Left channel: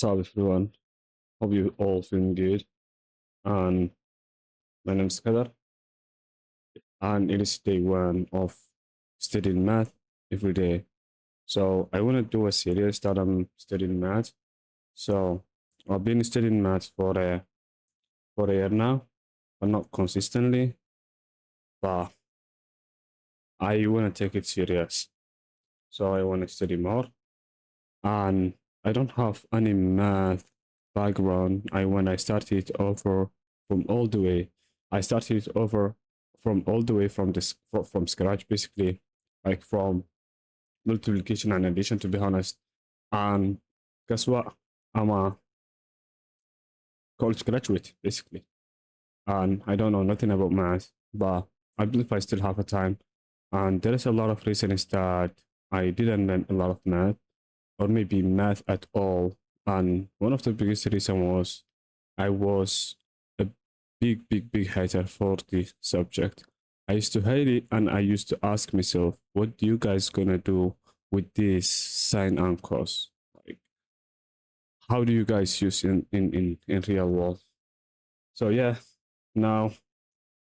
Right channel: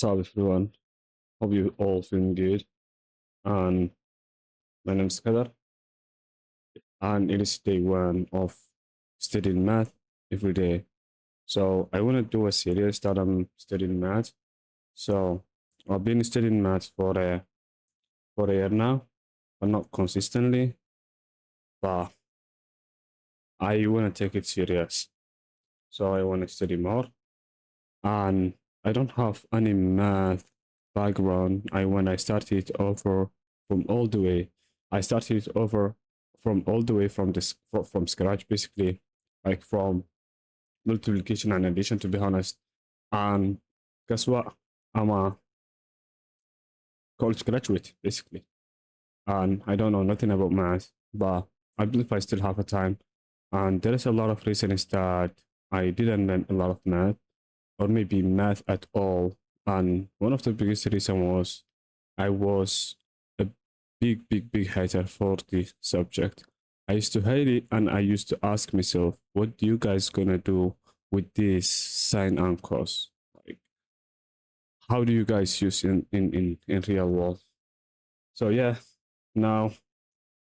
What's up, everyone? Hope you all feeling good. And my name is Kadar, and it is day one of studying math every day. So I want to do a series that I'm studying math. So I've been studying math for a year now, but not consistently. But I want to take it serious. So I want to study more, and I don't have any math background. When I started over from all the way, I started over from all the way from from scratch, basically, like from multiplication and addition, to be honest. And guess what? I'm a college graduate, basically, and I don't know nothing about math, but I believe I still have a time. And there is a lot of reasons that I didn't learn a lot of math or maybe math at all. And one of the biggest reason was I was a big hater for the subject. I used to hate it, and I used to ask myself, what do you guys gonna do with this sine and cos? Like, how do you guys use in real world? So yeah, now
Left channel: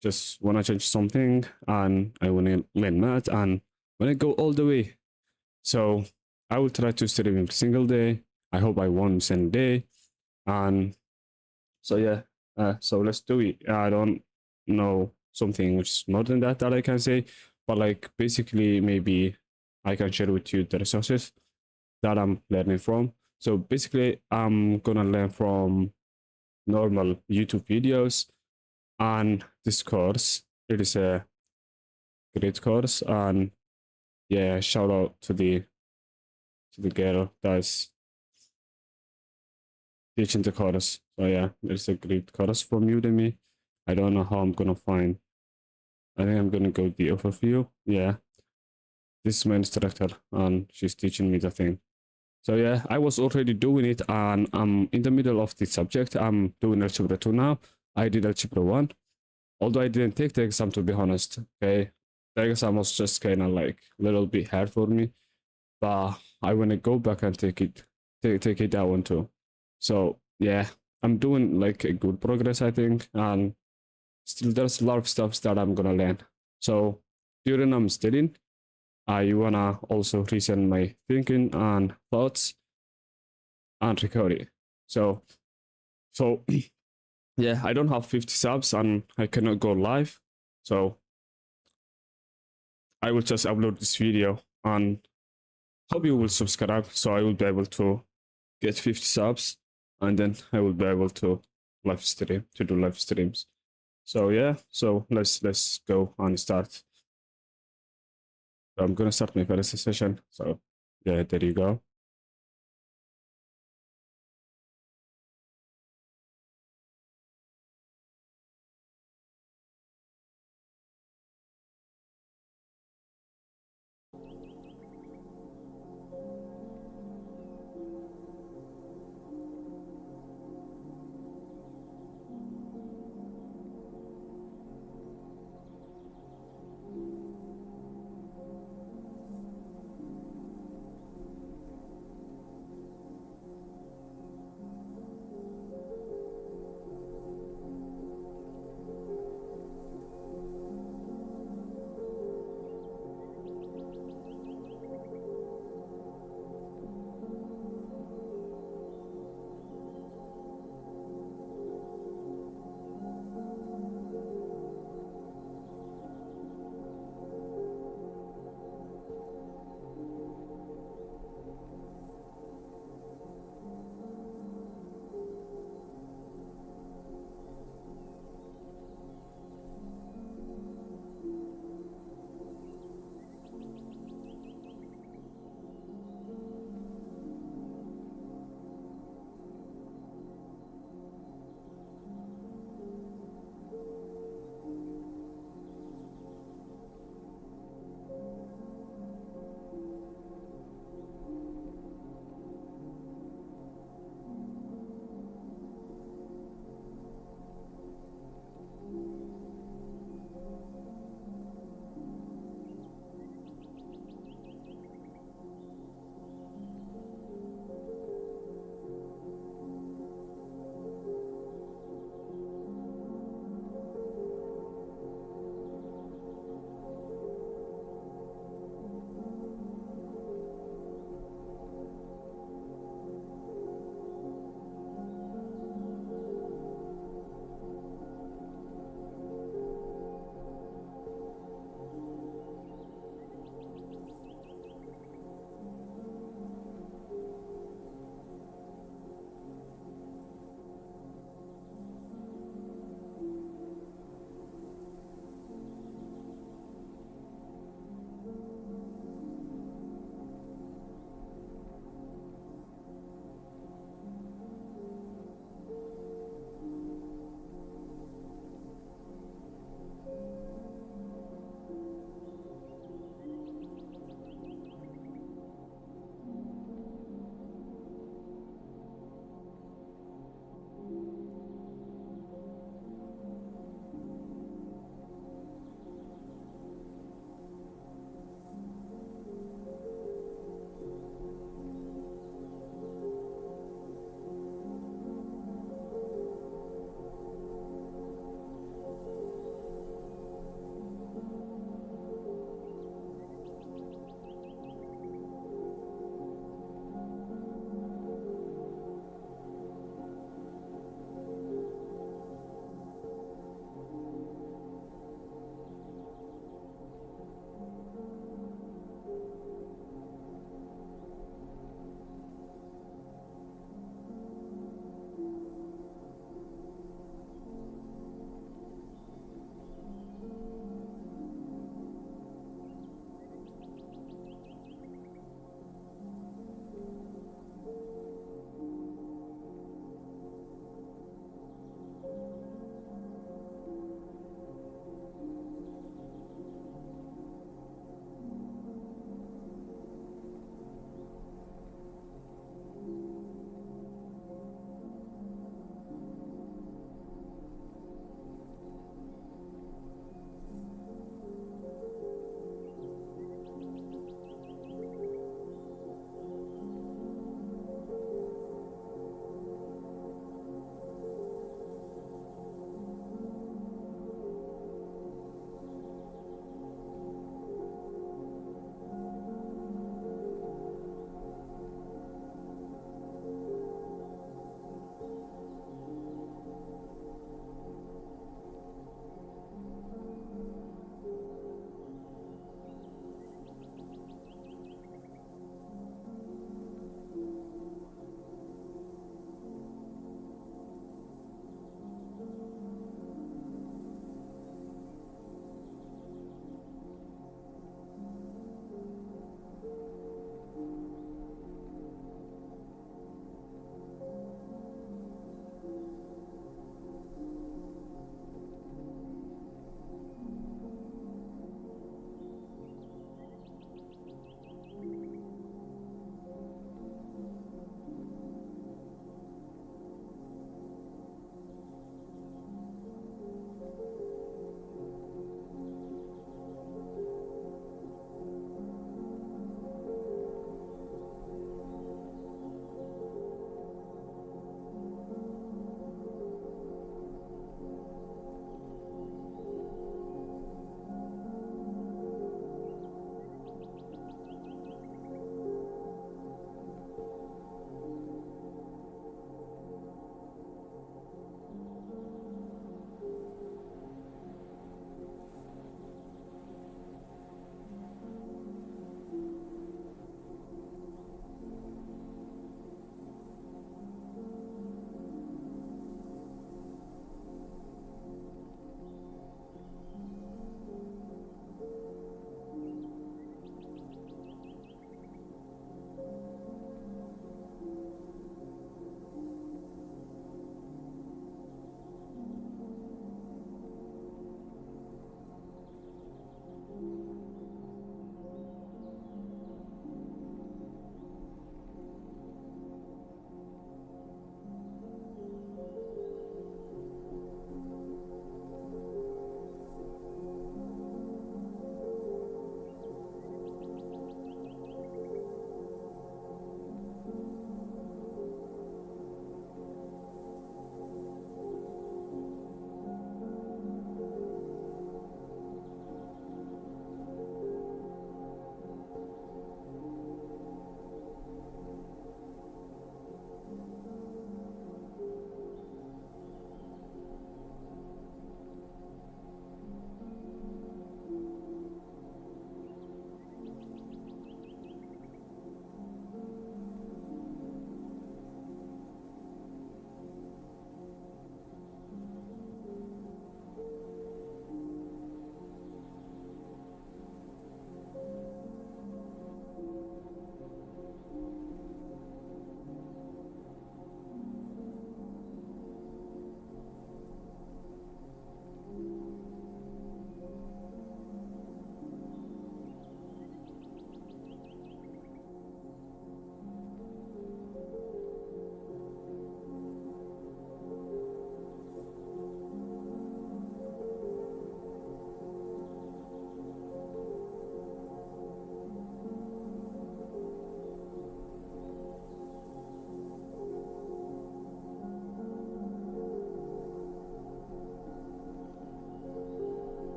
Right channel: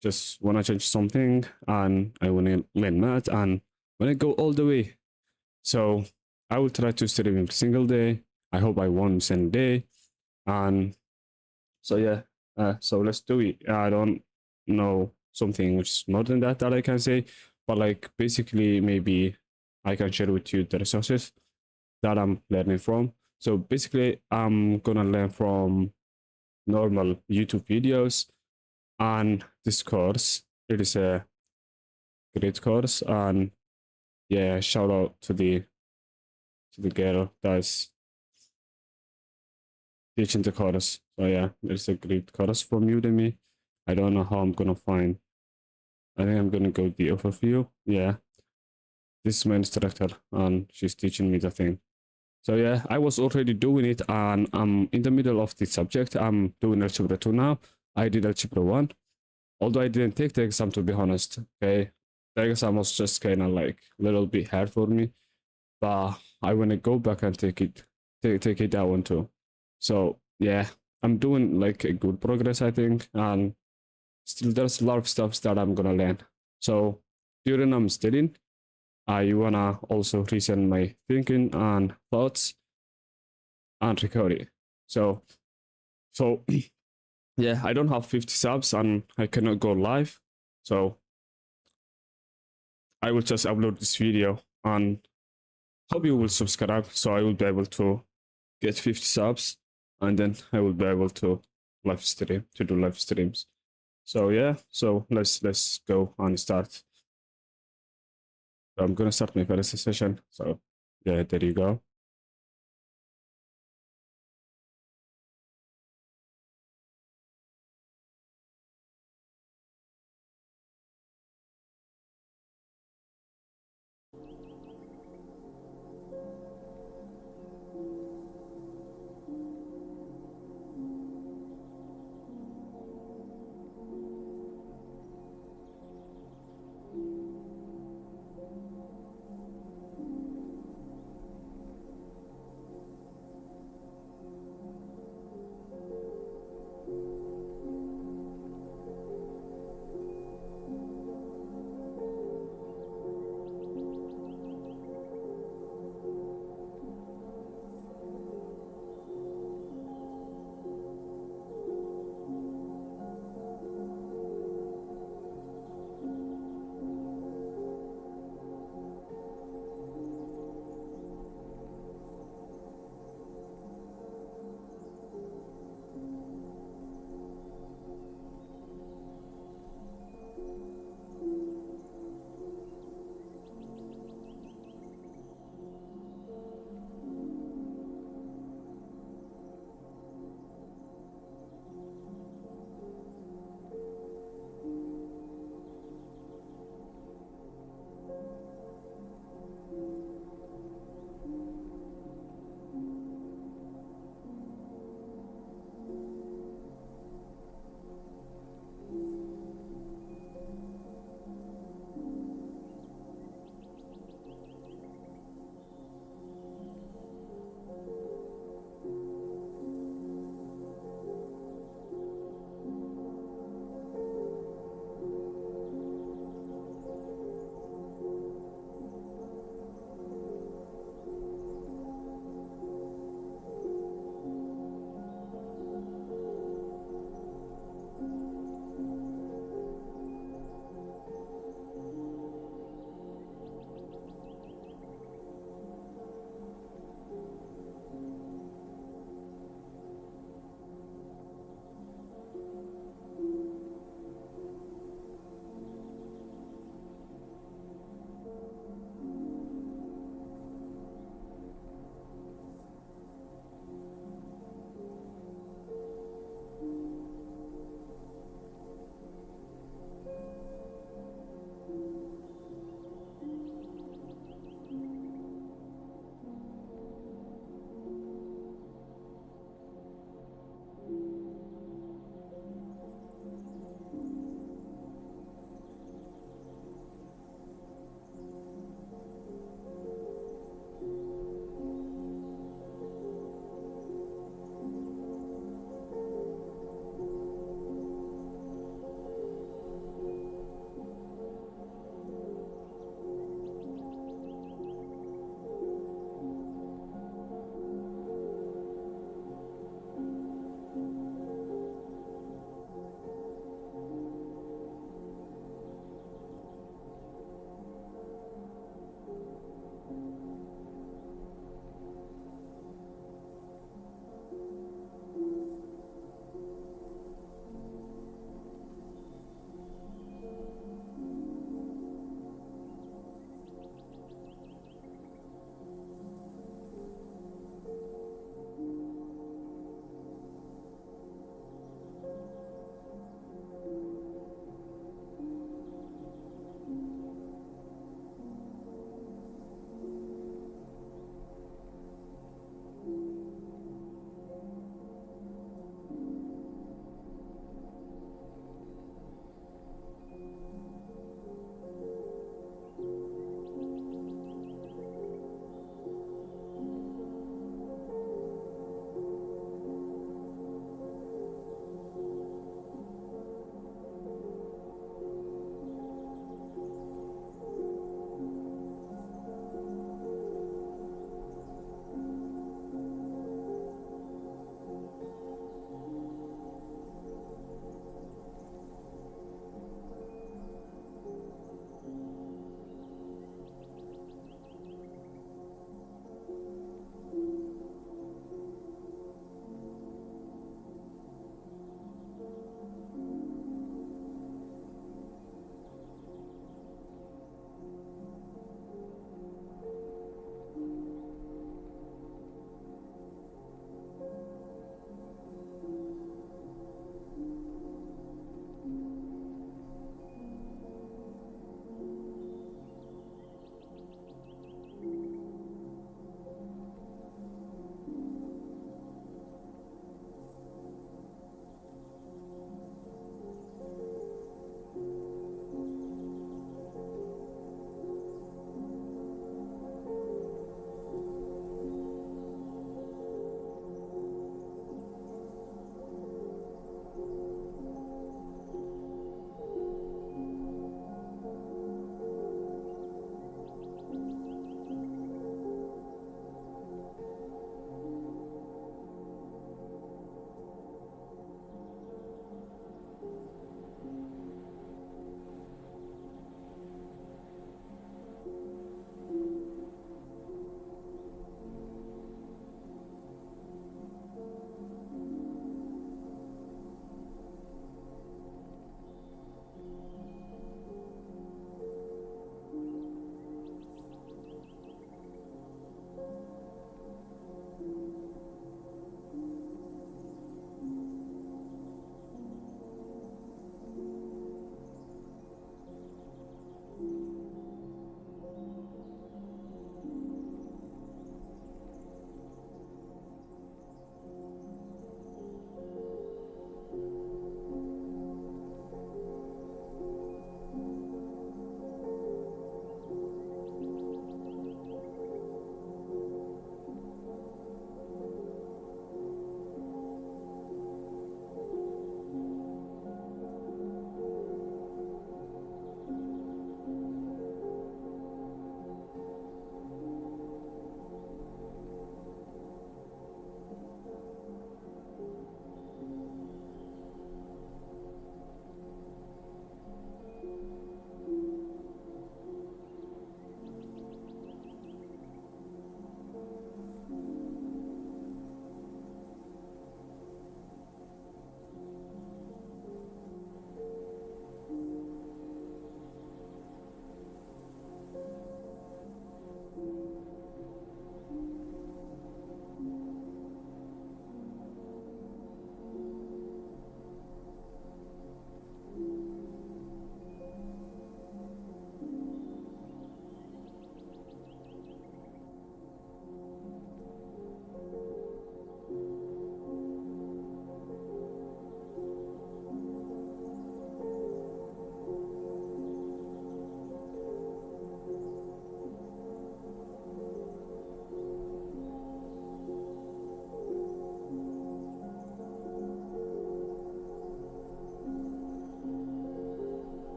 just wanna change something, and I wanna learn math, and wanna go all the way. So I will try to study every single day. I hope I won't miss any day. And so yeah, so let's do it. I don't know something which is more than that I can say, but like basically maybe I can share with you the resources that I'm learning from. So basically, I'm gonna learn from normal YouTube videos, and this course, it is a great course. And yeah, shout out to the girl that's teaching the chorus. So yeah, there's a great chorus from Udemy. I don't know how I'm gonna find. I think I'm gonna go the overview. Yeah, this is my instructor, and she's teaching me the thing. So yeah, I was already doing it, and I'm in the middle of the subject. I'm doing Algebra 2 now. I did Algebra 1, although I didn't take the exam, to be honest. Okay, the exam was just kind of like a little bit hard for me, but I want to go back and take it that one too. So yeah, I'm doing like a good progress, I think, and still there's a lot of stuff that I'm gonna learn. So during I'm studying, I wanna also reason my thinking and thoughts and record it. So so yeah, I don't have 50 subs and I cannot go live. So I will just upload this video, and hope you will subscribe so I will be able to get 50 subs, and then I will be able to do live streams. So yeah, so let's go and start. So I'm gonna start my first session. So yeah, there you go.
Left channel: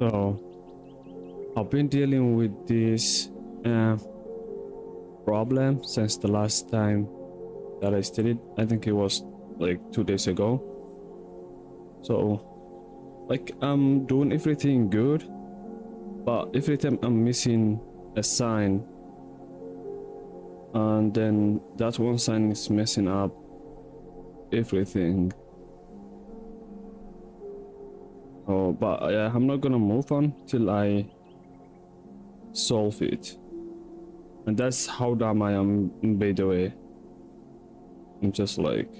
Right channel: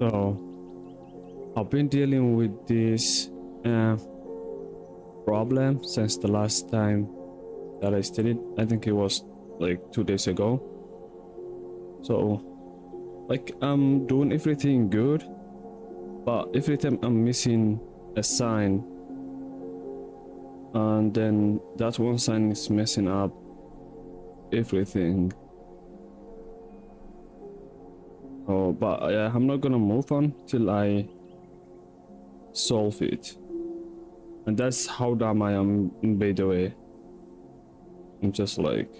So I've been dealing with this uh, problem since the last time that I studied. I think it was like 2 days ago. So like I'm doing everything good, but every time I'm missing a sign, and then that one sign is messing up everything. Oh, but I'm not gonna move on till I solve it. And that's how dumb I am, by the way. I'm just like,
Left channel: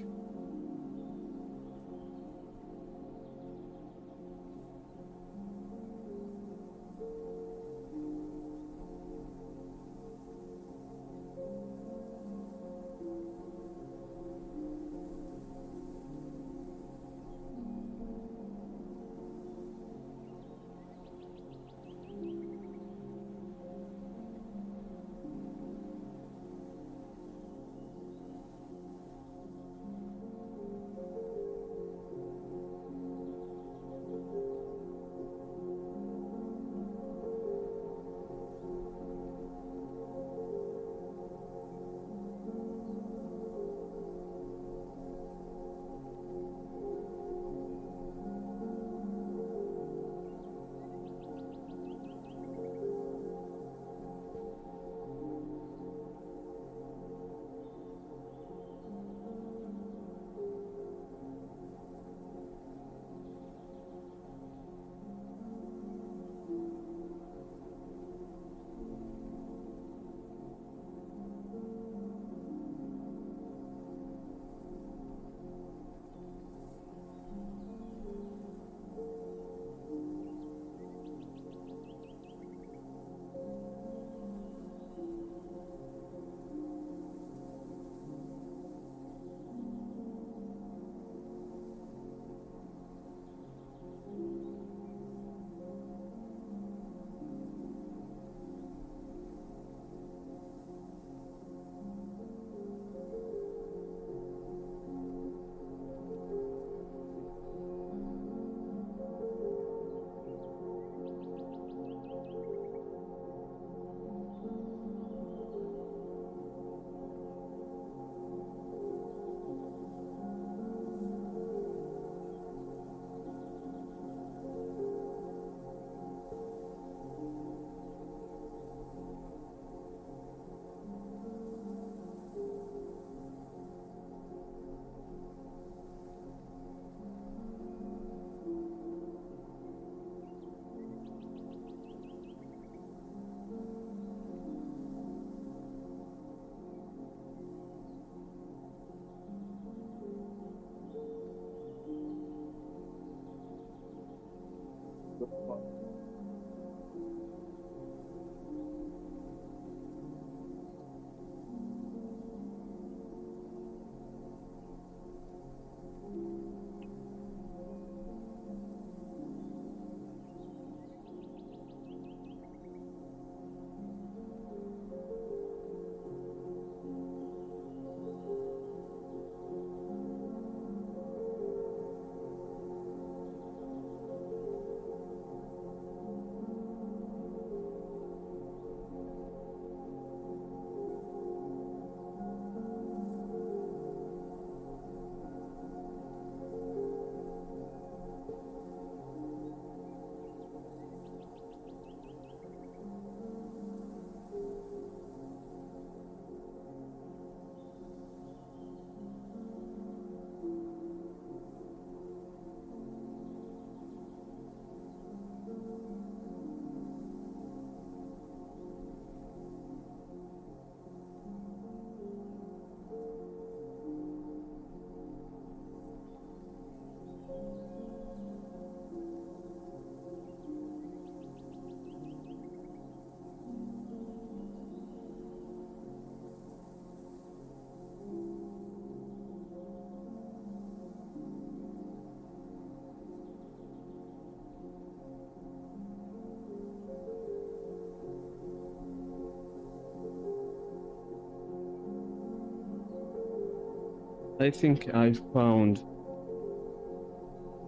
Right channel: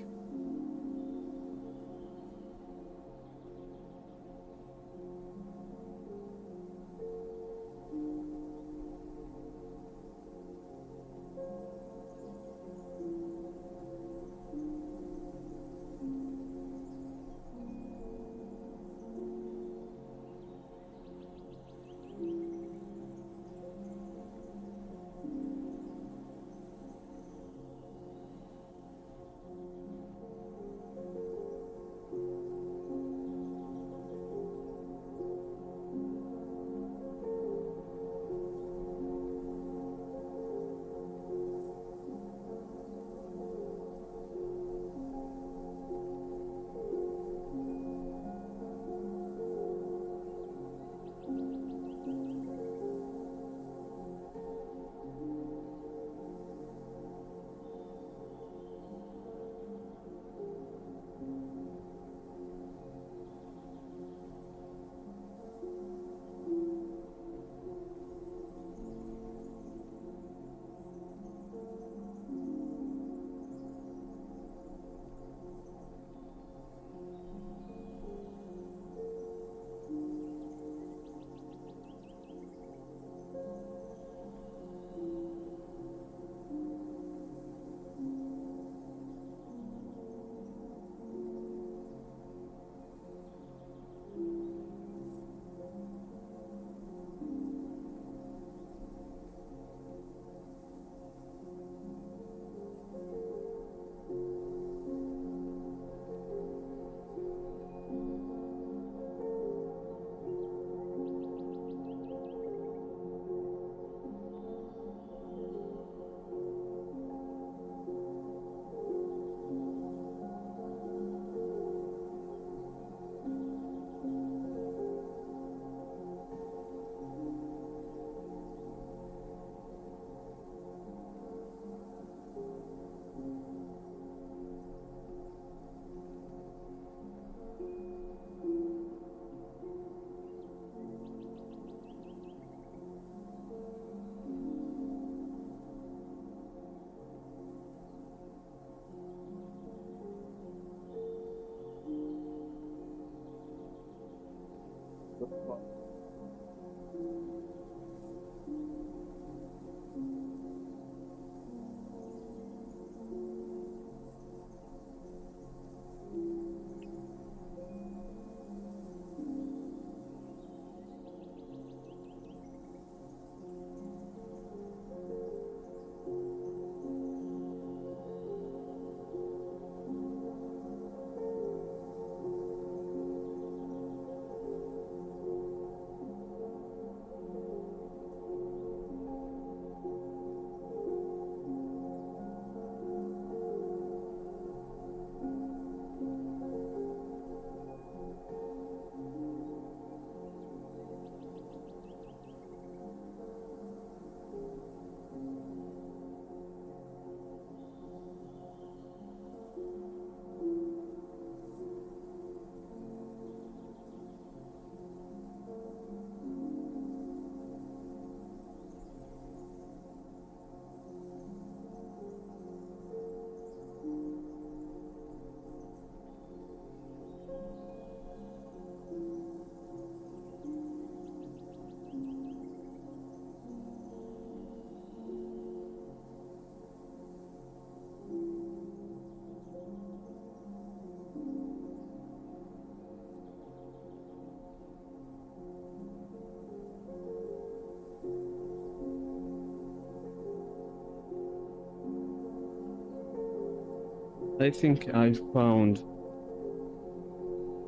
I think I found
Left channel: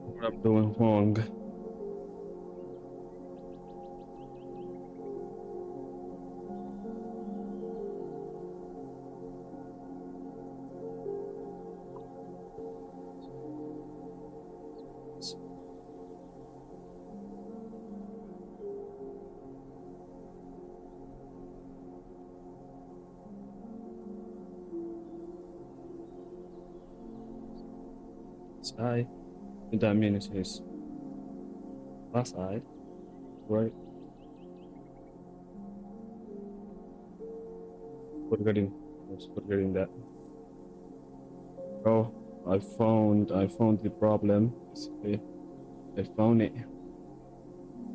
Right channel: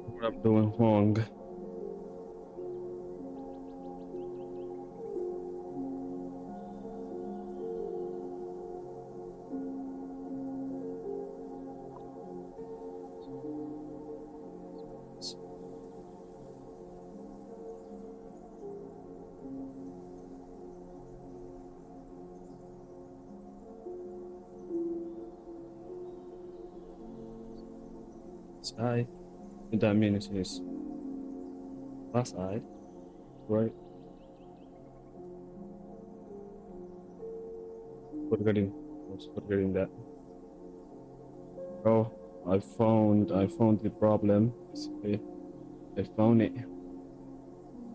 what I'm doing wrong. It's I. And that means it's plus I, right? Forgetting, I was forgetting that. Oh, I found the problem. Basically, I found it.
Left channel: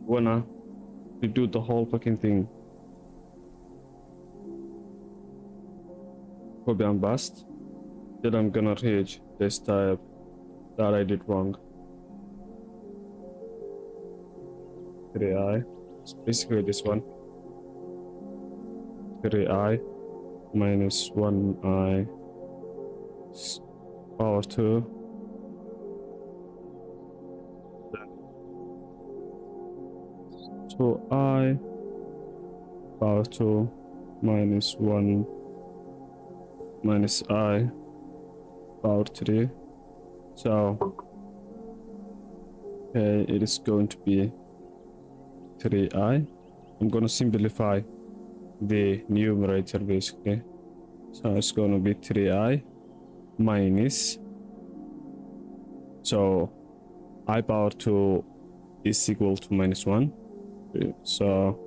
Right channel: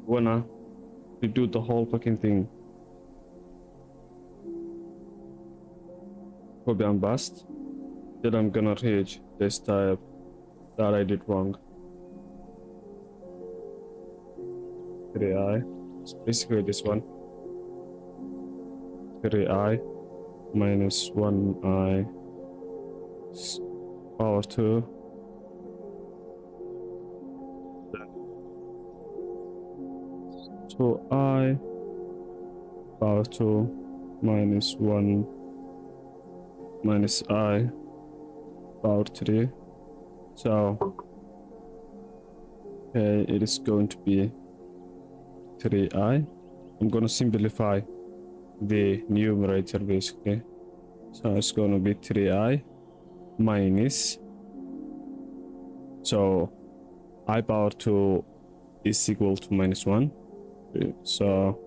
Wanna redo the whole fucking thing. Copy and bust. Then I'm gonna reach this type that I did wrong. 3i. It's basically this one. 3i minus 1i power 2. Then 2i power 2 minus 1 minus I power 3. So, okay, it is going to be 3i. I'm gonna simplify the numerator basically. So it's gonna be 3i minus, so I power 2 is equal to minus 1. So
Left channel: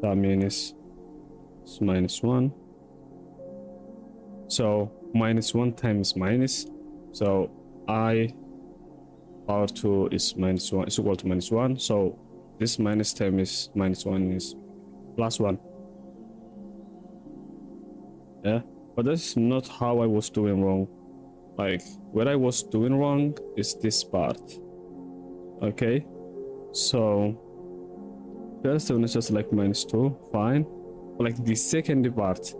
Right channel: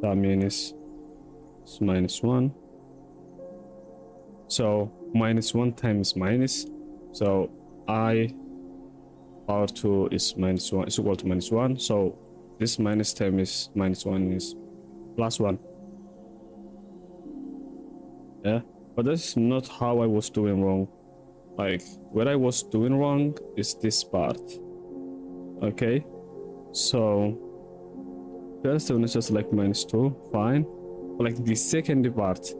that means it's minus 1. So minus 1 times minus. So I power 2 is minus 1 is equal to minus 1. So this minus term is minus 1 is plus 1. Yeah, but that's not how I was doing wrong. Like, what I was doing wrong is this part. Okay, so first one is just like minus 2, fine. But like the second part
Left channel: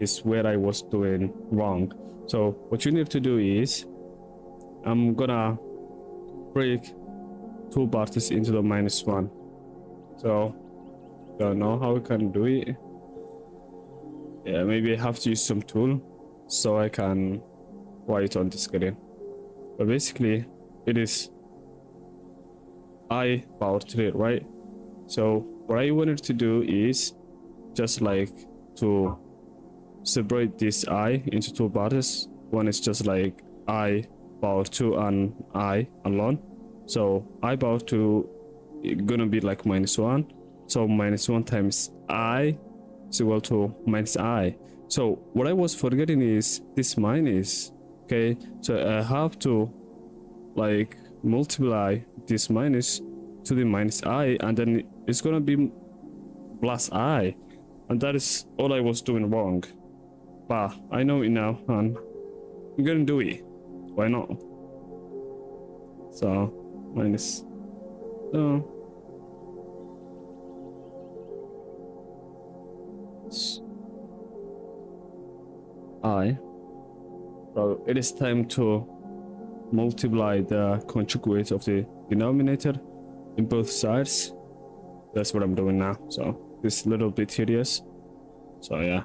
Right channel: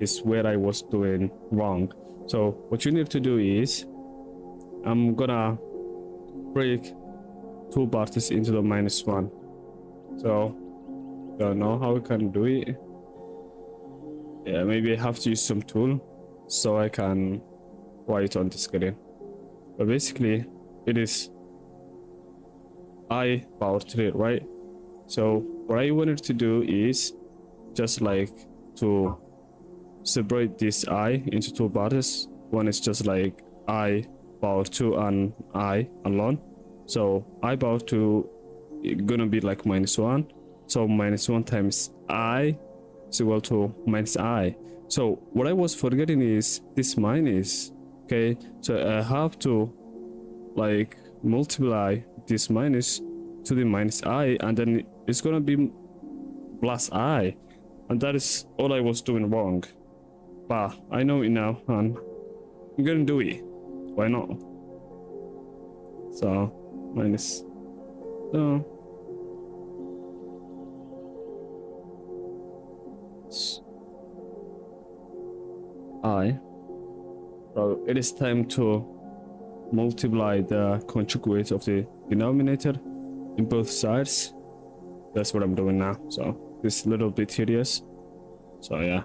is where I was doing wrong. So what you need to do is, I'm gonna break two parts into the minus 1. So don't know how we can do it. Yeah, maybe I have to use some tool so I can write on the screen. But basically it is I power 3, right? So what I wanted to do is just like to separate this I into two parts. One is just like I power 2 and I alone. So I power 2 gonna be like minus 1. So minus 1 times I is equal to minus I. So what I was forgetting is this minus. Okay, so I have to like multiply this minus to the minus I, and then it's gonna be plus I, and that is all I was doing wrong. But I know it now, and I'm gonna do it. Why not? So minus, so I. So it is time to multiply the conjugate of the denominator in both sides. That's what I'm doing now. So this little bit tedious. So yeah.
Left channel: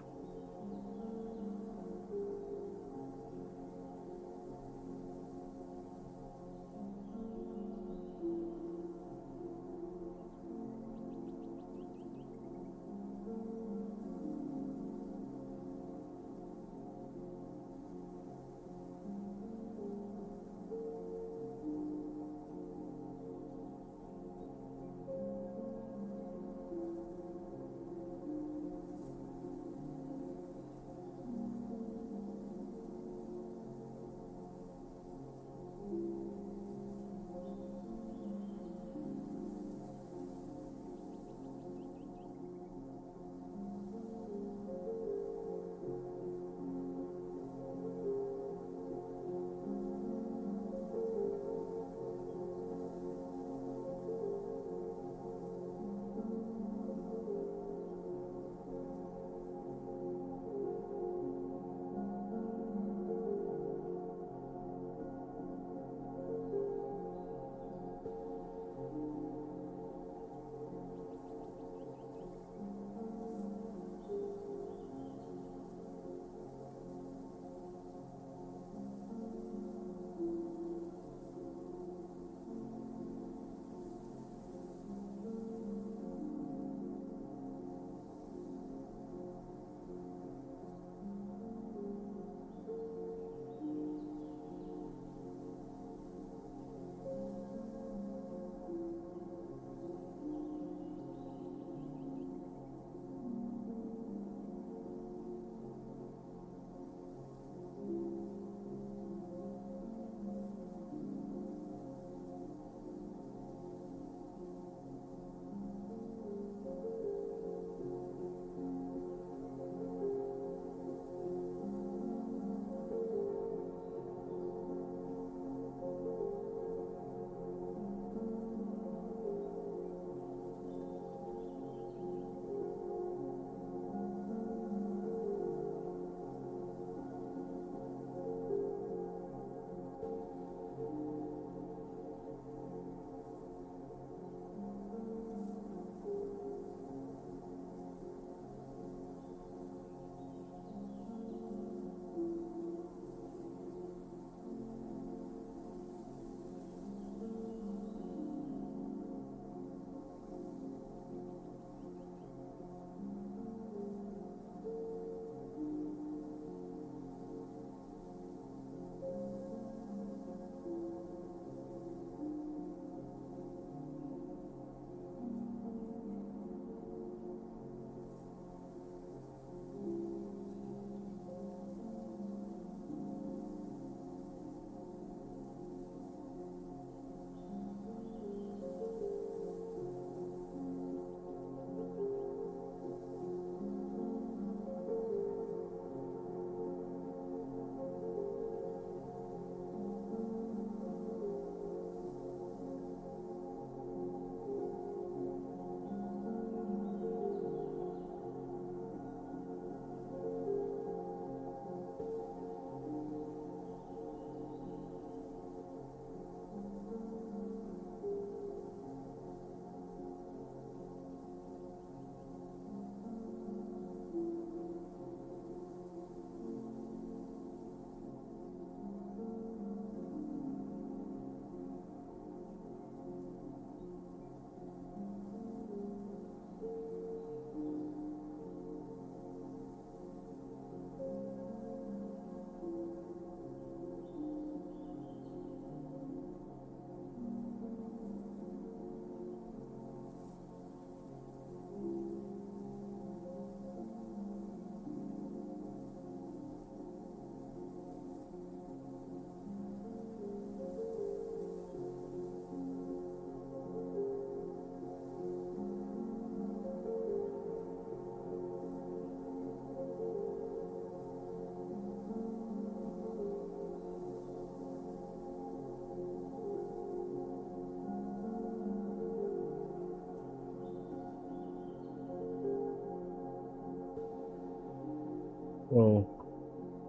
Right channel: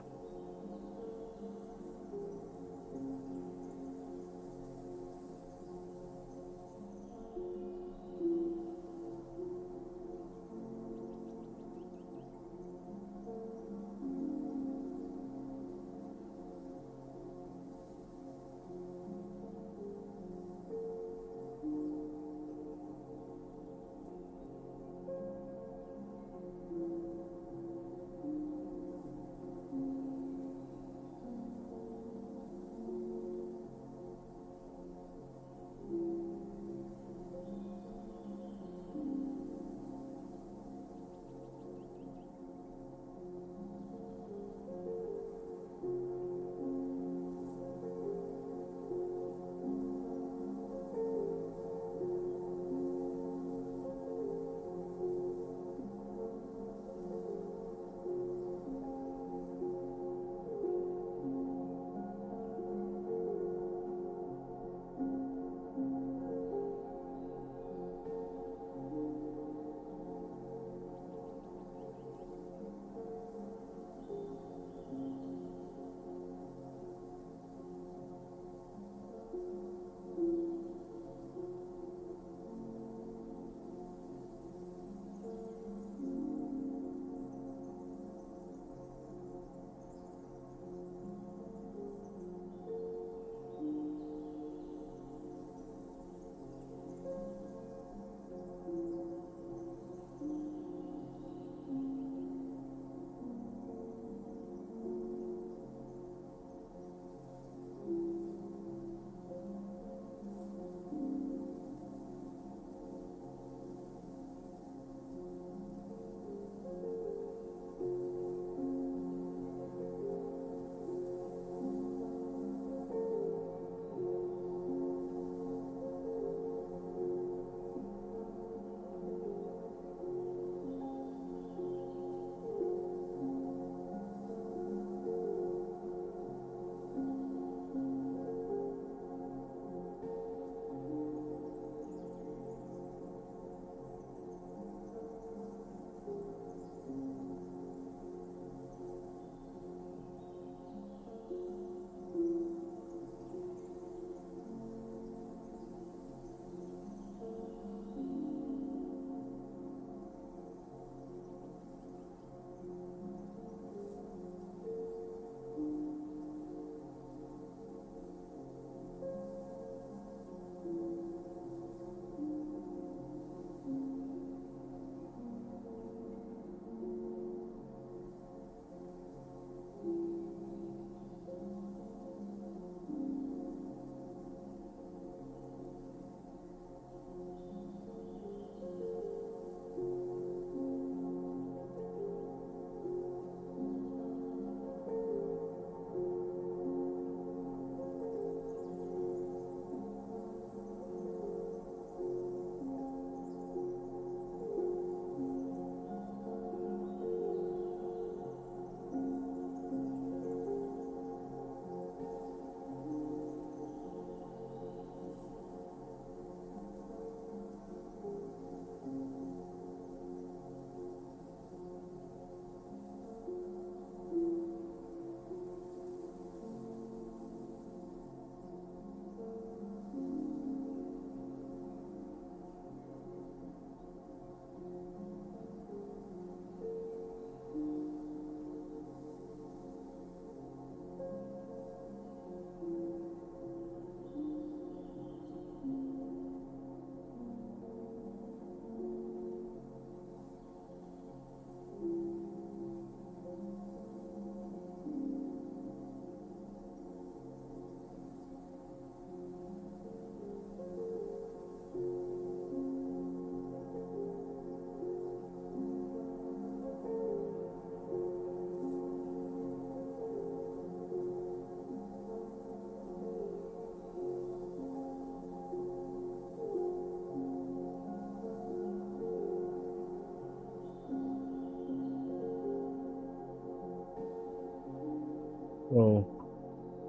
So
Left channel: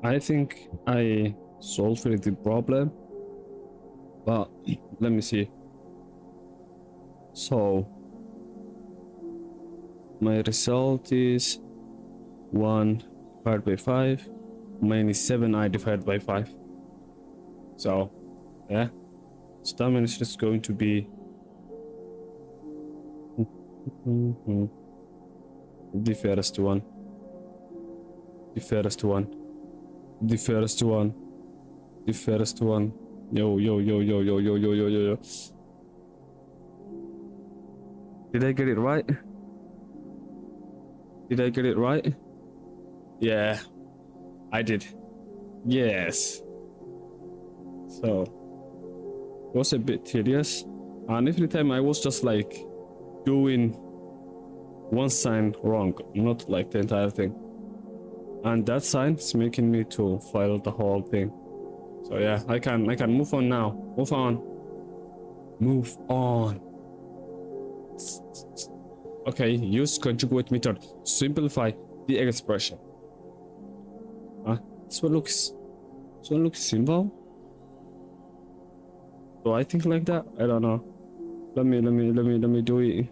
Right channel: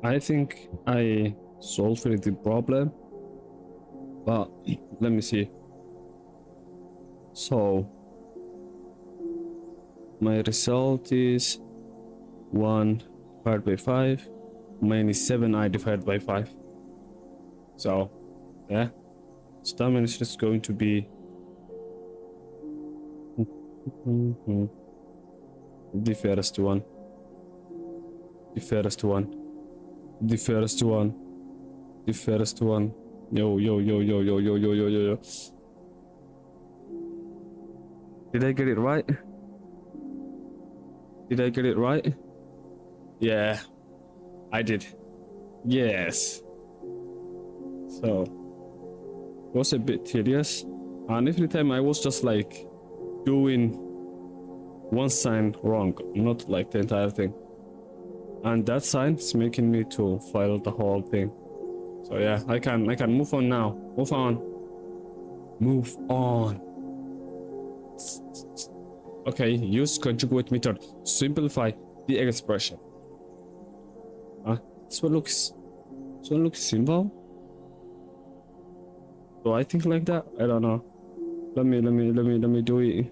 I think I solved the problem, but let me see. So my result is 1 divided by 5 minus 7I divided by 5. So yeah, so that means it's going to be the first one, the first one, the first one, the first one. Yo, yo, yo, yo, yo, yo, yo, yo, yo, yo. Did I get it right? Did I get it right? Yeah, I did. Yes. So it was a bit tedious. And every time I was just like doing one sign wrong, not like the entire thing. And that sign is making me to file the whole thing. So yeah, I can move on now. Move on. Move on. Okay, use conjugate method. Simplify the expression. This one looks simple. Do I think like that? I don't know. Let me do it.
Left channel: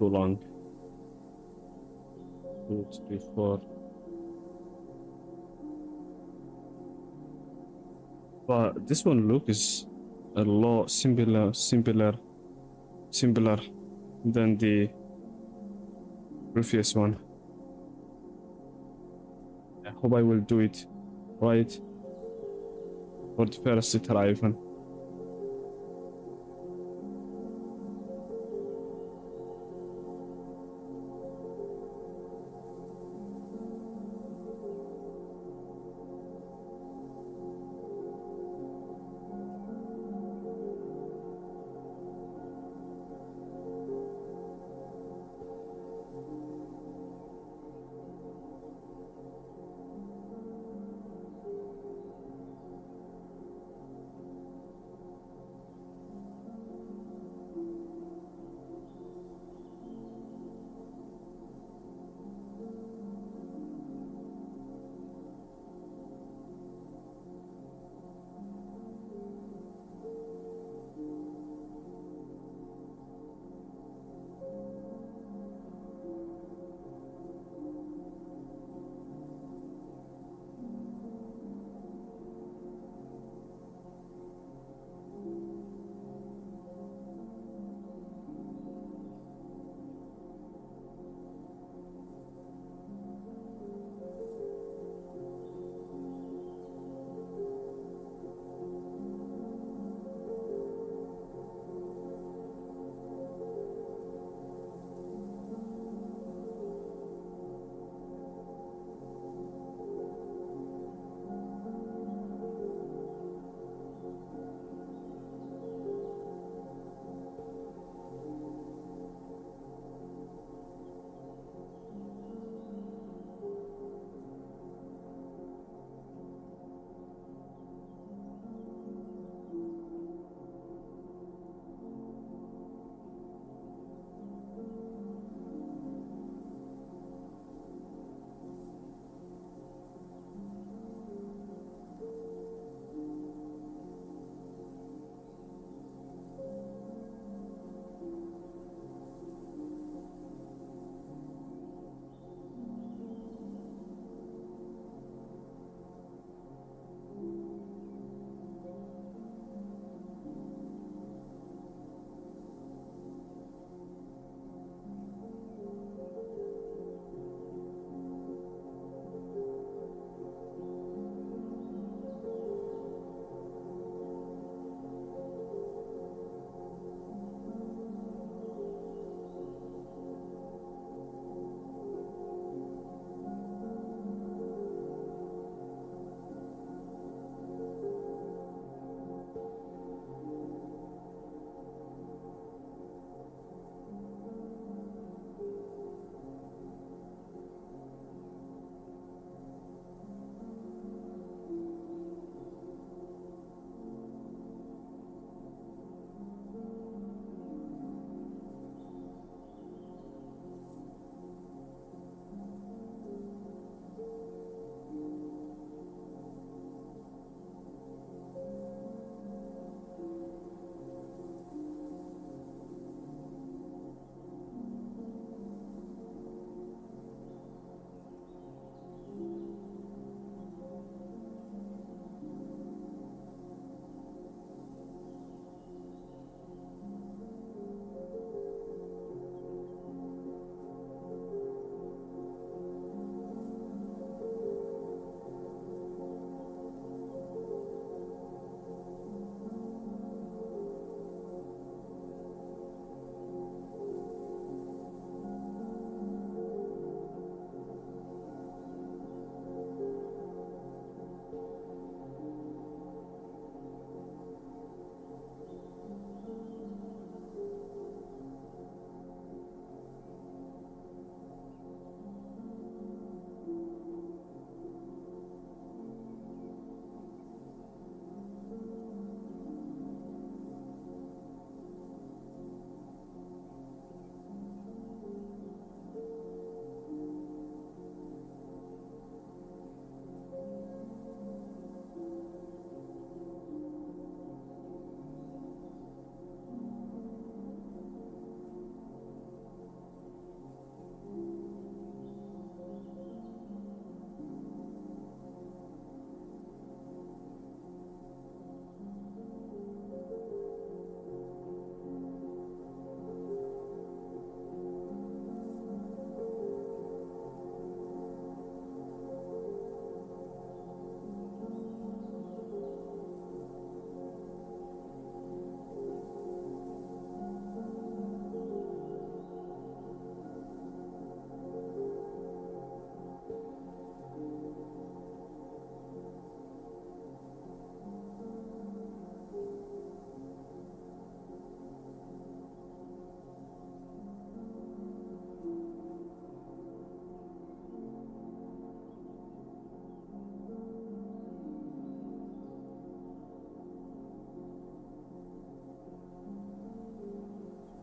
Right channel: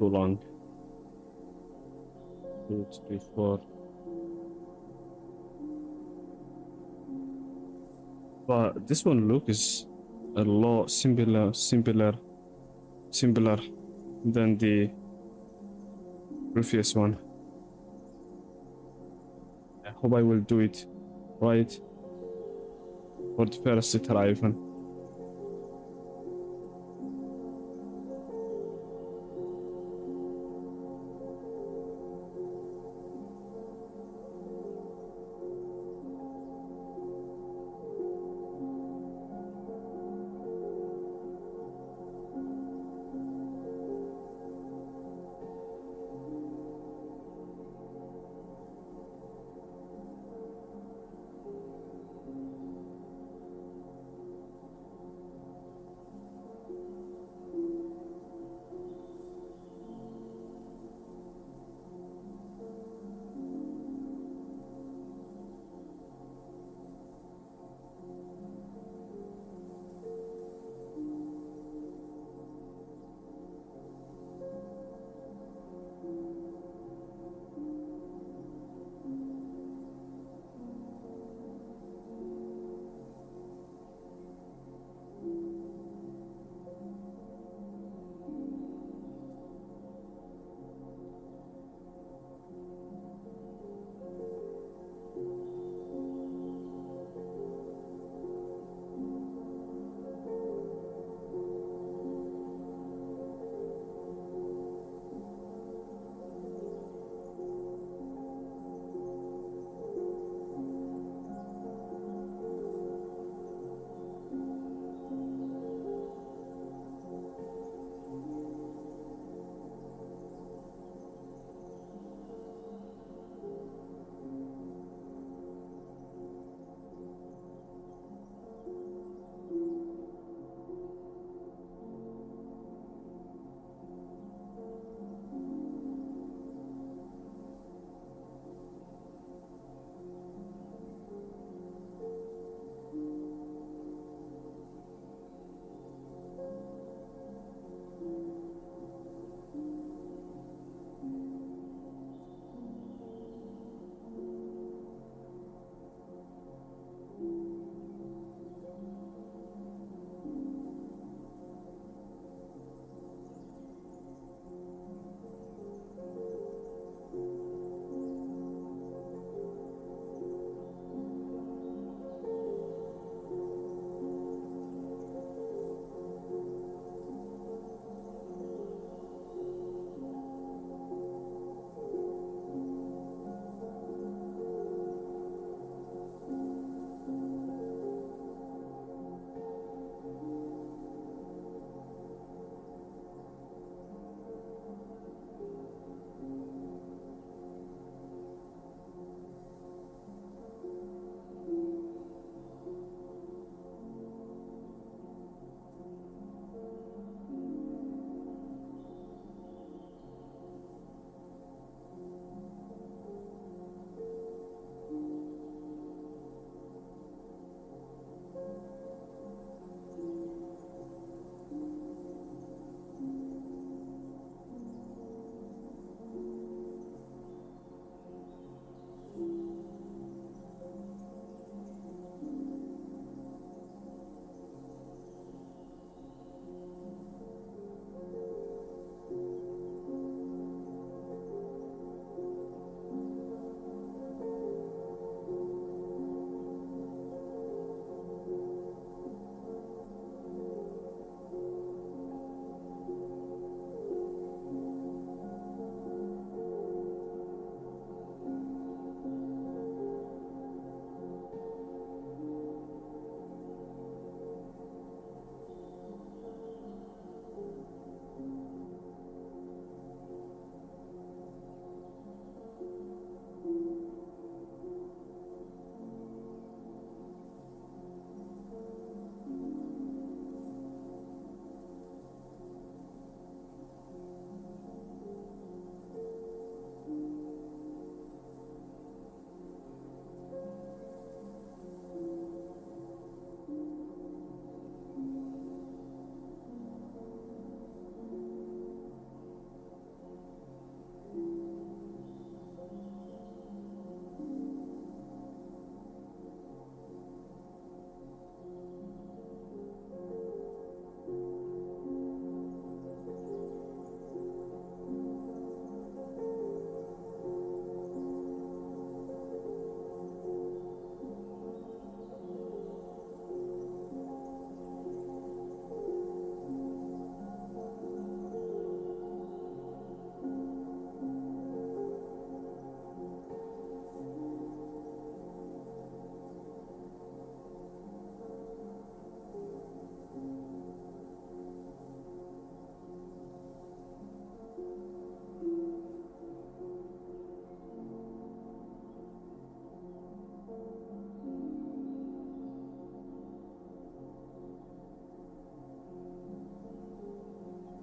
too long. 2, 3, 4. But this one look is a lot simpler than the previous one. I hope I will do it right for the first try even.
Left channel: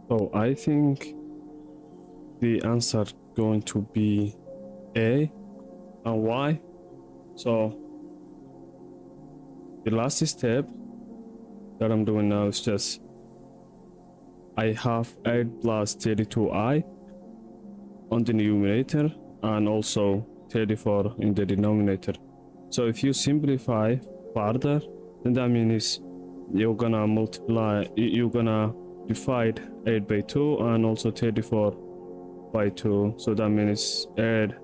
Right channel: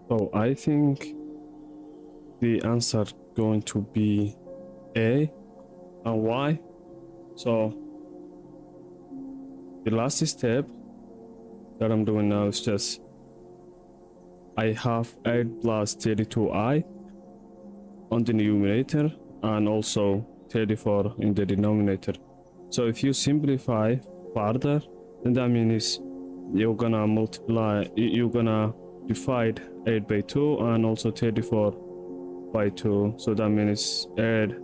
So I think the answer going to be A. And why? So the last step that I'm doing now is just I have 8 plus 32i on the numerator and also 34 in the denominator. So if you simplify further, then that means you're gonna multiply, you're gonna divide 8 by 2 and also 34 by 2. So that means 8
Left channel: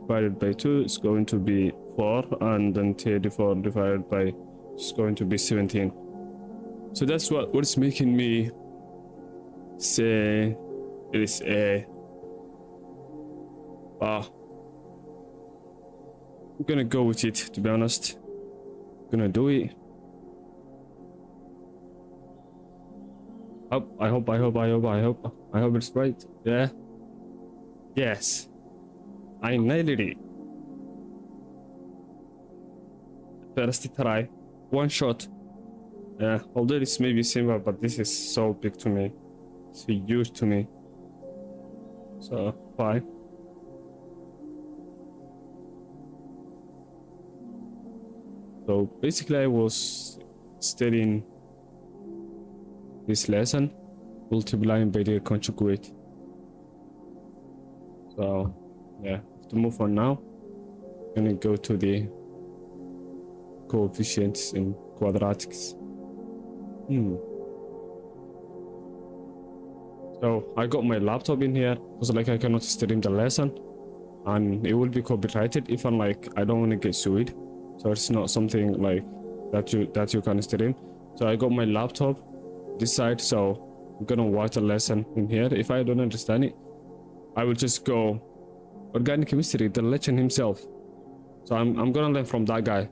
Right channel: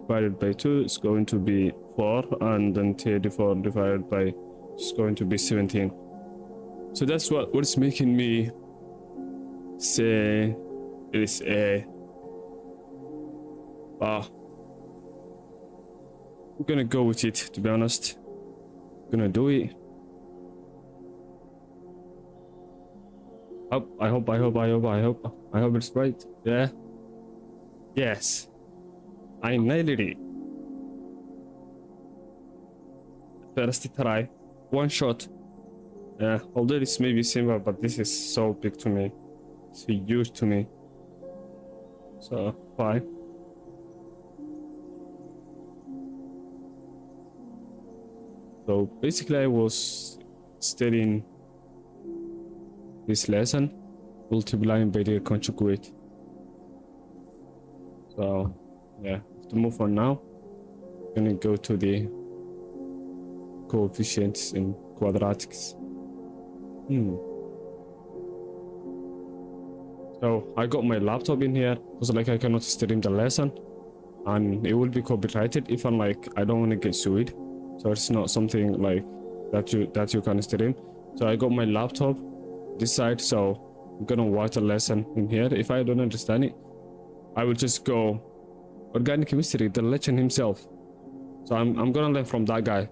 divided by 2 is going to be 4, and then 34 divided by is going to be 17. So that's what's making me say it is A. I'm gonna go with it, to be honest. Gonna do it. I hope it's right. Yeah. Yes. I nailed it. First try. One shot. Yeah, although this may be simple, but this is so big to me. It's huge to me. So, fine. So, basically, I was studying this lesson, multiplying by the conjugate. So, yeah, to move on now, I'm gonna go to the coefficients in quadratics. So I got my laptop in here because like I cannot stream the lesson and it will be copyrighted if I'm like I don't want to get sued. So it's not something like that you can stream. So I got my laptop this side, so I'm gonna watch the lesson in here. If I don't understand it, I will just go organic chemistry, the legend himself. So I'm gonna learn from that guy.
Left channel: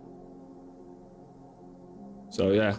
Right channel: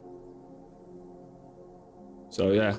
So yeah.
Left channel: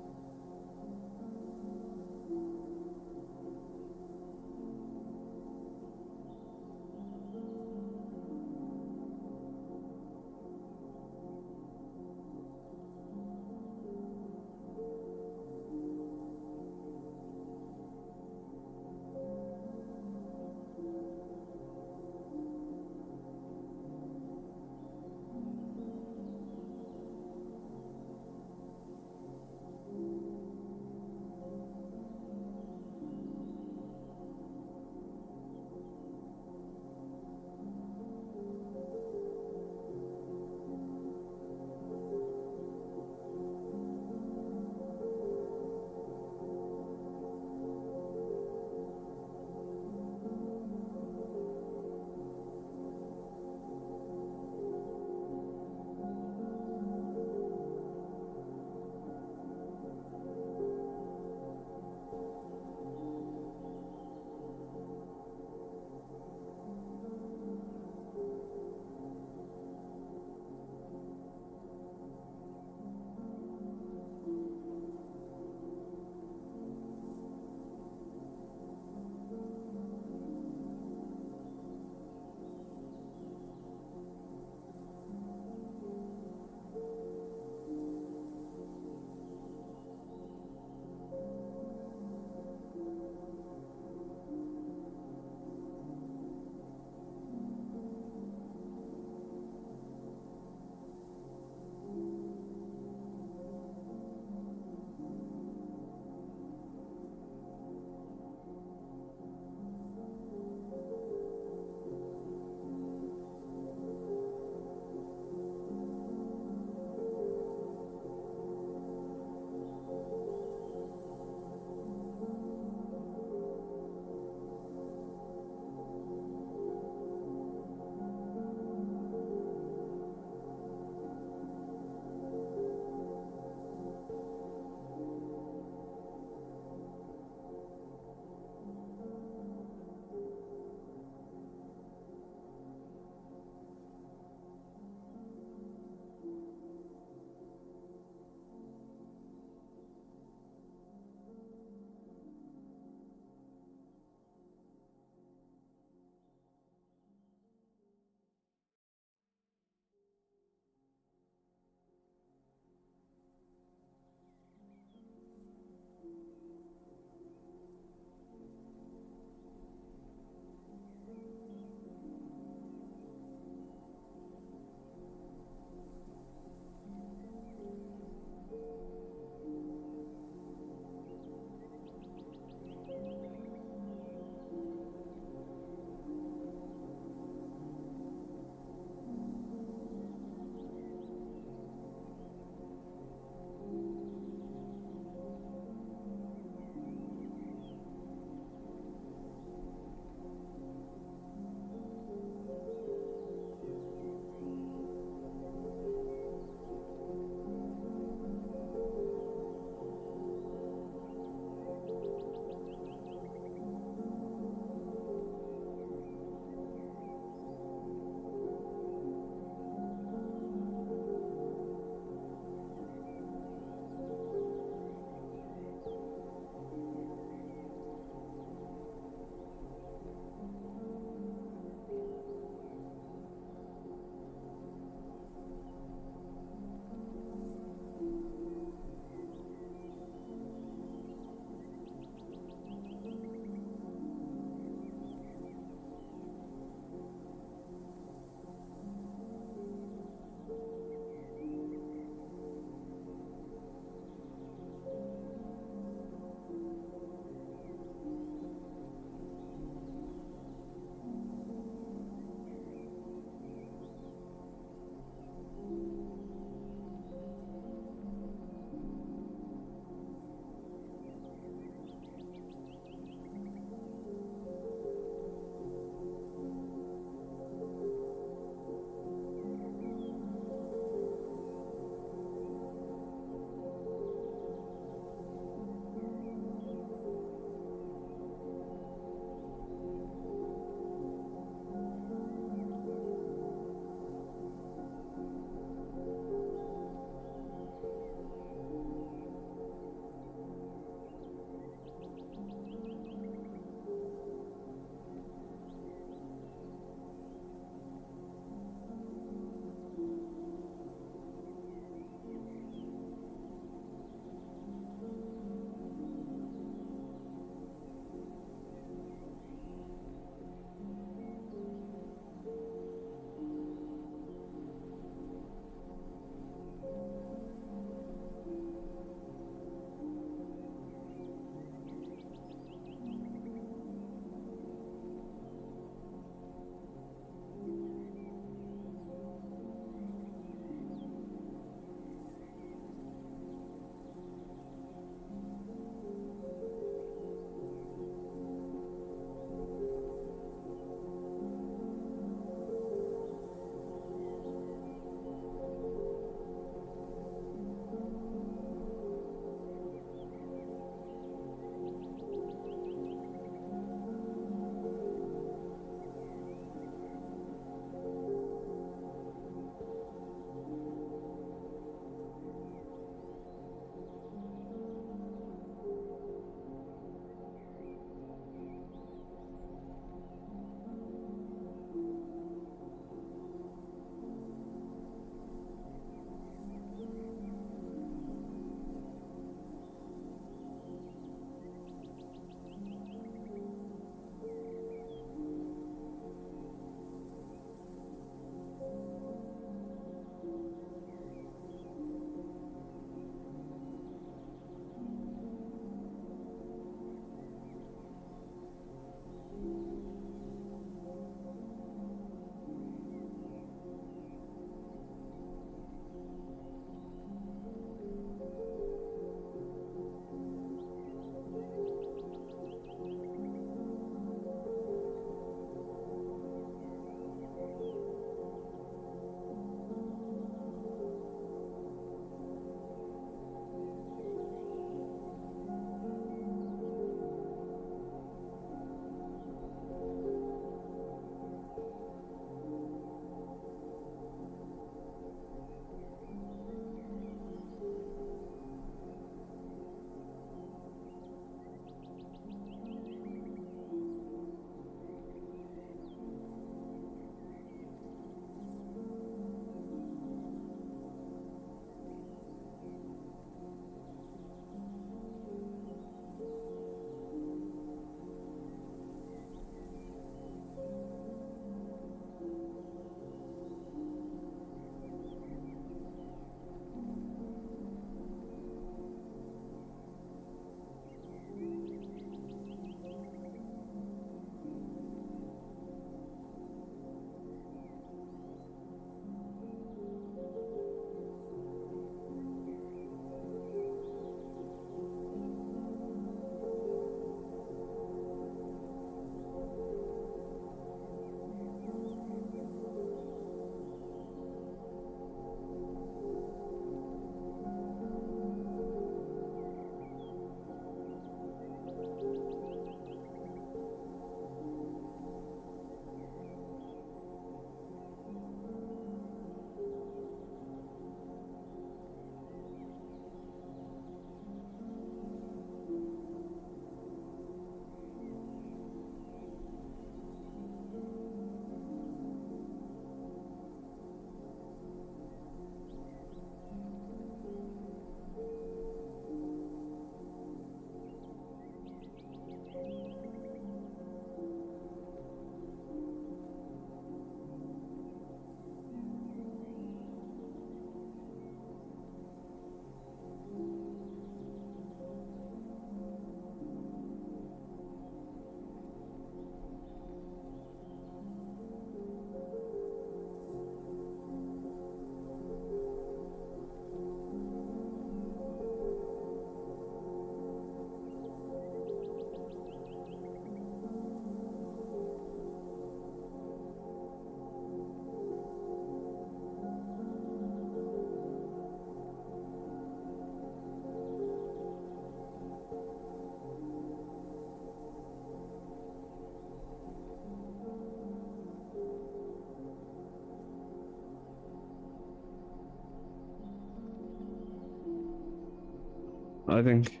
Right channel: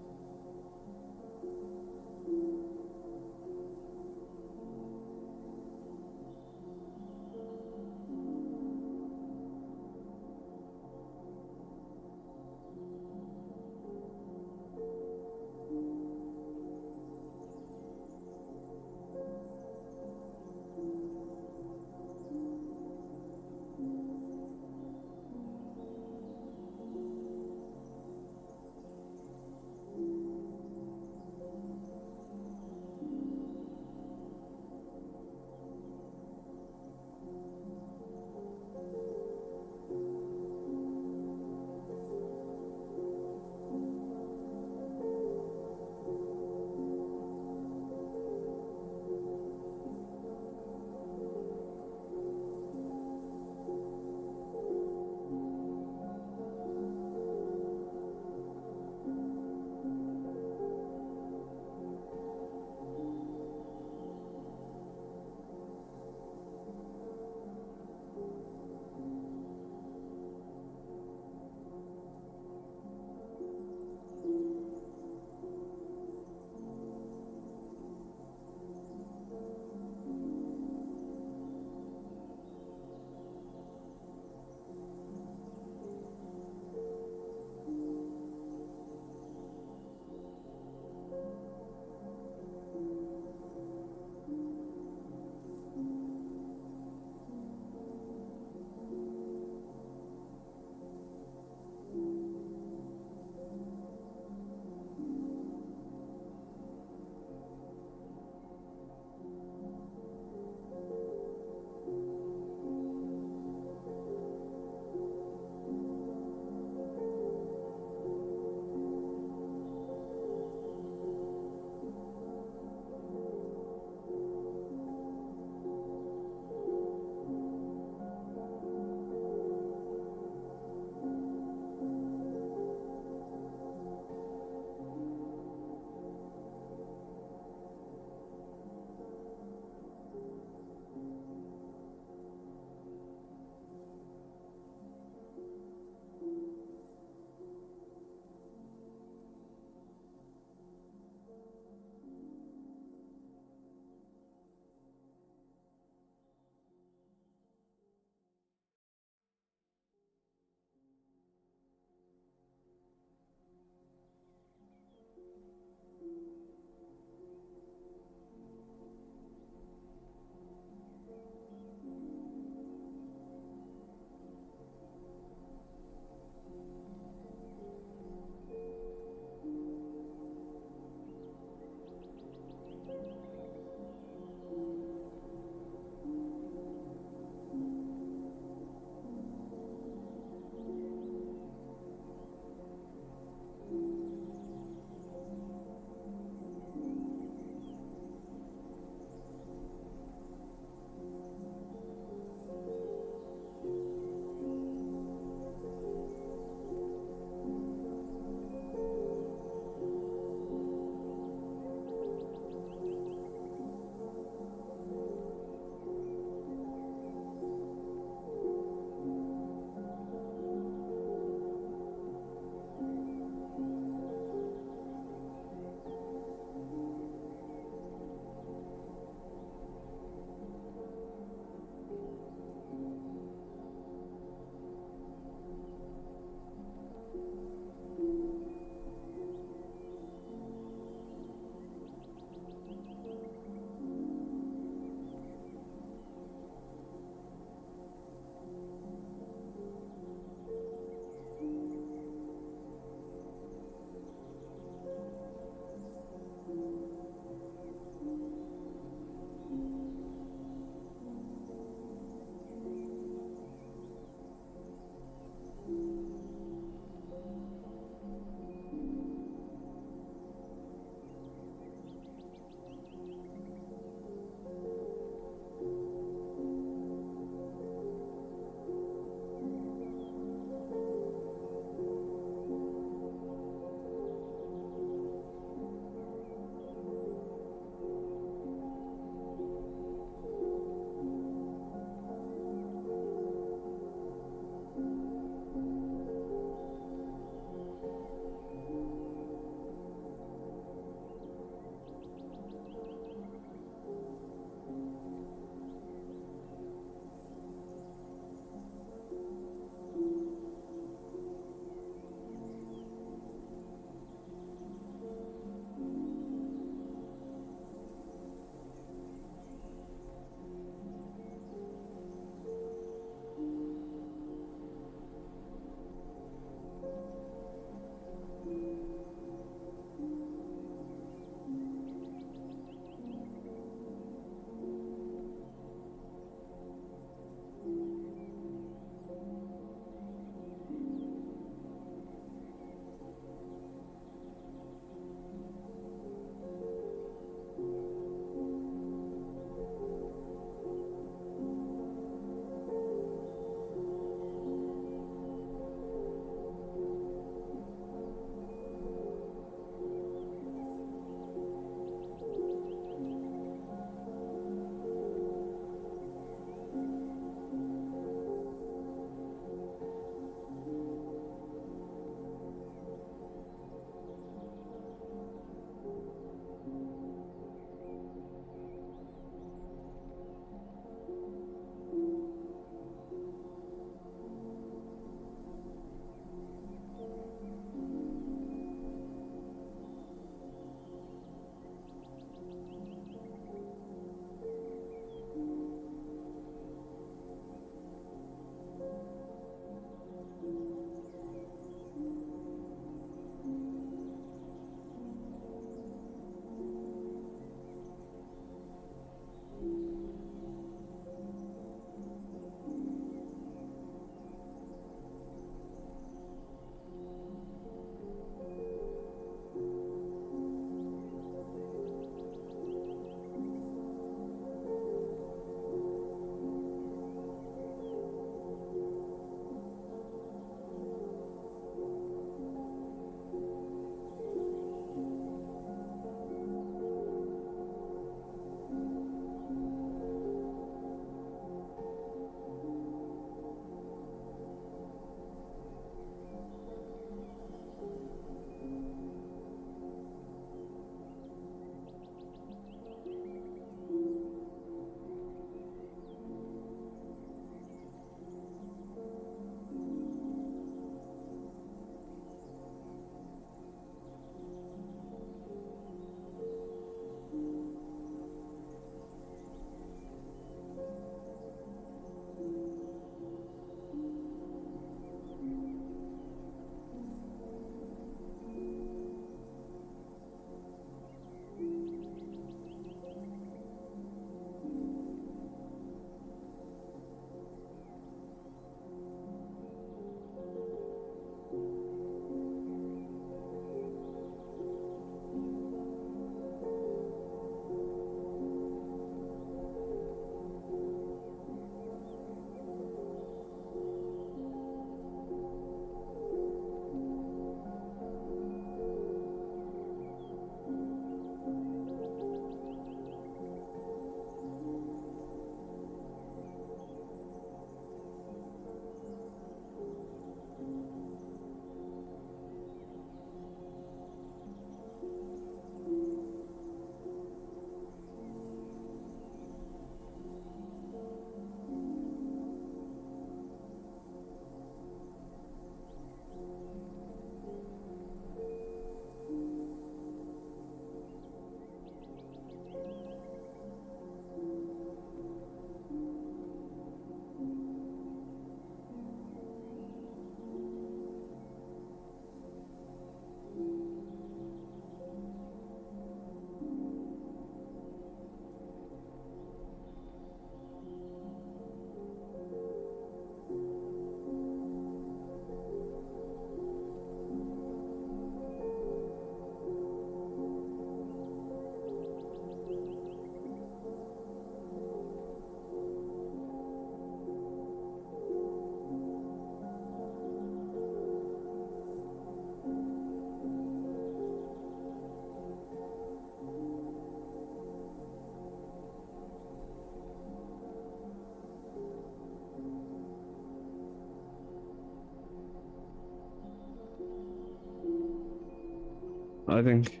I think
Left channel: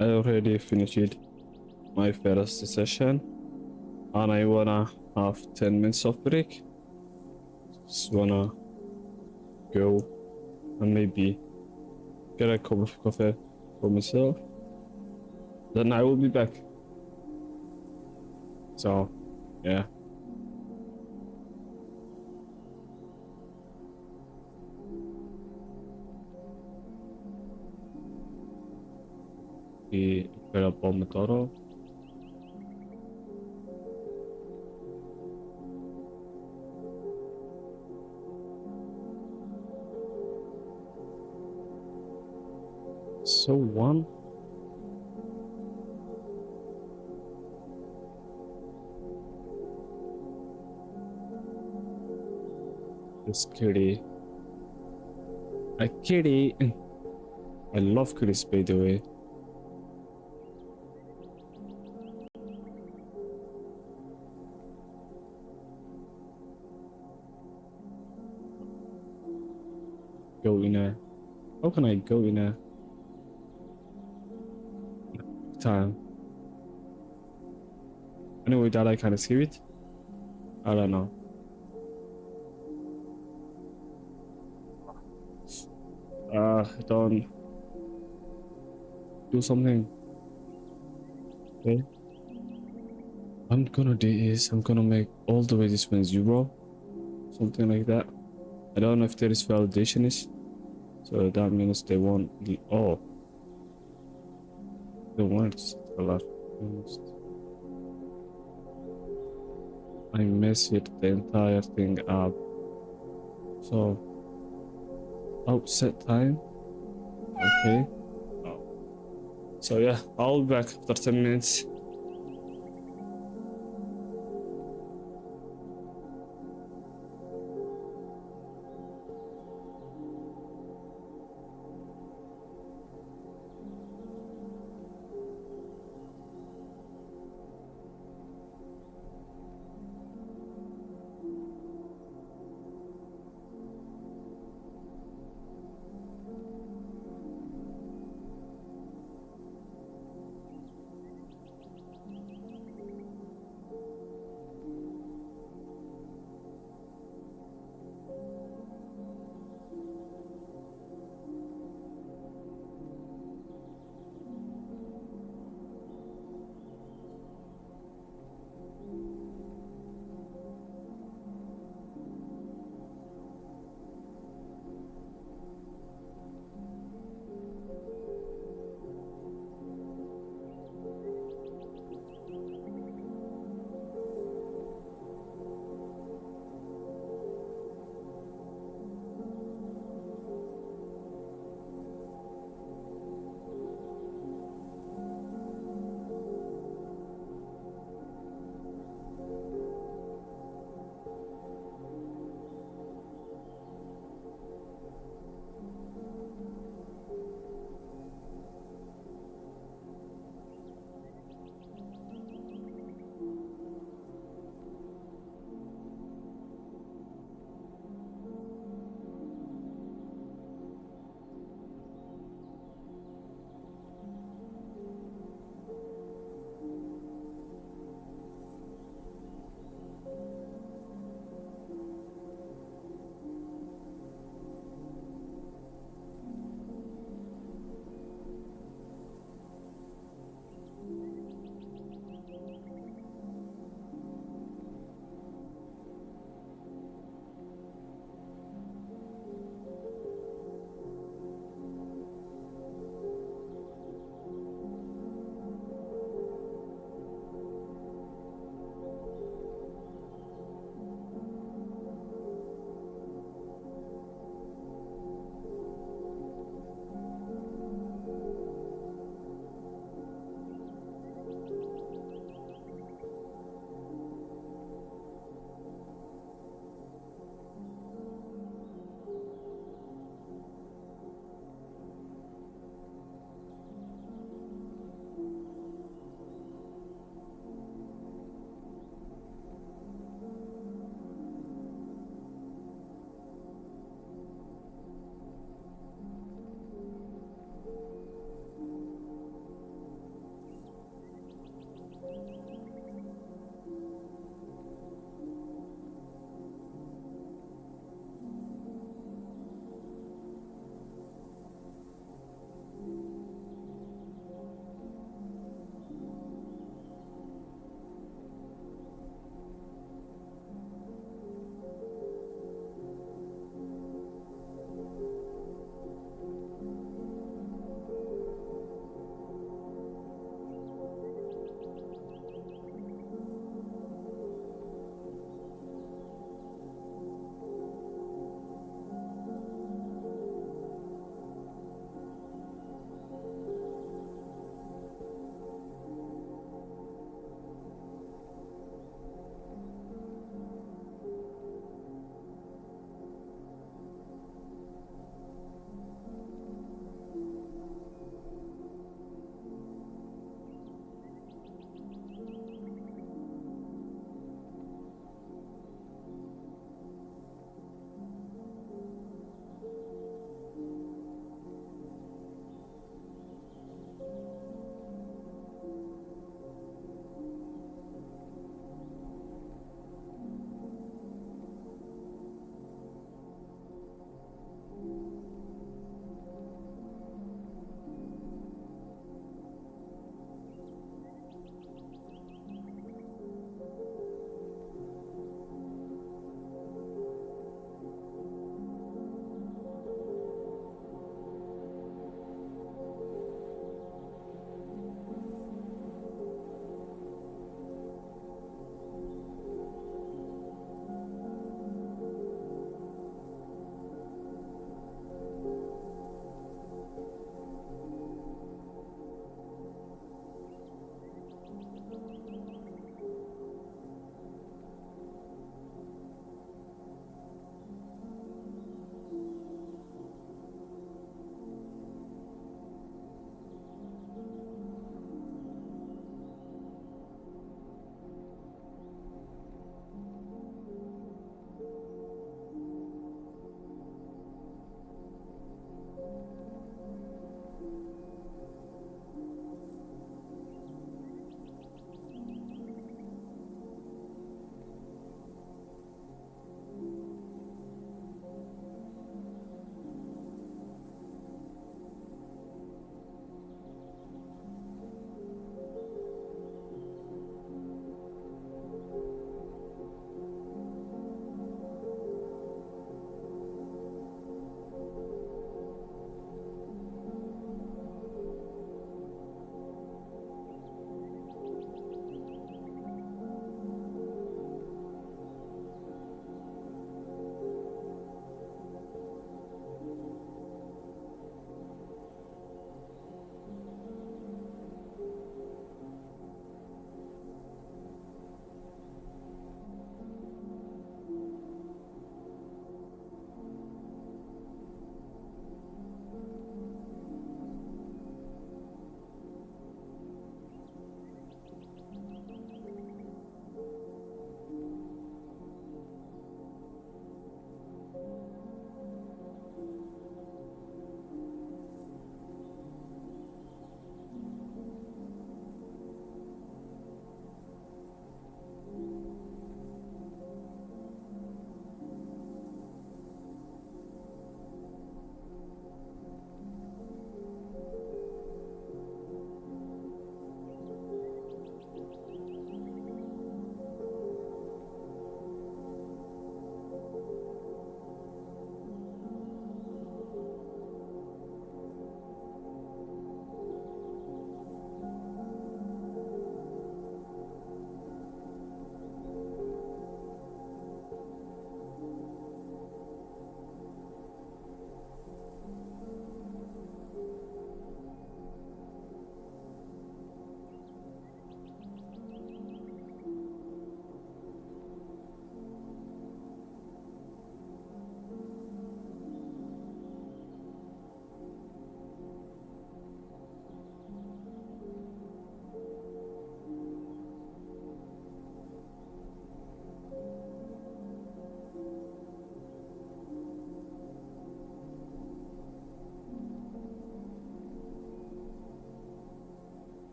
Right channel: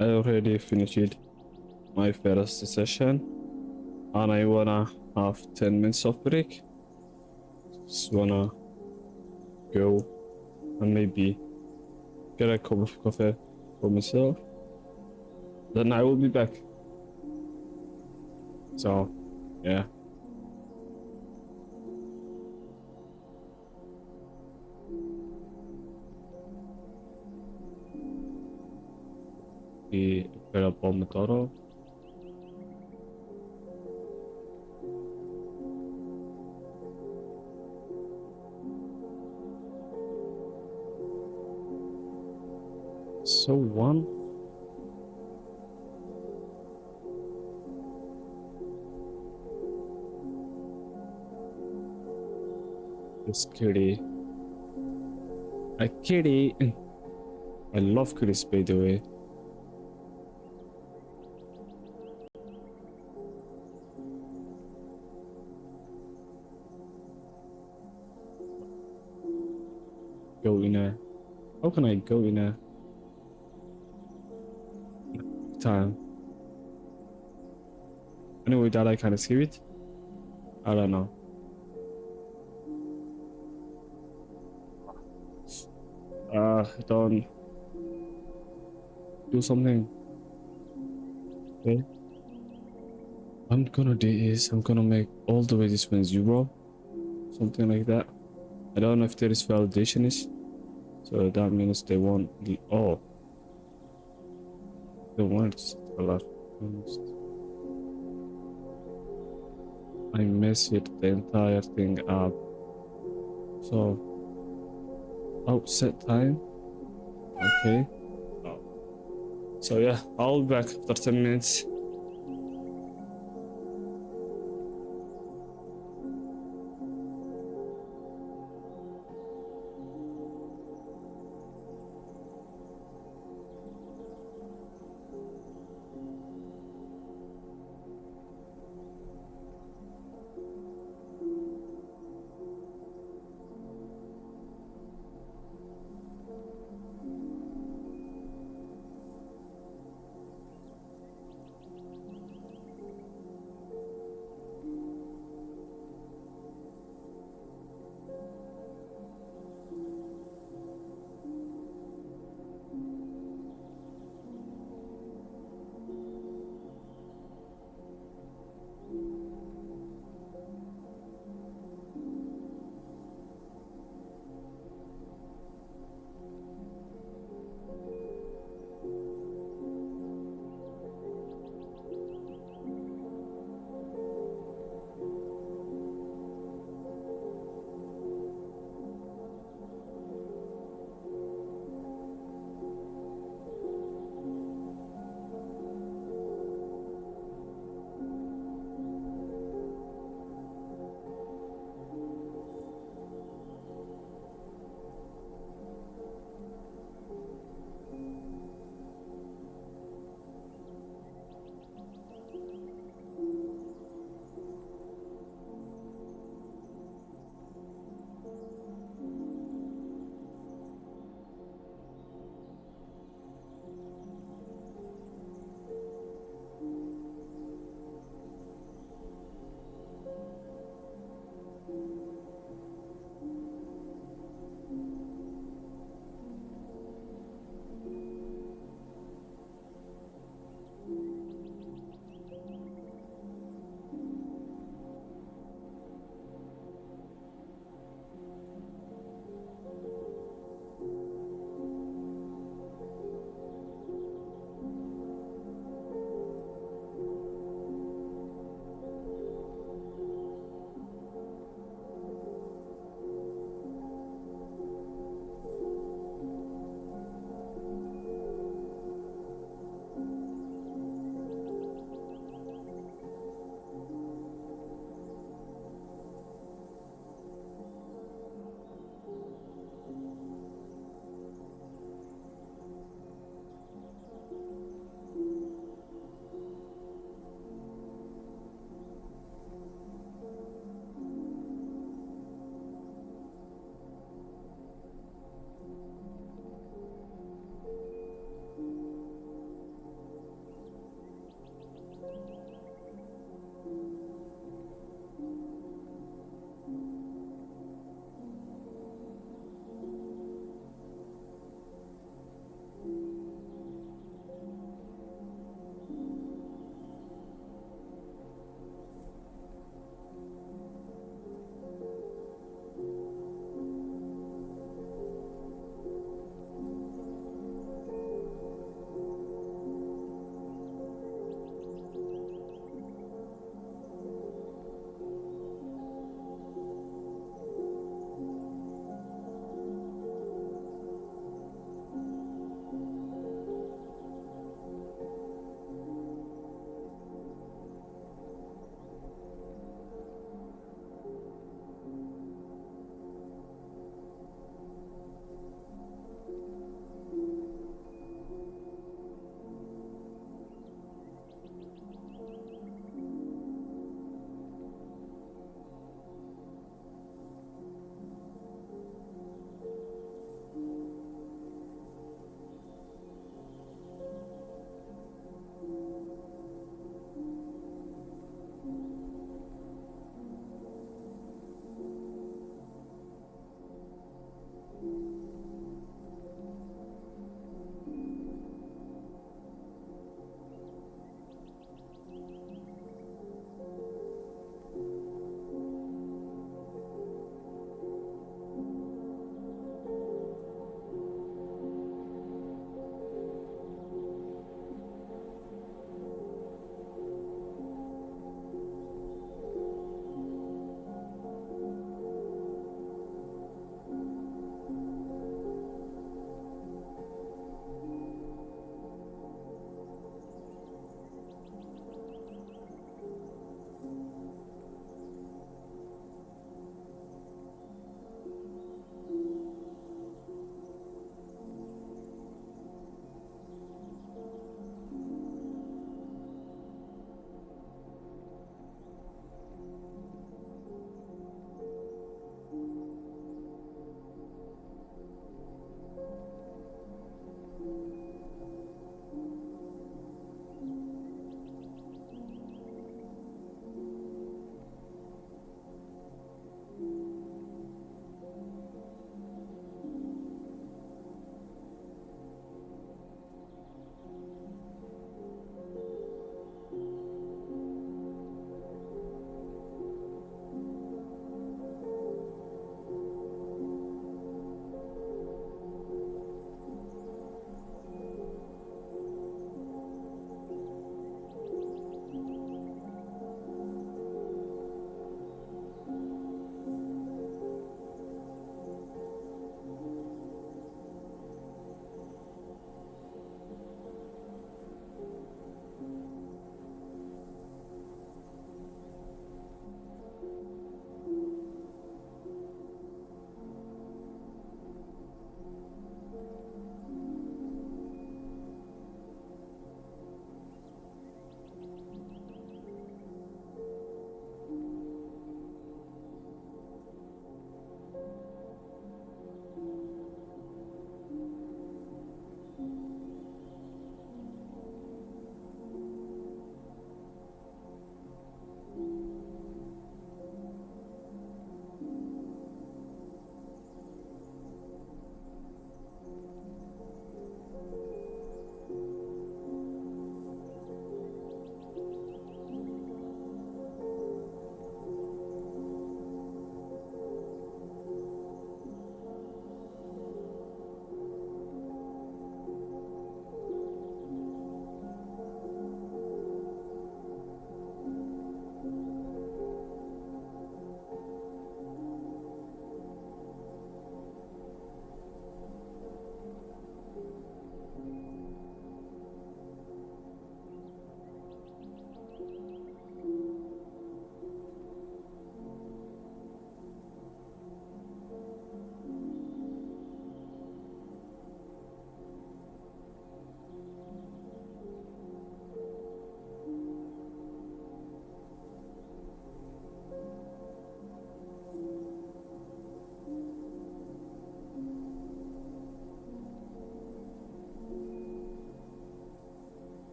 I already finished my first session and I wanna have 10 minutes of break. Just wanna go and maybe get a cup of coffee for myself. Then I will be back. So, yeah. Be get up on Pomodoro. So one. This kitty. A kitty. I love kitties, by the way. Go in a. How can I go in a time? Anyway, that I kind of skip it. I don't know. Don't do something. Okay. I'm gonna do is I'm gonna make all the way this one 0, something like that. I don't know if there is validation is, so that means they won't. Oh, they won't a lot. I messed the entire thing up. So, oh, set time. Okay. Oh. So yeah, I'll be back after 10 minutes.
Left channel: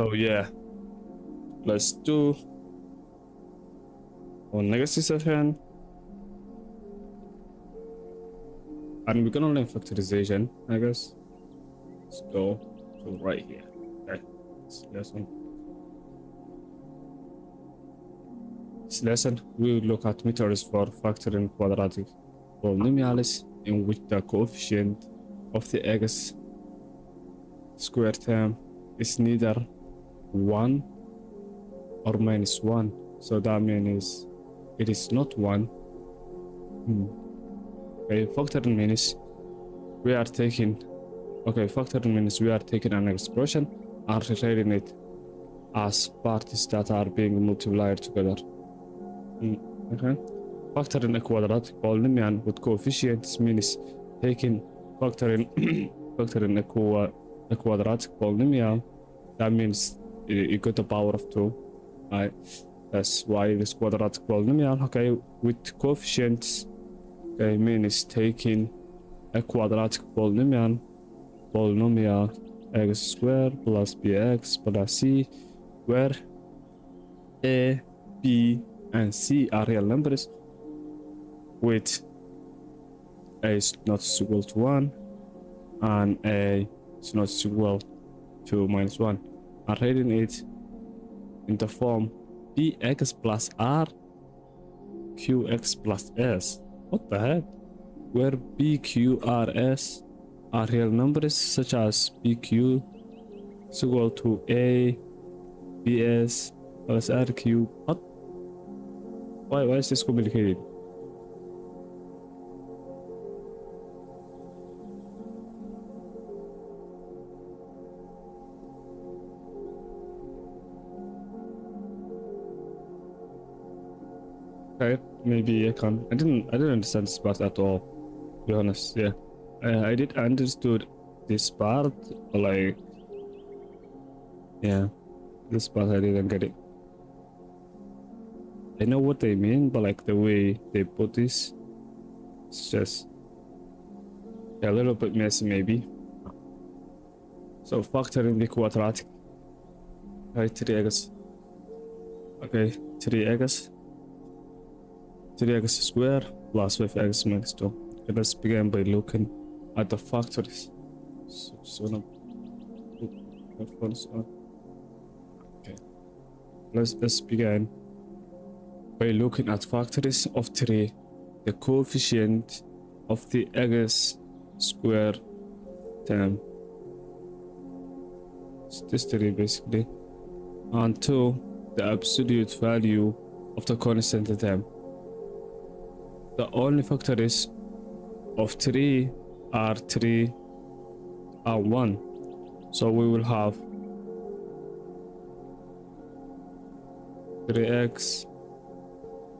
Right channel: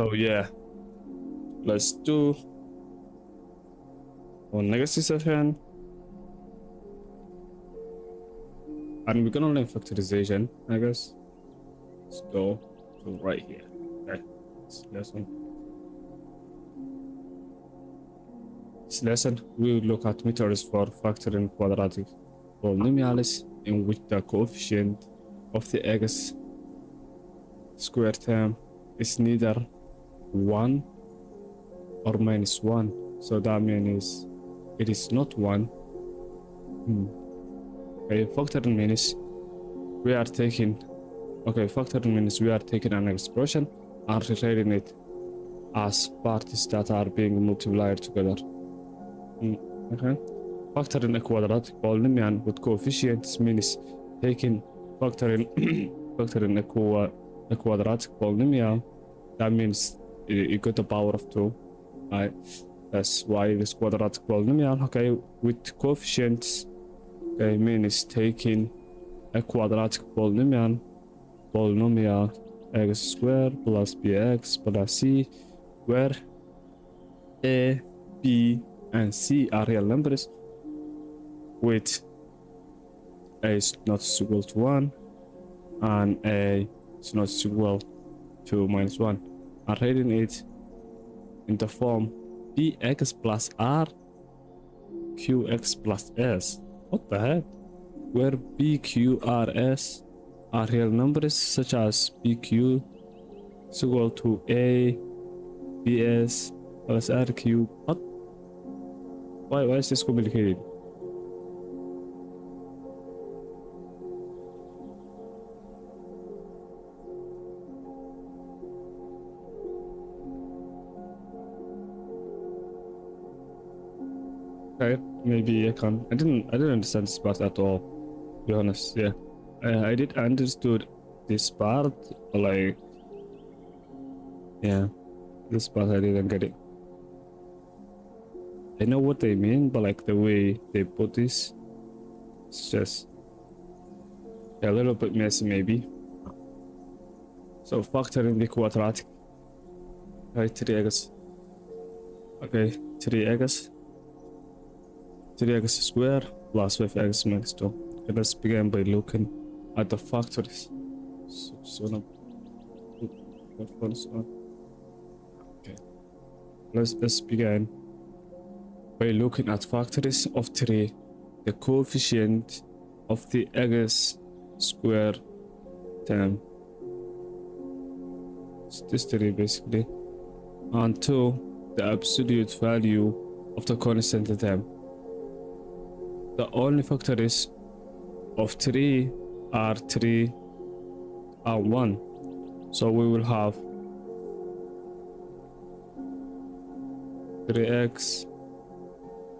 Oh yeah, let's do our legacy session. And we're gonna learn factorization, I guess. Let's go to right here. Okay. This lesson we will look at methods for factoring quadratic polynomials in which the coefficient of the x square term is neither 1 or -1. So that means it is not 1. Okay, factoring means we are taking an expression and rewriting it as parts that are being multiplied together. Okay. Factoring a quadratic polynomial with coefficients means taking factoring factoring a quadratic polynomial. That means you got the power of 2. Right. That's why this quadratic polynomial. Okay, with coefficients. Okay, means taking a quadratic polynomial x squared plus bx plus c, where a, b, and c are real numbers, with a is not equal to 1 and a is not equal to -1, and writing it in the form bx plus r qx plus s. What the heck? Where b, q, r, s are real numbers such as bq is equal to a bs plus rq. What? Why is this complicated? Okay, maybe I can. I didn't understand this part at all, to be honest. Yeah, I did understood this part, like, yeah, this part I didn't get it. I know what they mean, but like the way they put this, it's just a little bit messy, maybe. So factoring the quadratic, right? 3x. Okay, 3x squared plus 5x minus 2. Okay, let's begin by looking at the factors. So now put headphones on. Okay, let's begin by looking at factors of 3, the coefficient of the x square term. It's this 3 basically, and 2, the absolute value of the constant term. The only factors of 3 are 3 and 1. So we will have 3x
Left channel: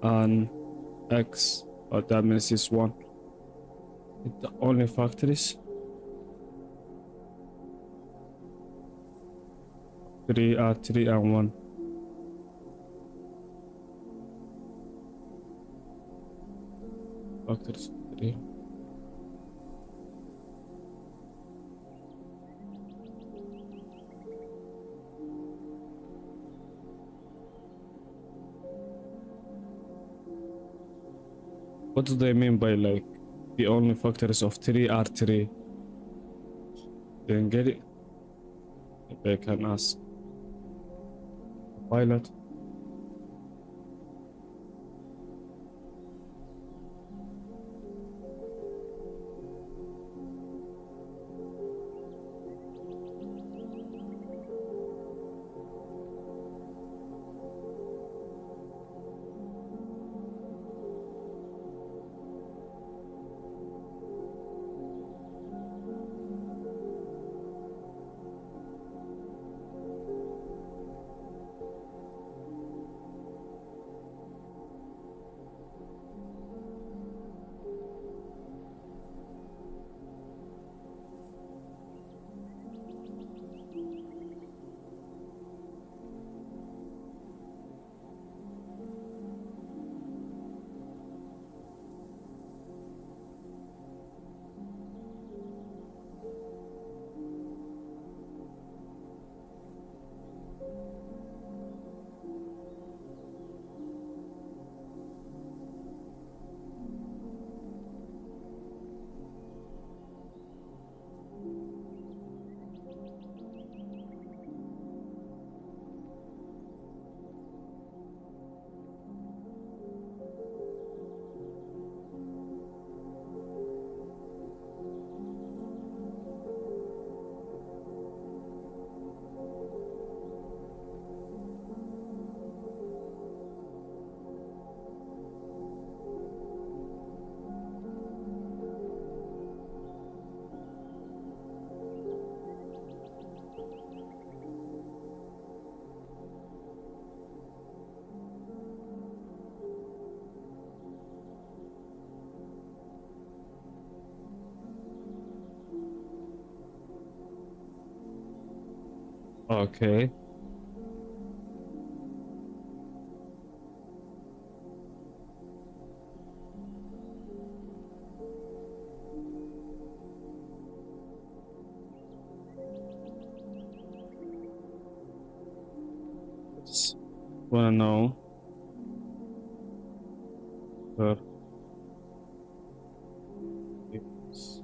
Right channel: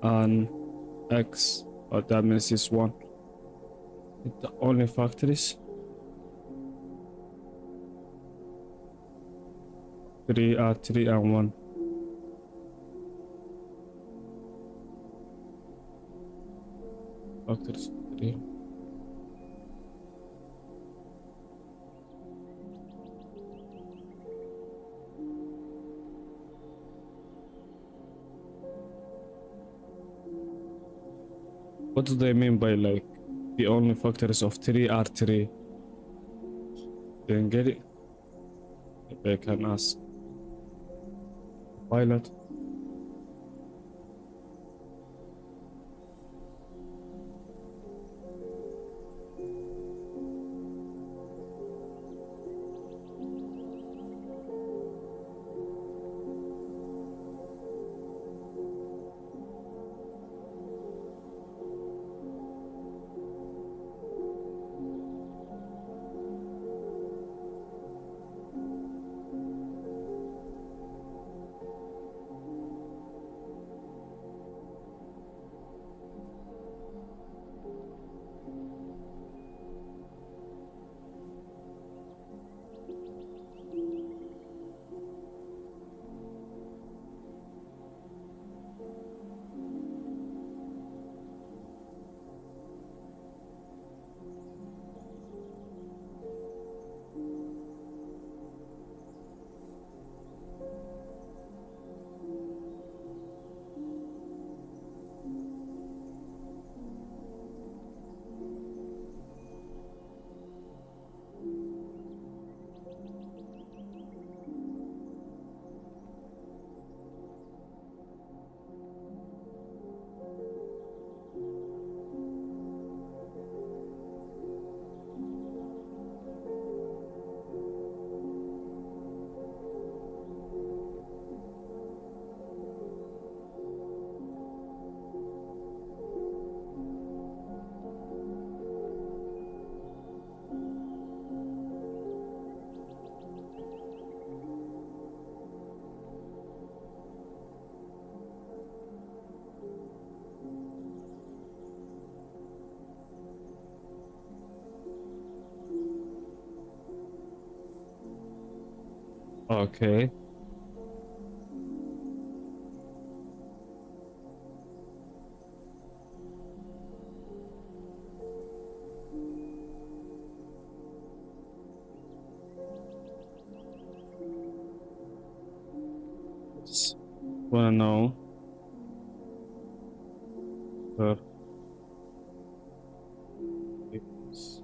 and x, but that means it's 1. The only factors 3 are 3 and 1. Factors 3. What do they mean by like the only factors of 3 are 3? Didn't get it? Maybe I can ask the pilot. Okay. Just wanna know. uh, it's-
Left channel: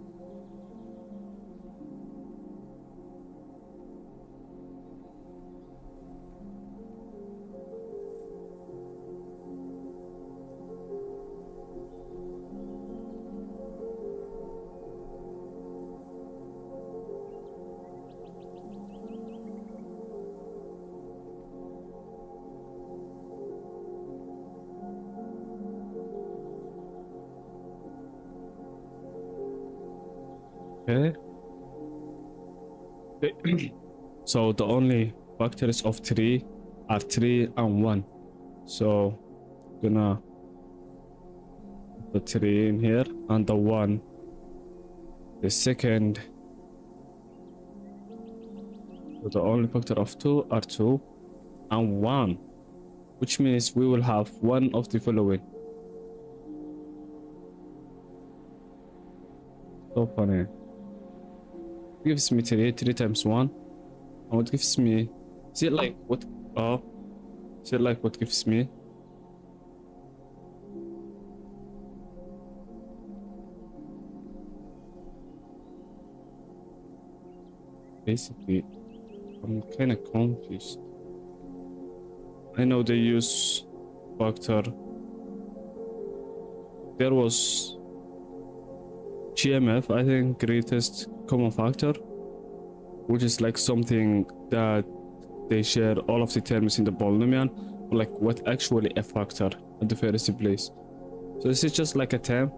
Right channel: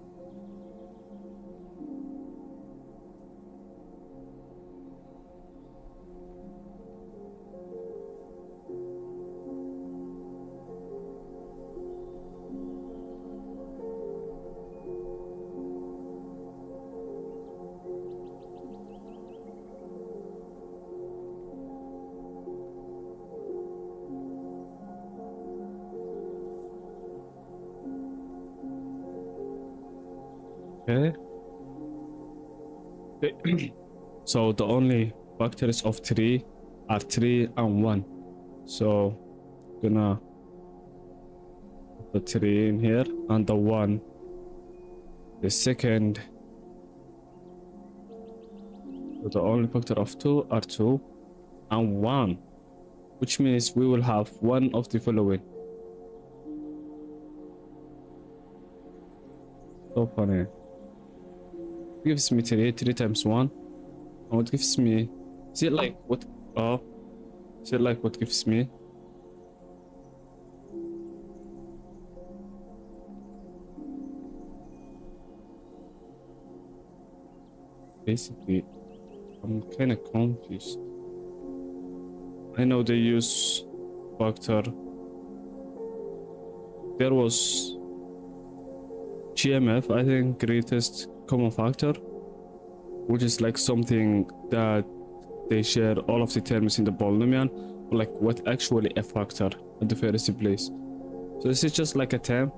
Okay. So the only factors of 3 are 3 and 1. So gonna put the 3 in here and the 1. The second, so the only factor of 2 are 2 and 1, which means we will have one of the following. So funny. Gives me 3 times 1. And what gives me? Is it like what? Oh, is it like what gives me? Basically, I'm kind of confused. I know they use factor. There was GMF, I think, greatest common factor, which is like something that they share all of the terms in the polynomial, like what actually a factor at the first place. So this is just like a term.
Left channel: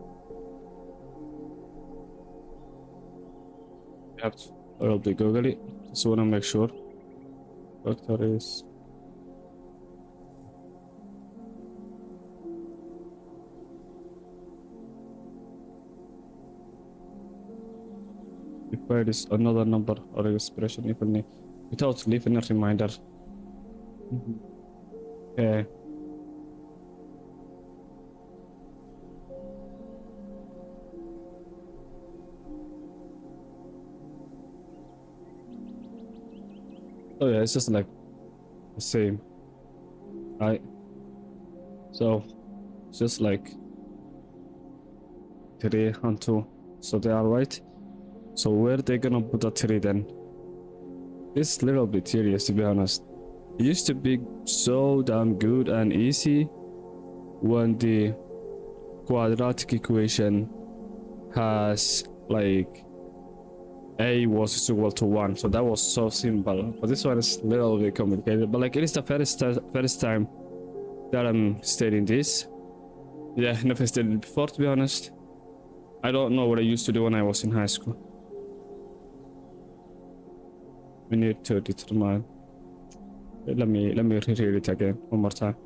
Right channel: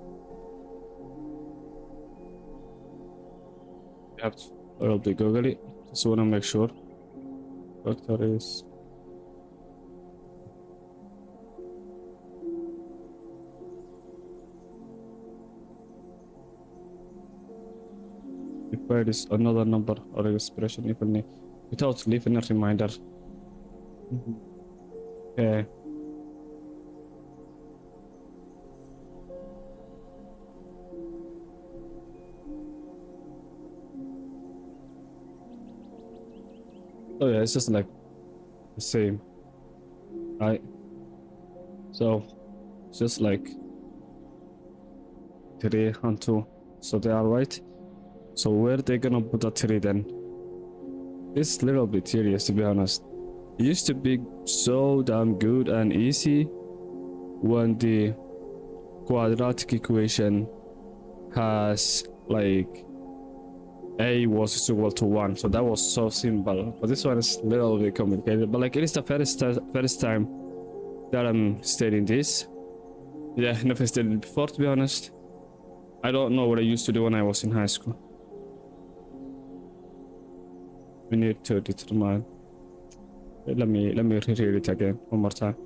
You have to probably Google it. Just want to make sure. Factor is. Required is another number or expression evenly without leaving a reminder. Okay. Oh yeah, it's just like the same, right? So it's just like 3 and 2, so they are right. So where they gonna put the 3 then? It's a little bit serious, to be honest. It used to be so damn good and easy when the quadratic equation has like a was equal to 1, so that was so simple. But this one is a little bit complicated, but like it is the first time that I'm stating this. Yeah, never stated it before, to be honest. I don't know what I used to do when I was in high school. We need to determine. Let me reread it again one more time.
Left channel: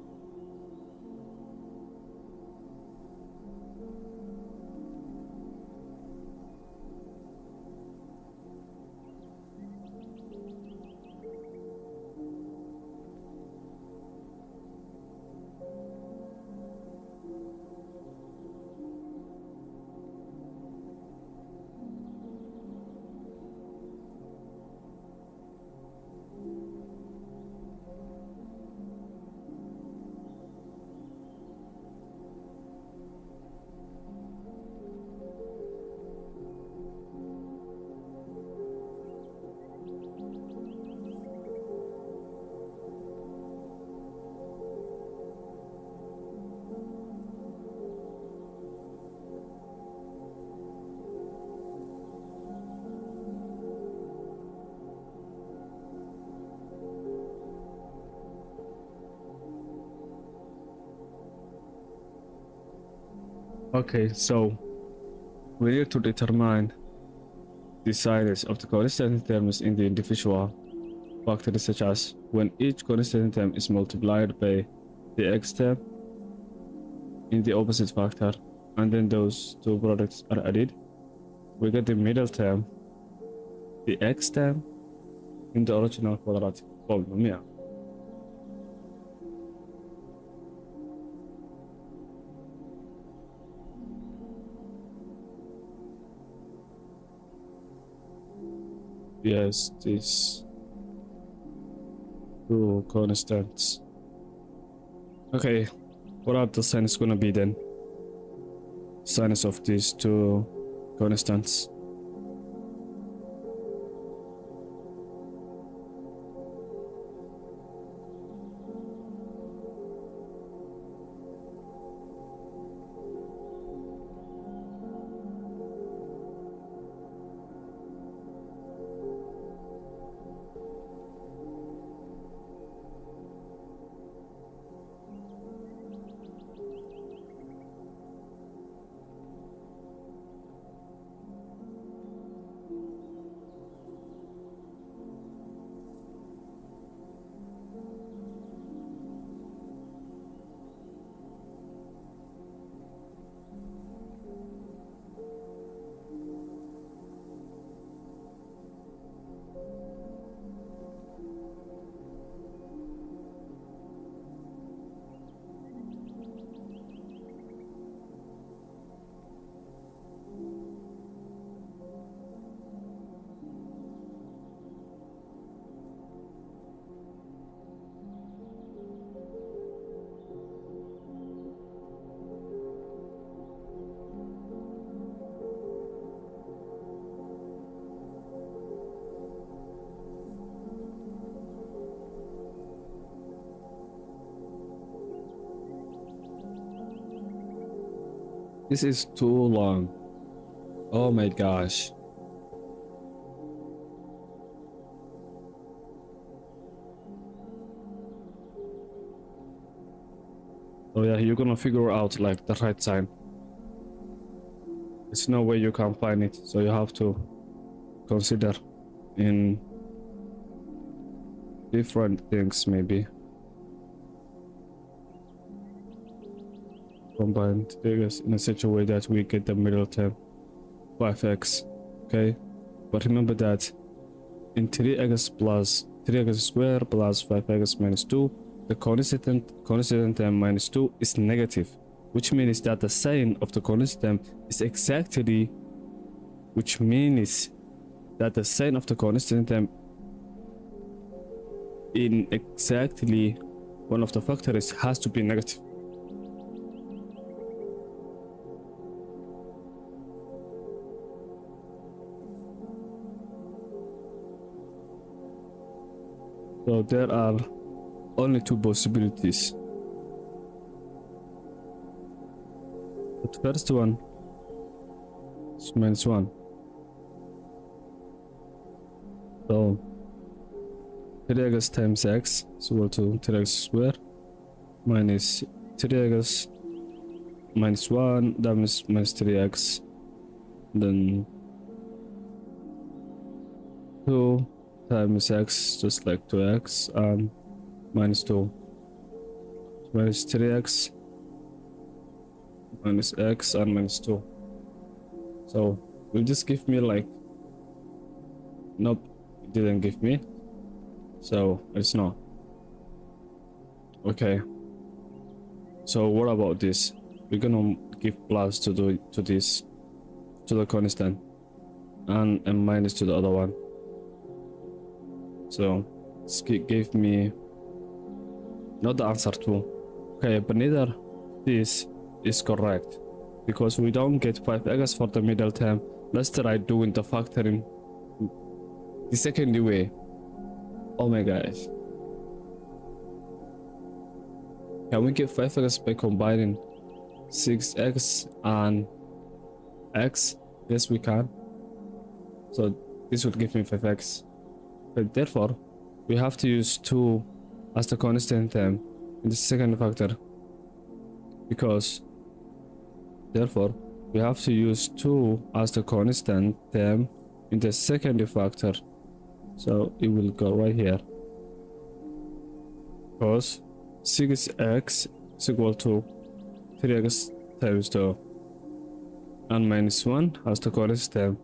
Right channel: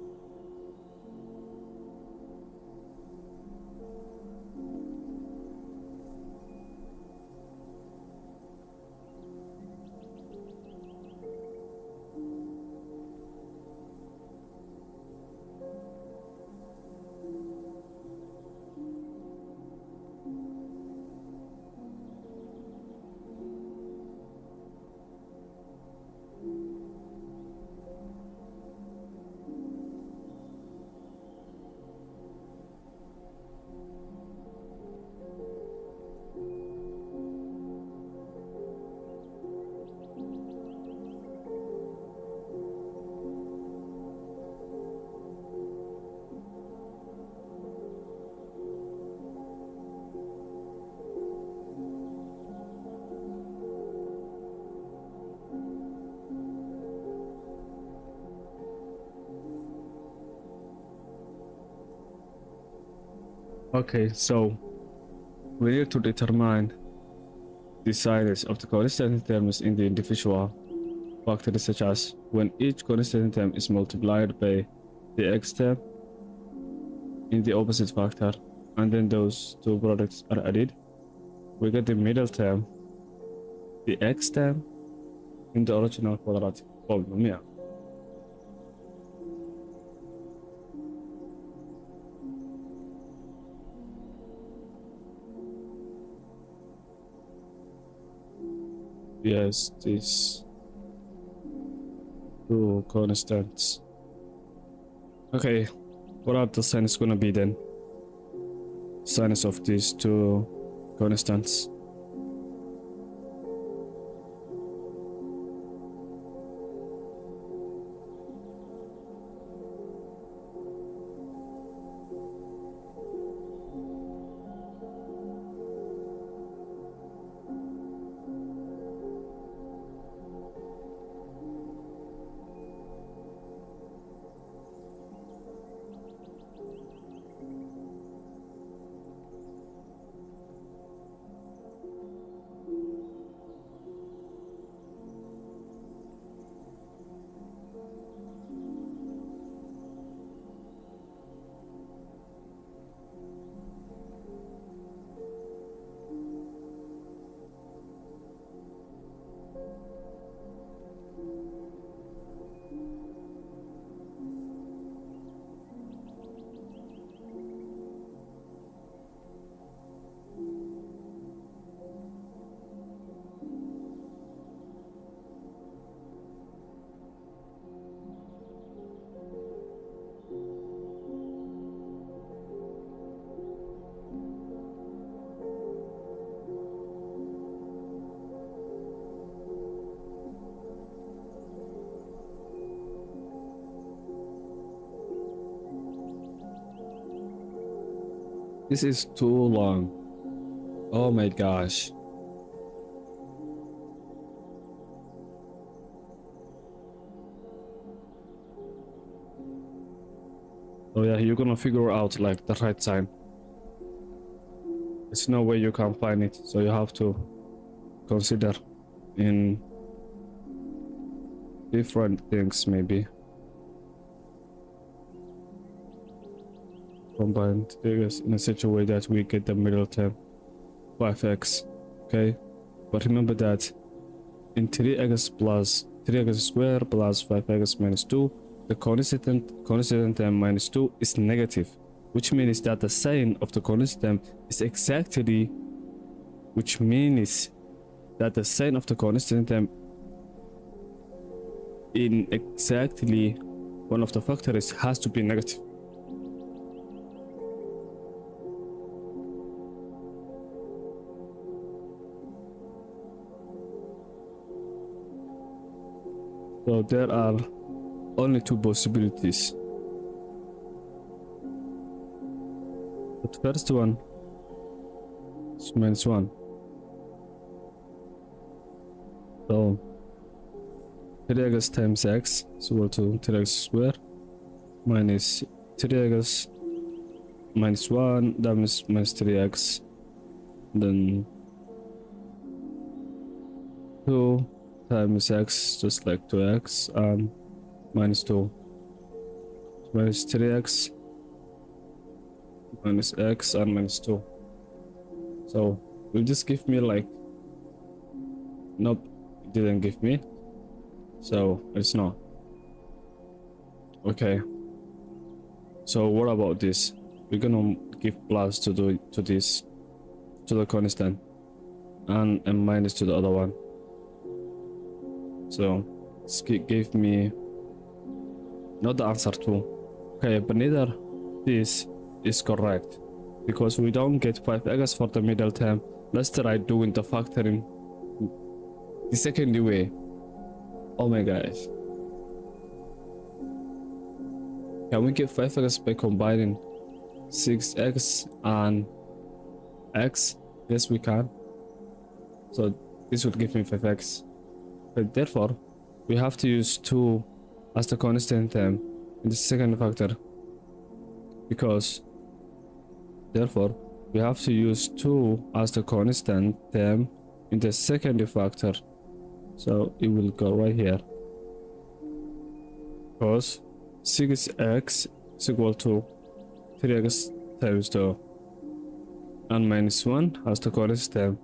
Okay, so we need to determine the sizes of the constant terms in the individual factors, such as when each constant term is multiplied by the x term in the opposite factor, and then those two products are added, we get the middle term, the x term, in the original quadratic problem, yeah. Yes, these two constants. Okay, what are the signs gonna be then? Signs of these two constants. This is too long. Oh my gosh. Oh yeah, you're gonna figure out like the right sign. There's no way you can find it, so you have to consider in different things maybe. Combine figures in such a way that we get the middle term 5x, okay? But remember that in 3x plus 3x squared plus 5x minus 2, the constant term minus 2 is negative, which means that the sign of the constant term is exactly, which means that the sign of the constant term in exactly one of the factors has to be negative. So there are only two possibilities. The first one is minus 1. So 3x times x is equal to 3x squared minus 3x minus 1, that means minus 3x, then 2 times x, just like 2x, and minus 2, minus 3x minus x and minus 2. So will this give me like, nope, it didn't give me, so it's not. Okay, so what about this? We're gonna give plus to this, to the constant, and a minus to the other one. So this gave me not the answer 2. Okay, but neither this is correct because we don't get 5x for the middle term. Let's try doing the factoring the second way. Oh my gosh. Can we get 5x by combining 6x and x? Yes, we can. So this would give me 5x. But therefore, we have to use 2 as the constant term in the second factor. Because, therefore, we have to use 2 as the constant term in the second factor. So it will go right here. Because 6x is equal to 3x times 2. And minus 1 as the constant term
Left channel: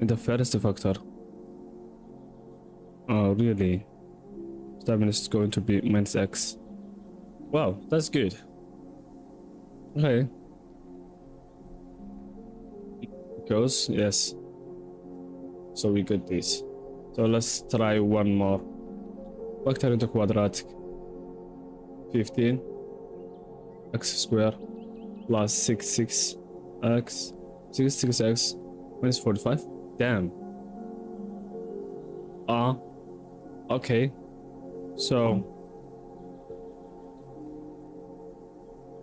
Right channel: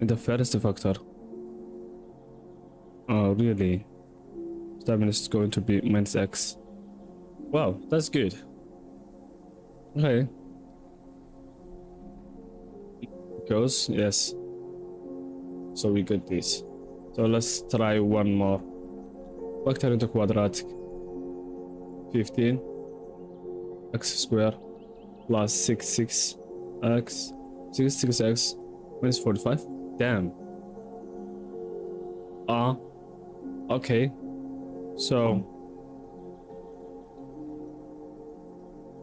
in the first factor. Oh, really? That means it's going to be minus x. Wow, that's good. Okay. Goes, yes. So we got this. So let's try one more. Factor into quadratic. 15 x square plus 66x 66x minus 45. Damn. Okay. So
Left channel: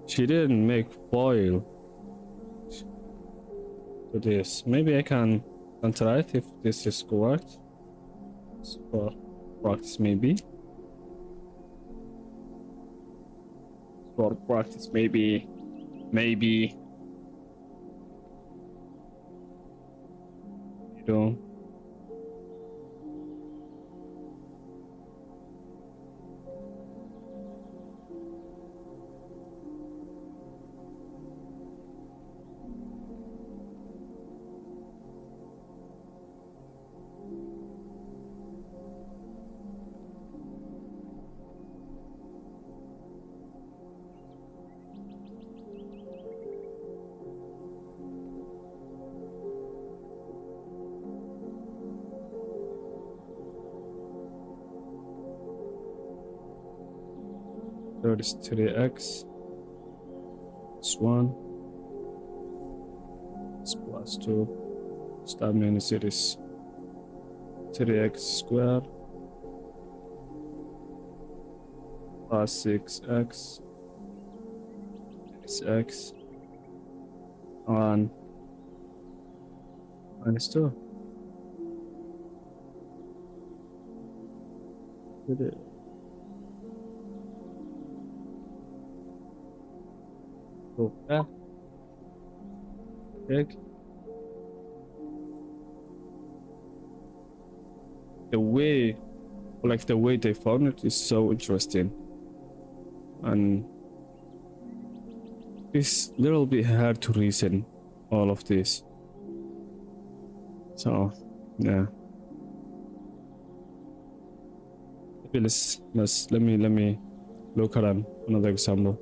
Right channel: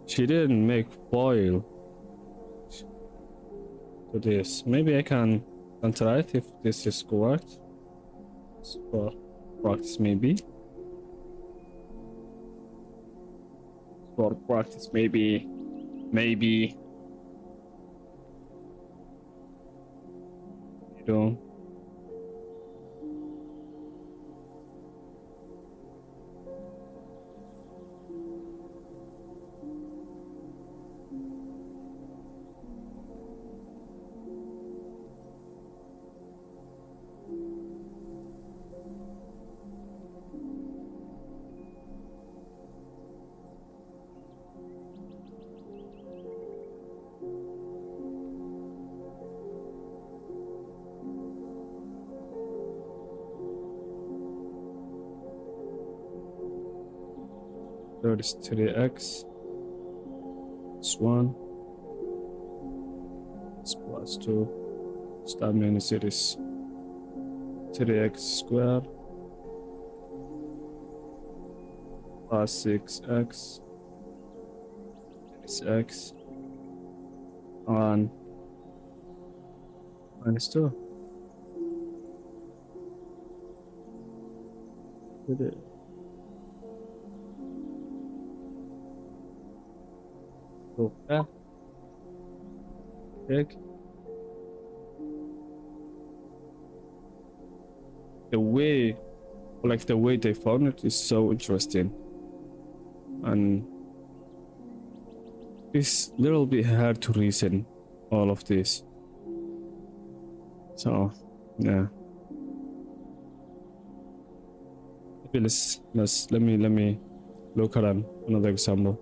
she didn't make FOIL to this. Maybe I can try it if this is correct. For practice, maybe. For practice, maybe. Maybe. You know. There is 3x. It's 1. It's plus 2. So that means it is 3x squared plus 6x minus x and minus 2. So yeah, check. The way, like the way they found it is so interesting, and it's a little bit hard to reason all of this. So yeah, maybe let me look at another example.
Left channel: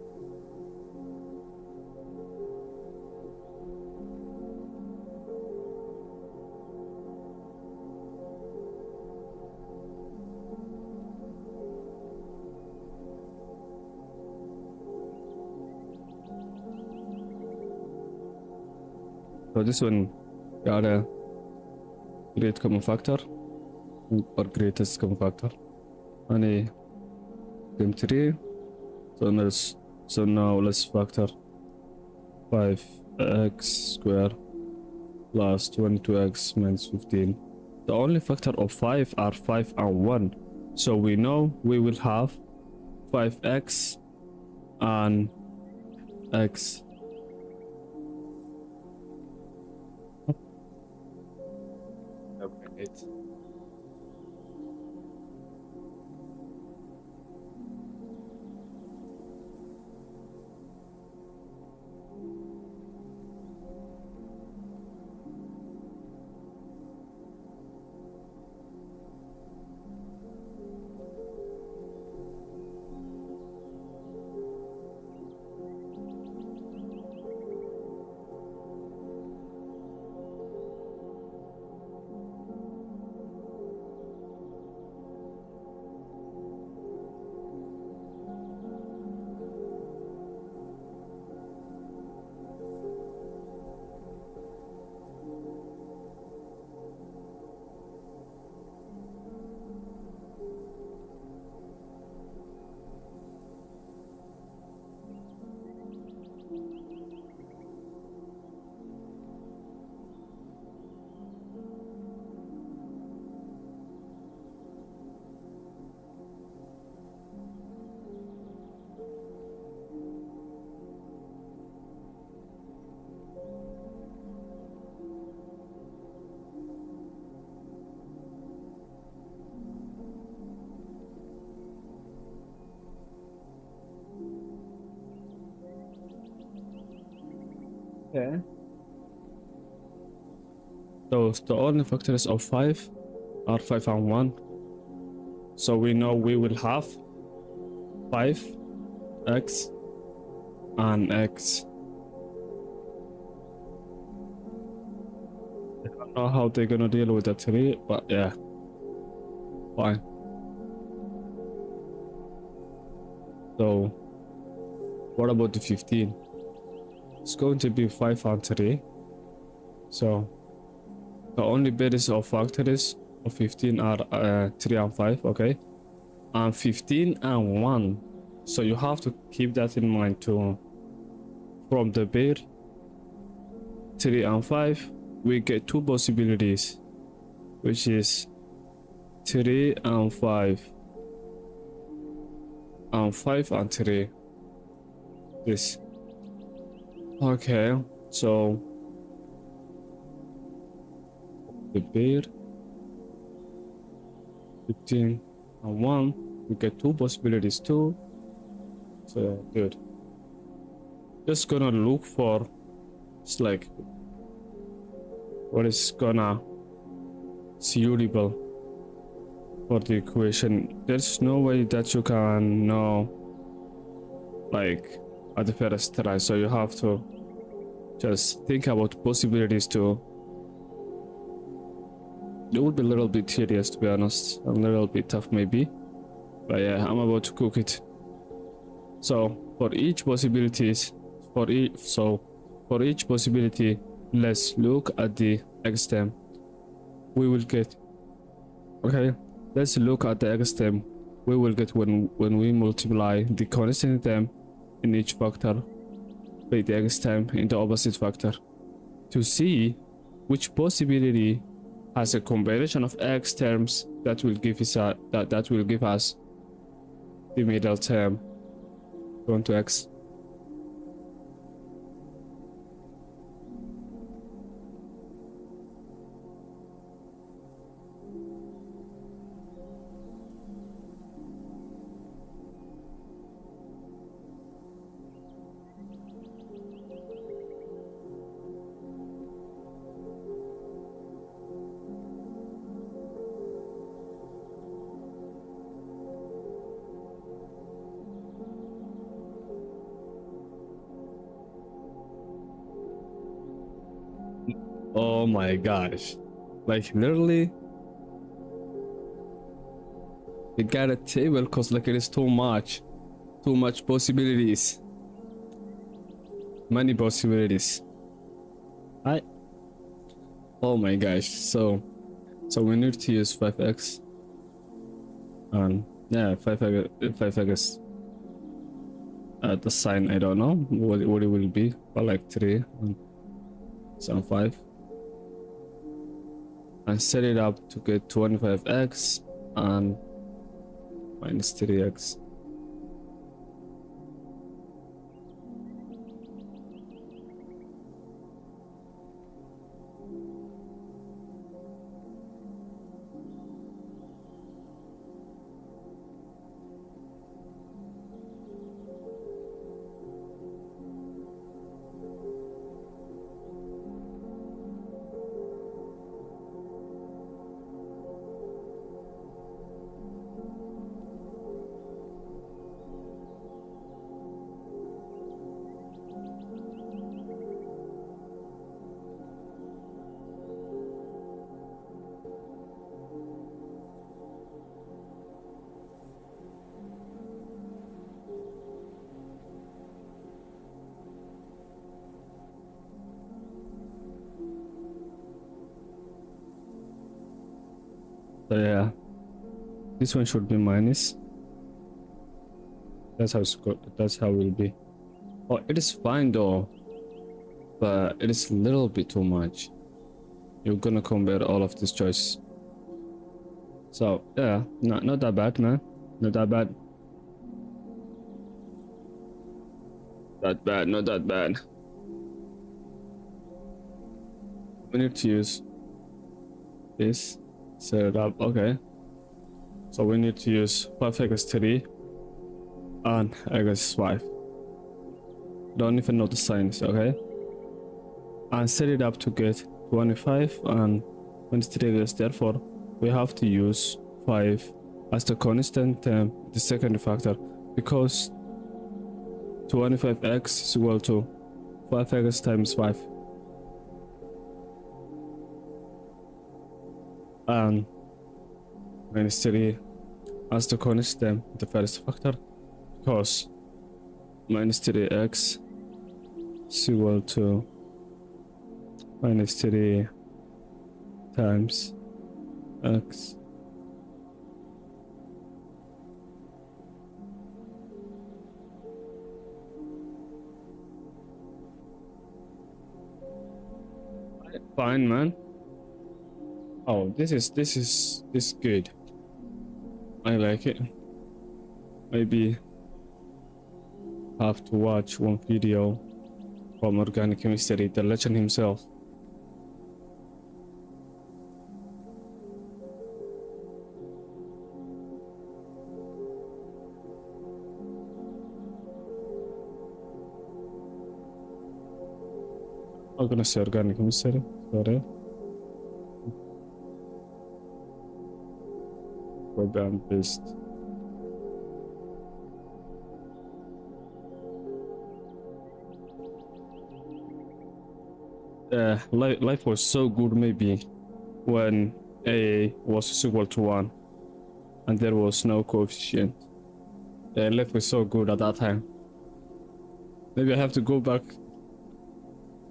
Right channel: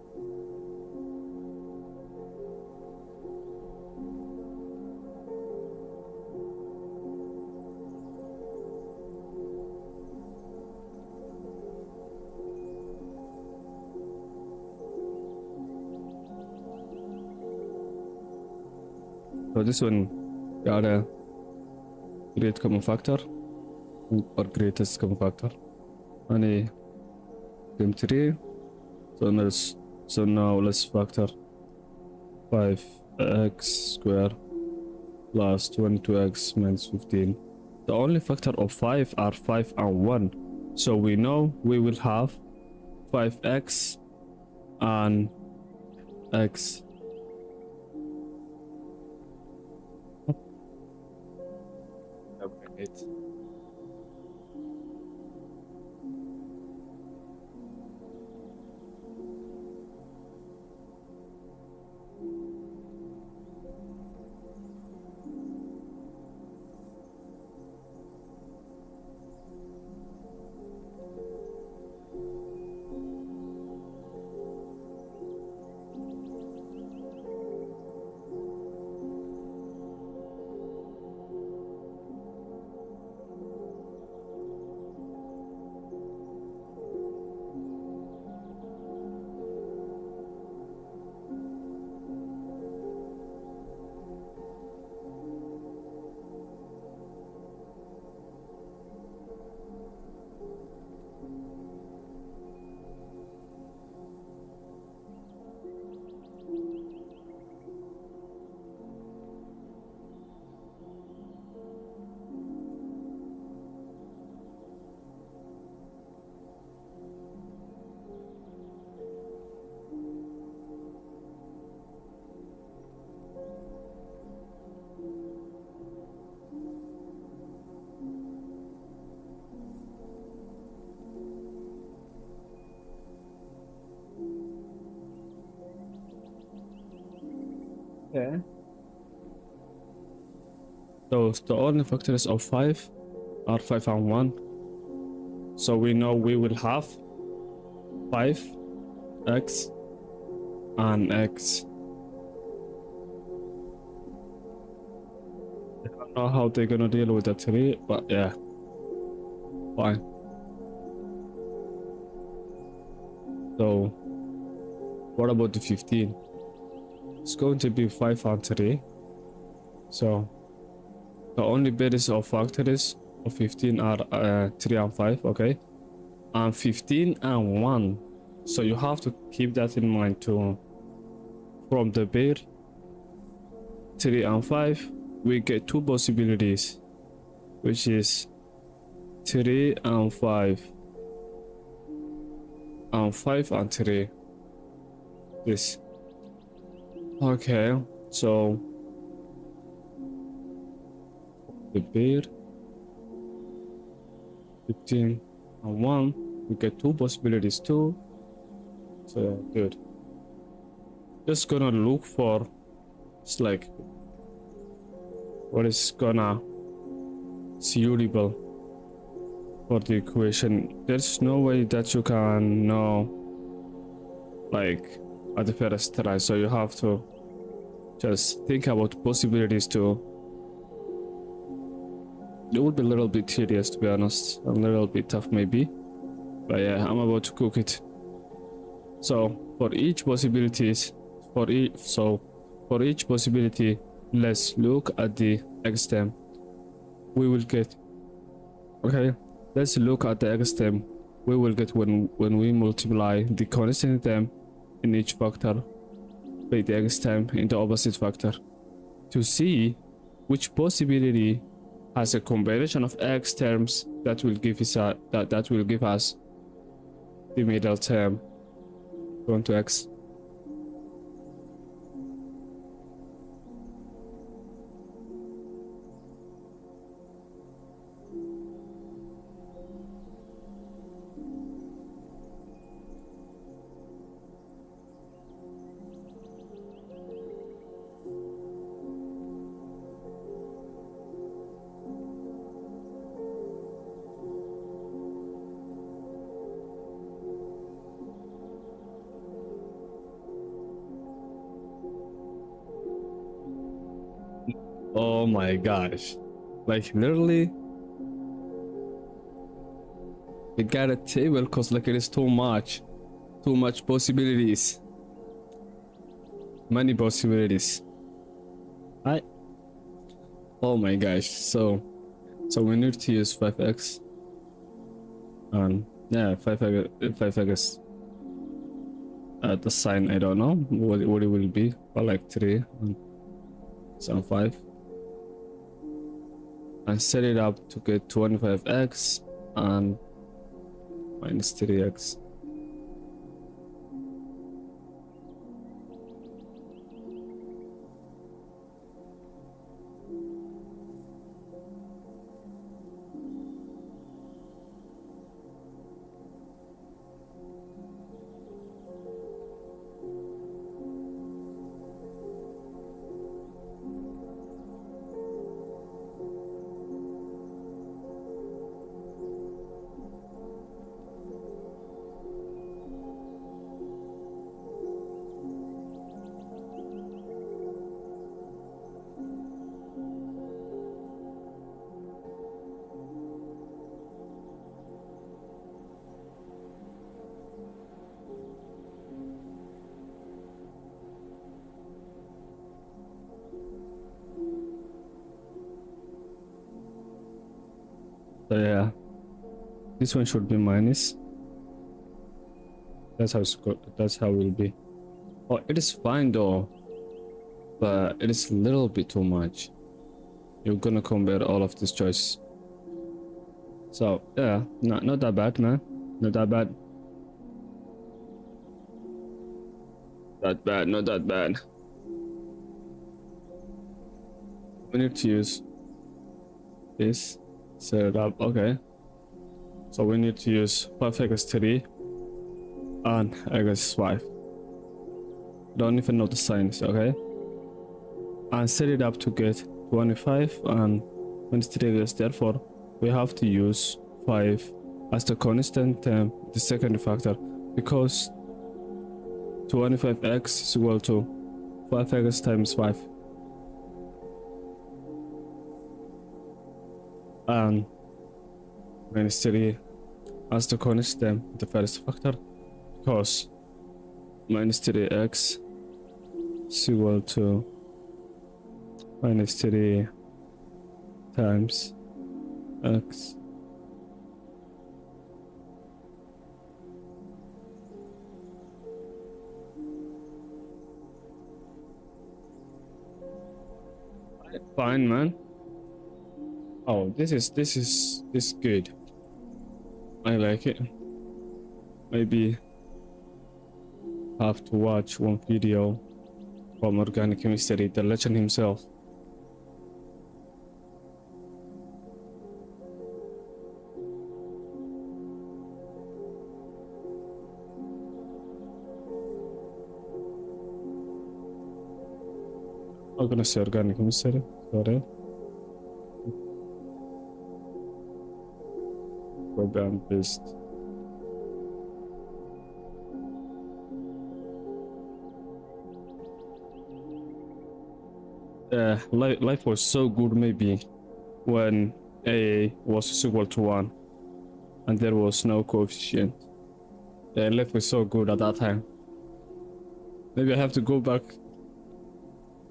So this one got a great common factor or greatest common factor, and a m3. So now let's factor 5x squared plus 22x minus 15. The only factor of 5 are 5 and 1. So we know we will have 5x and x. It. Yeah. So the only factors of 5 are 5 and 1. So we know we will have 5x and x. I don't know how they're gonna deal with that 3, but yeah, fine. So what about the 15? It's going to be 5 and 3. So the only base of factors of 15 are 3 and 5, okay? And 15 and 1. So you have to keep that in mind too. From the pair 3 and 5, we get two possibilities, which is 3 and 5 and 5 and 3. This. Okay, so the pair 15 and 1, we get two possibilities too. So good. Just gonna look for, it's like, what is gonna suitable for the equation. There's no way that you can know like at the first try, so you have to just think about possibilities too. It would be a little bit tedious, to be honest, a little bit tough maybe, but yeah, I'm about to cook it. So for each possibilities, for each possibility, let's look at the x term we will get. Okay, let's look at the x term we will get when we multiply the constant term in each factor by the x term in the opposite factor, to see which possibility has a combination of x terms that will give us that will give us the middle term going to x. Oh my gosh, like literally we got a table because like it is too much possibilities, many possibilities. Oh my gosh, so we need to use 5x and yeah, 5x the sign, I don't know what it will be, but like 3 and some 5, and set it up to get 25x and minus 3x. So yeah, this one should be minus. That's how it's good. That's how it will be. Oh, it is fine though, but it is a little bit too much. You're gonna compare all of these choices. So yeah, not that bad, man. Not that bad. Not that bad. We need to use this. Set it up. Okay. So we need to use 5x3 and x5. Don't even know the signs, okay? And set it up to get 25 and 23x. Therefore, we have to use 5 as the constant term, the second factor, because 25x is equal to 5x times 5, and minus 3 as the constant, the first factor, because minus 3x is equal to minus 3 times x. Fine, man. Oh, this is good. I like it. Maybe have to watch one video from Organic Chemistry, the legend himself. I'm gonna say Organic Chemistry, sorry. Program based. Life was so good maybe when A was equal to 1 and there was no coefficient. Life was so good at that time. Maybe I have to go back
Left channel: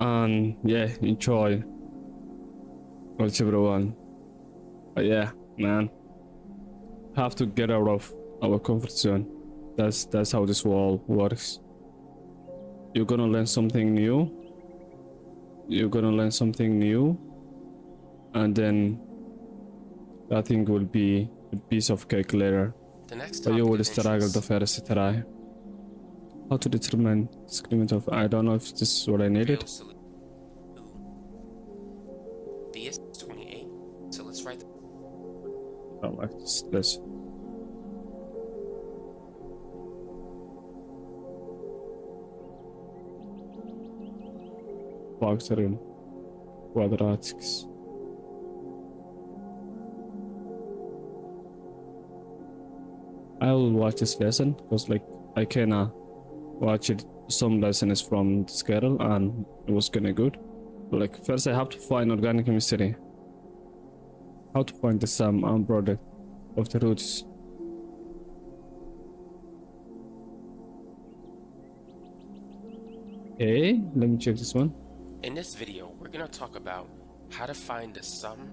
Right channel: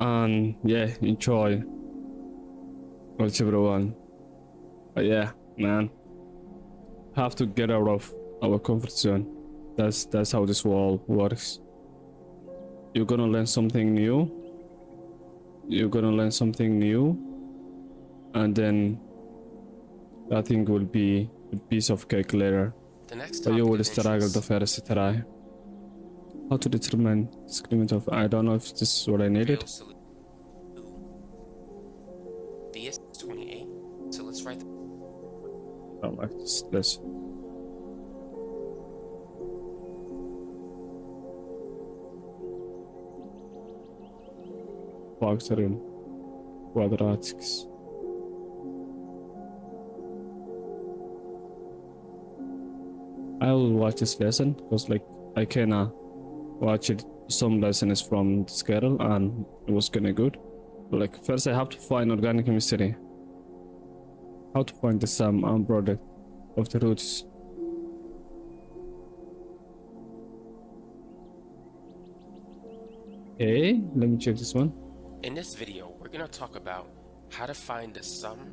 and enjoy algebra 1. But yeah, man, have to get out of our comfort zone. That's how this world works. You're gonna learn something new. And then that thing will be a piece of cake later. The next But you topic will of struggle interest. the first try. How to determine discriminant of, I don't know if this is what I needed. DS28. So let's write. I like this. Factorial quadratics. I will watch this lesson because like I can watch it. Some lessons from this girl and it was kinda good. But like first I have to find organic chemistry. How to find the sum and product of the roots. Okay, let me check this one. In this video, we're going to talk about how to find the sum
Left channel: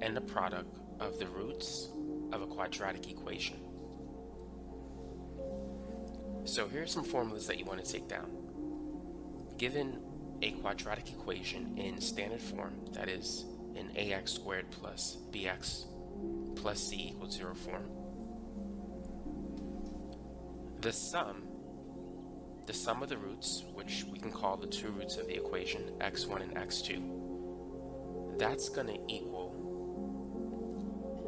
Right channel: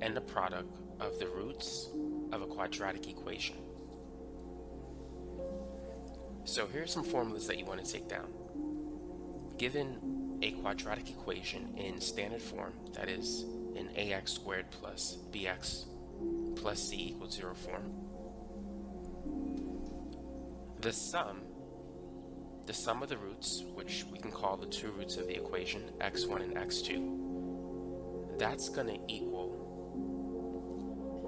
and the product of the roots of a quadratic equation. So here are some formulas that you want to take down. Given a quadratic equation in standard form, that is in ax squared plus bx plus c equals 0 form, the sum of the roots, which we can call the two roots of the equation, x1 and x2, that's going to equal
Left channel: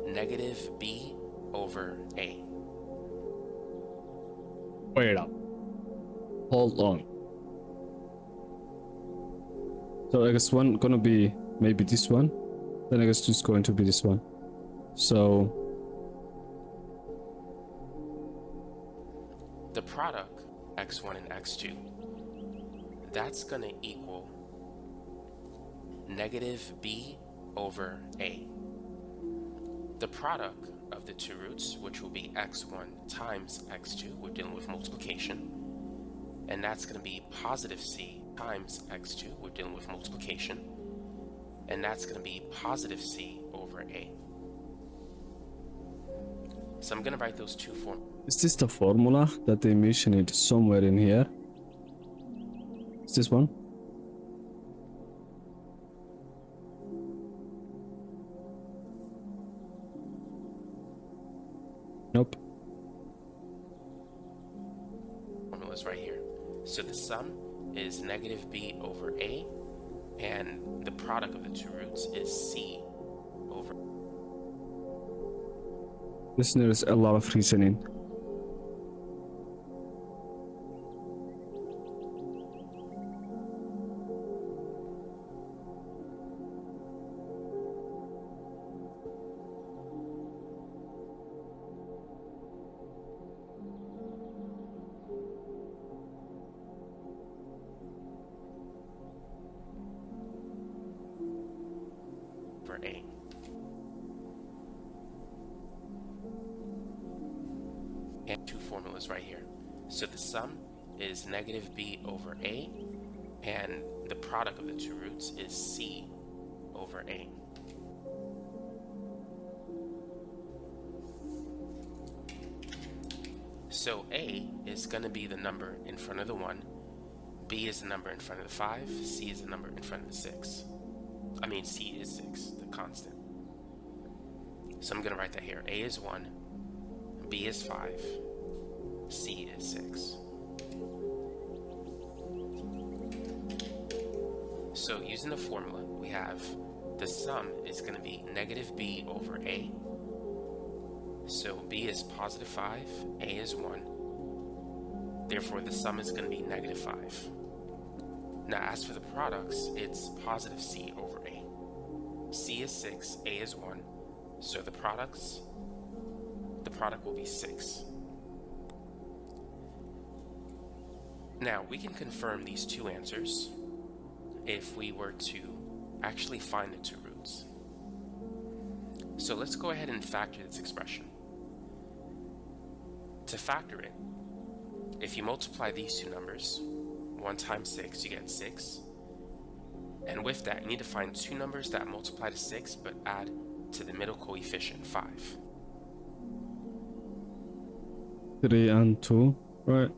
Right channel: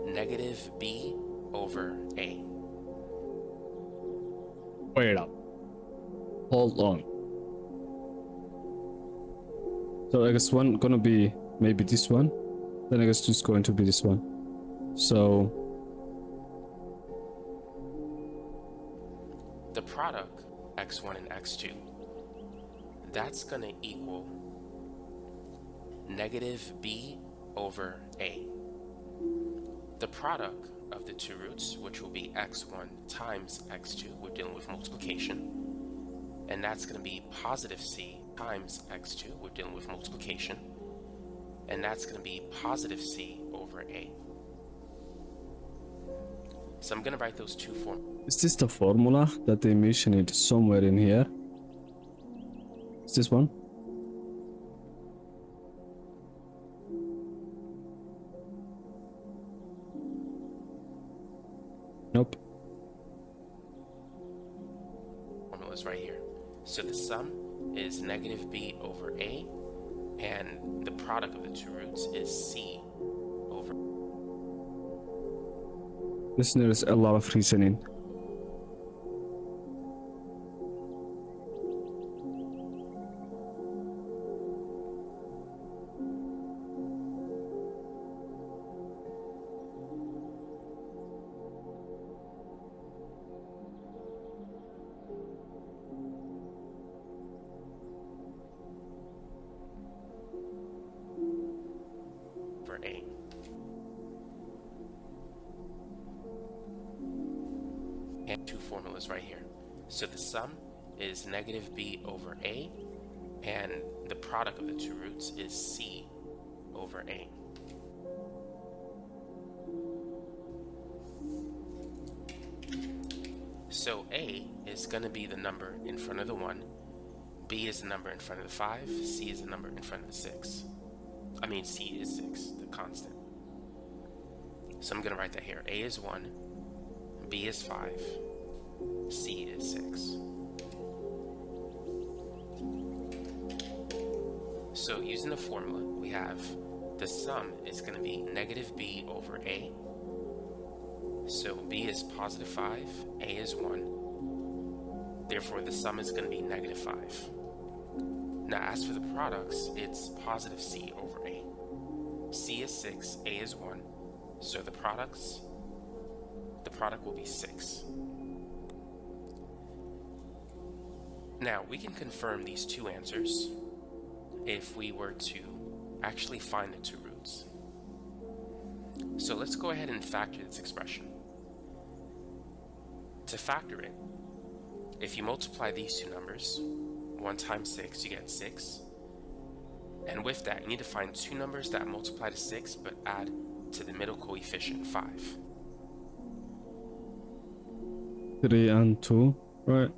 negative b over a. Wait up. Hold on. So x1 gonna be maybe this one, then x2 is going to be this one. So the product x1 and x2, that's going to equal negative b over a. The product of the two roots, which will be x1 times x2, we're dealing with multiplication, and that's going to be positive c times x2, we're dealing with multiplication, and that's going to be positive c over a. So I'm going to write those two formulas. is this the formula that they mentioned it somewhere in here? Is this one? Nope. Formulas right here. So the sum is negative b over a, and the product of the two roots is c over. Listeners, a lot of reasoning. over A. And two formulas right here. So the sum is negative b over a, and the product of the two roots is c over a. So a is going to be the number in front of the 1, b is the number in front of the 5, c is the number in front of the 6. I mean, c is 6, the constant. So I'm going to write that here. A is 1, b is 5, c is 6. So using the formula, we have the sum is going to be negative b over a. So b is positive 5, a is 1. Therefore, the sum is going to be negative 5. Now, as for the products, it's positive c over a. C is 6, a is 1. So the product will be 6. Now, we can confirm these two answers if we were to actually find the two roots. So let's go ahead and factor this expression. To factor it, if you multiply these two numbers, 1 times 6, you get 6. And with that, you need to find two numbers that multiply to 6 but add to the middle coefficient, 5. 3 and 2, right?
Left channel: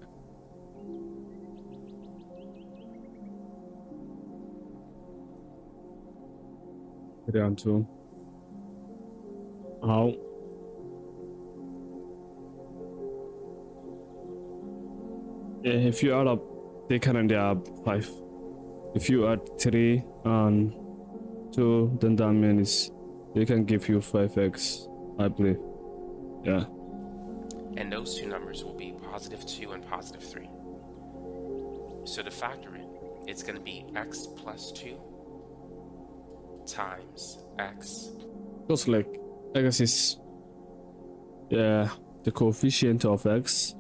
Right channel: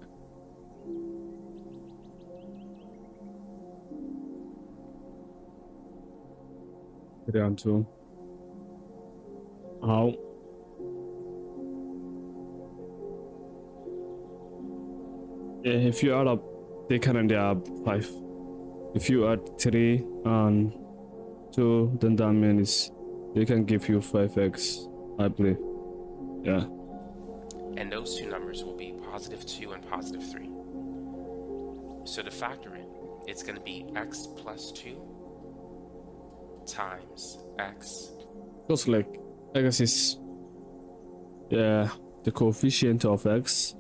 Three and 2. How? Yeah, if you add up, they can end up 5. If you add 3 and 2, then that means they can give you 5x, I believe. Yeah. And those two numbers will be positive 2 and positive 3. So to factor it, it's going to be x plus 2 times x. Because like x is the coefficient of x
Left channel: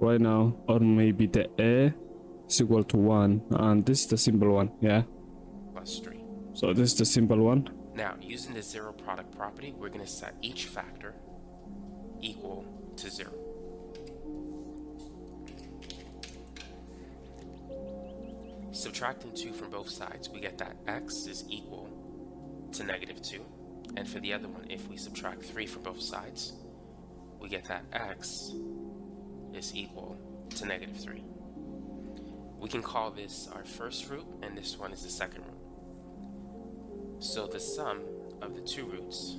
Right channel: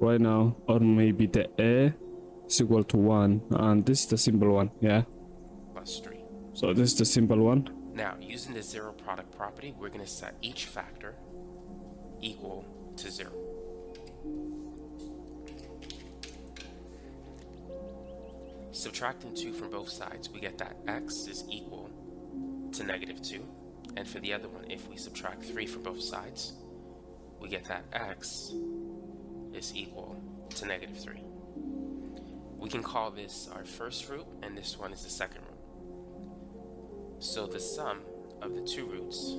right now, or maybe the a is equal to 1, and this is the simple one, yeah, Plus 3. so this is the simple one. Now, using the zero product property, we're going to set each factor equal to 0. Subtracting 2 from both sides, we get that x is equal to negative 2. And for the other one, if we subtract 3 from both sides, we get that x is equal to negative 3. We can call this our first root, and this one is the second root. So the sum of the two roots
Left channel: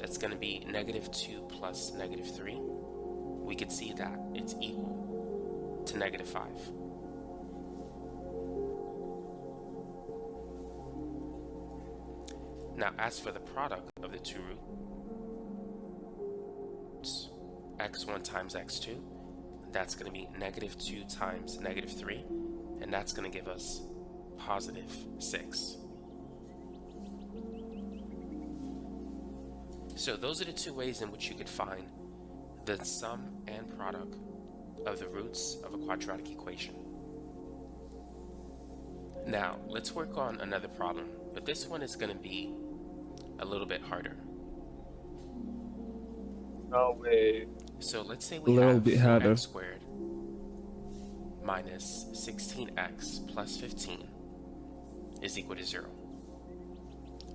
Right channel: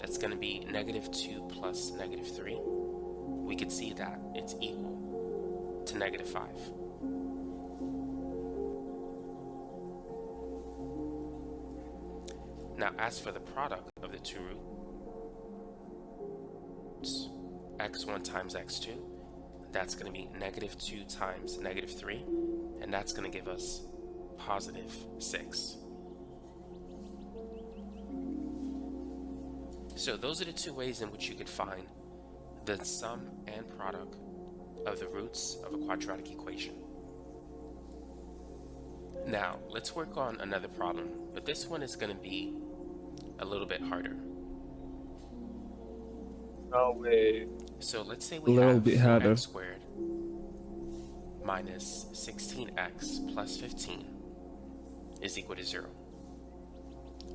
that's going to be negative 2 plus negative 3. We could see that it's equal to negative 5. Now, as for the product of the two roots, x1 times x2, that's going to be negative 2 times negative 3, and that's going to give us positive 6. So those are the two ways in which you could find the sum and product of the roots of a quadratic equation. Now, let's work on another problem, but this one is going to be a little bit harder. No way. So let's say we Little have bit harder. 4x squared minus 16x plus 15 is equal to 0.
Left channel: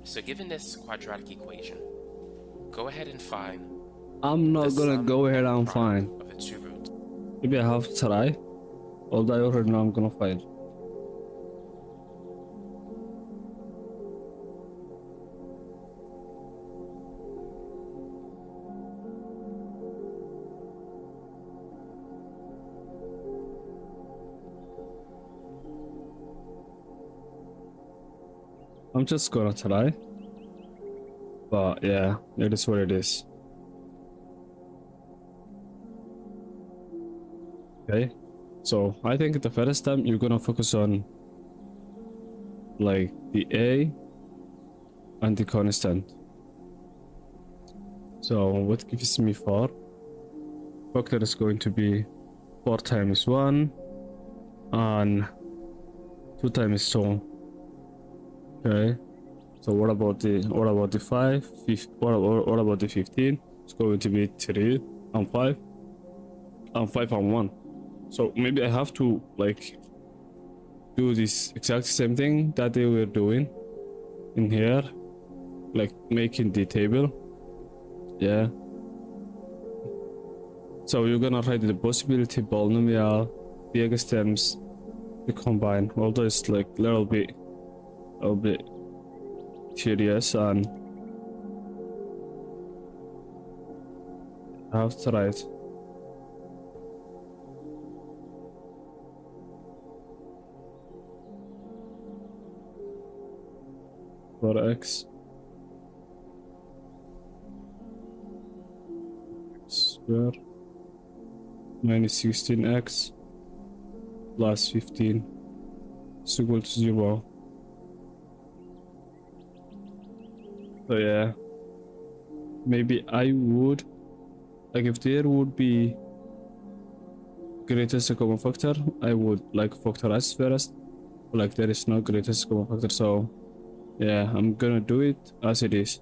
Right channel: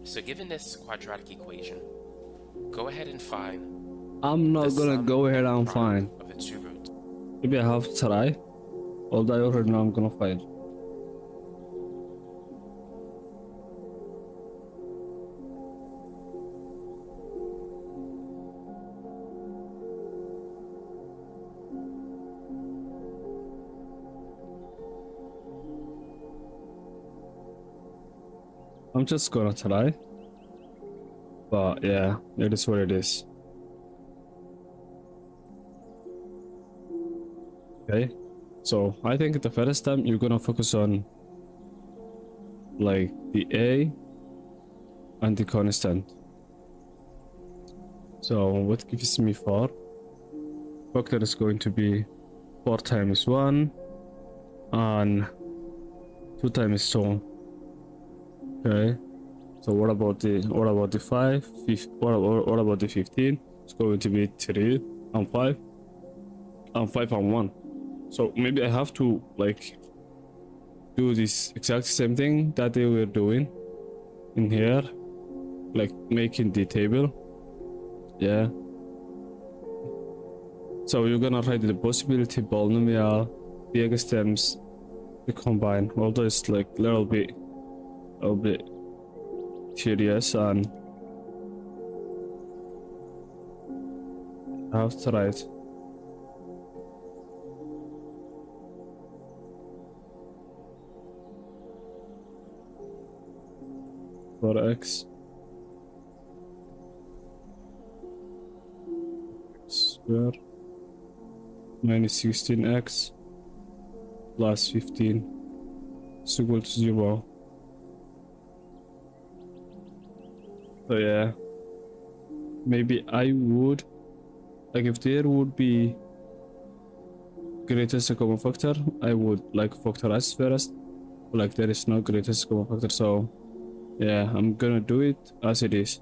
So given this quadratic equation, go ahead and find I'm not the gonna sum go ahead and product find. of the two roots. Maybe I have to try. Although I already know I'm gonna find. I'm just gonna try. But yeah, it is what it is. Okay, so I think the first time you're gonna focus on like the a and the constant. So what gives me 4 factor is going to be 4 times 1 and 2 times 2. Okay, so what about the 5? What about the 15? It's going to be 3 and 5 and 5 and 1. So maybe I have to like do this exact same thing that they were doing in here, like making the table. Yeah, so you're gonna write the possibility polynomial, the extremes, the combine. Although it's like a little bit tedious, and I have to write for x square minus 16x plus 15 is equal to 0. So yeah, maybe I would, like, if there would be greatest common factor, I would like factorize first. Like there is no greatest common factor, so yeah, I'm gonna do it as it is.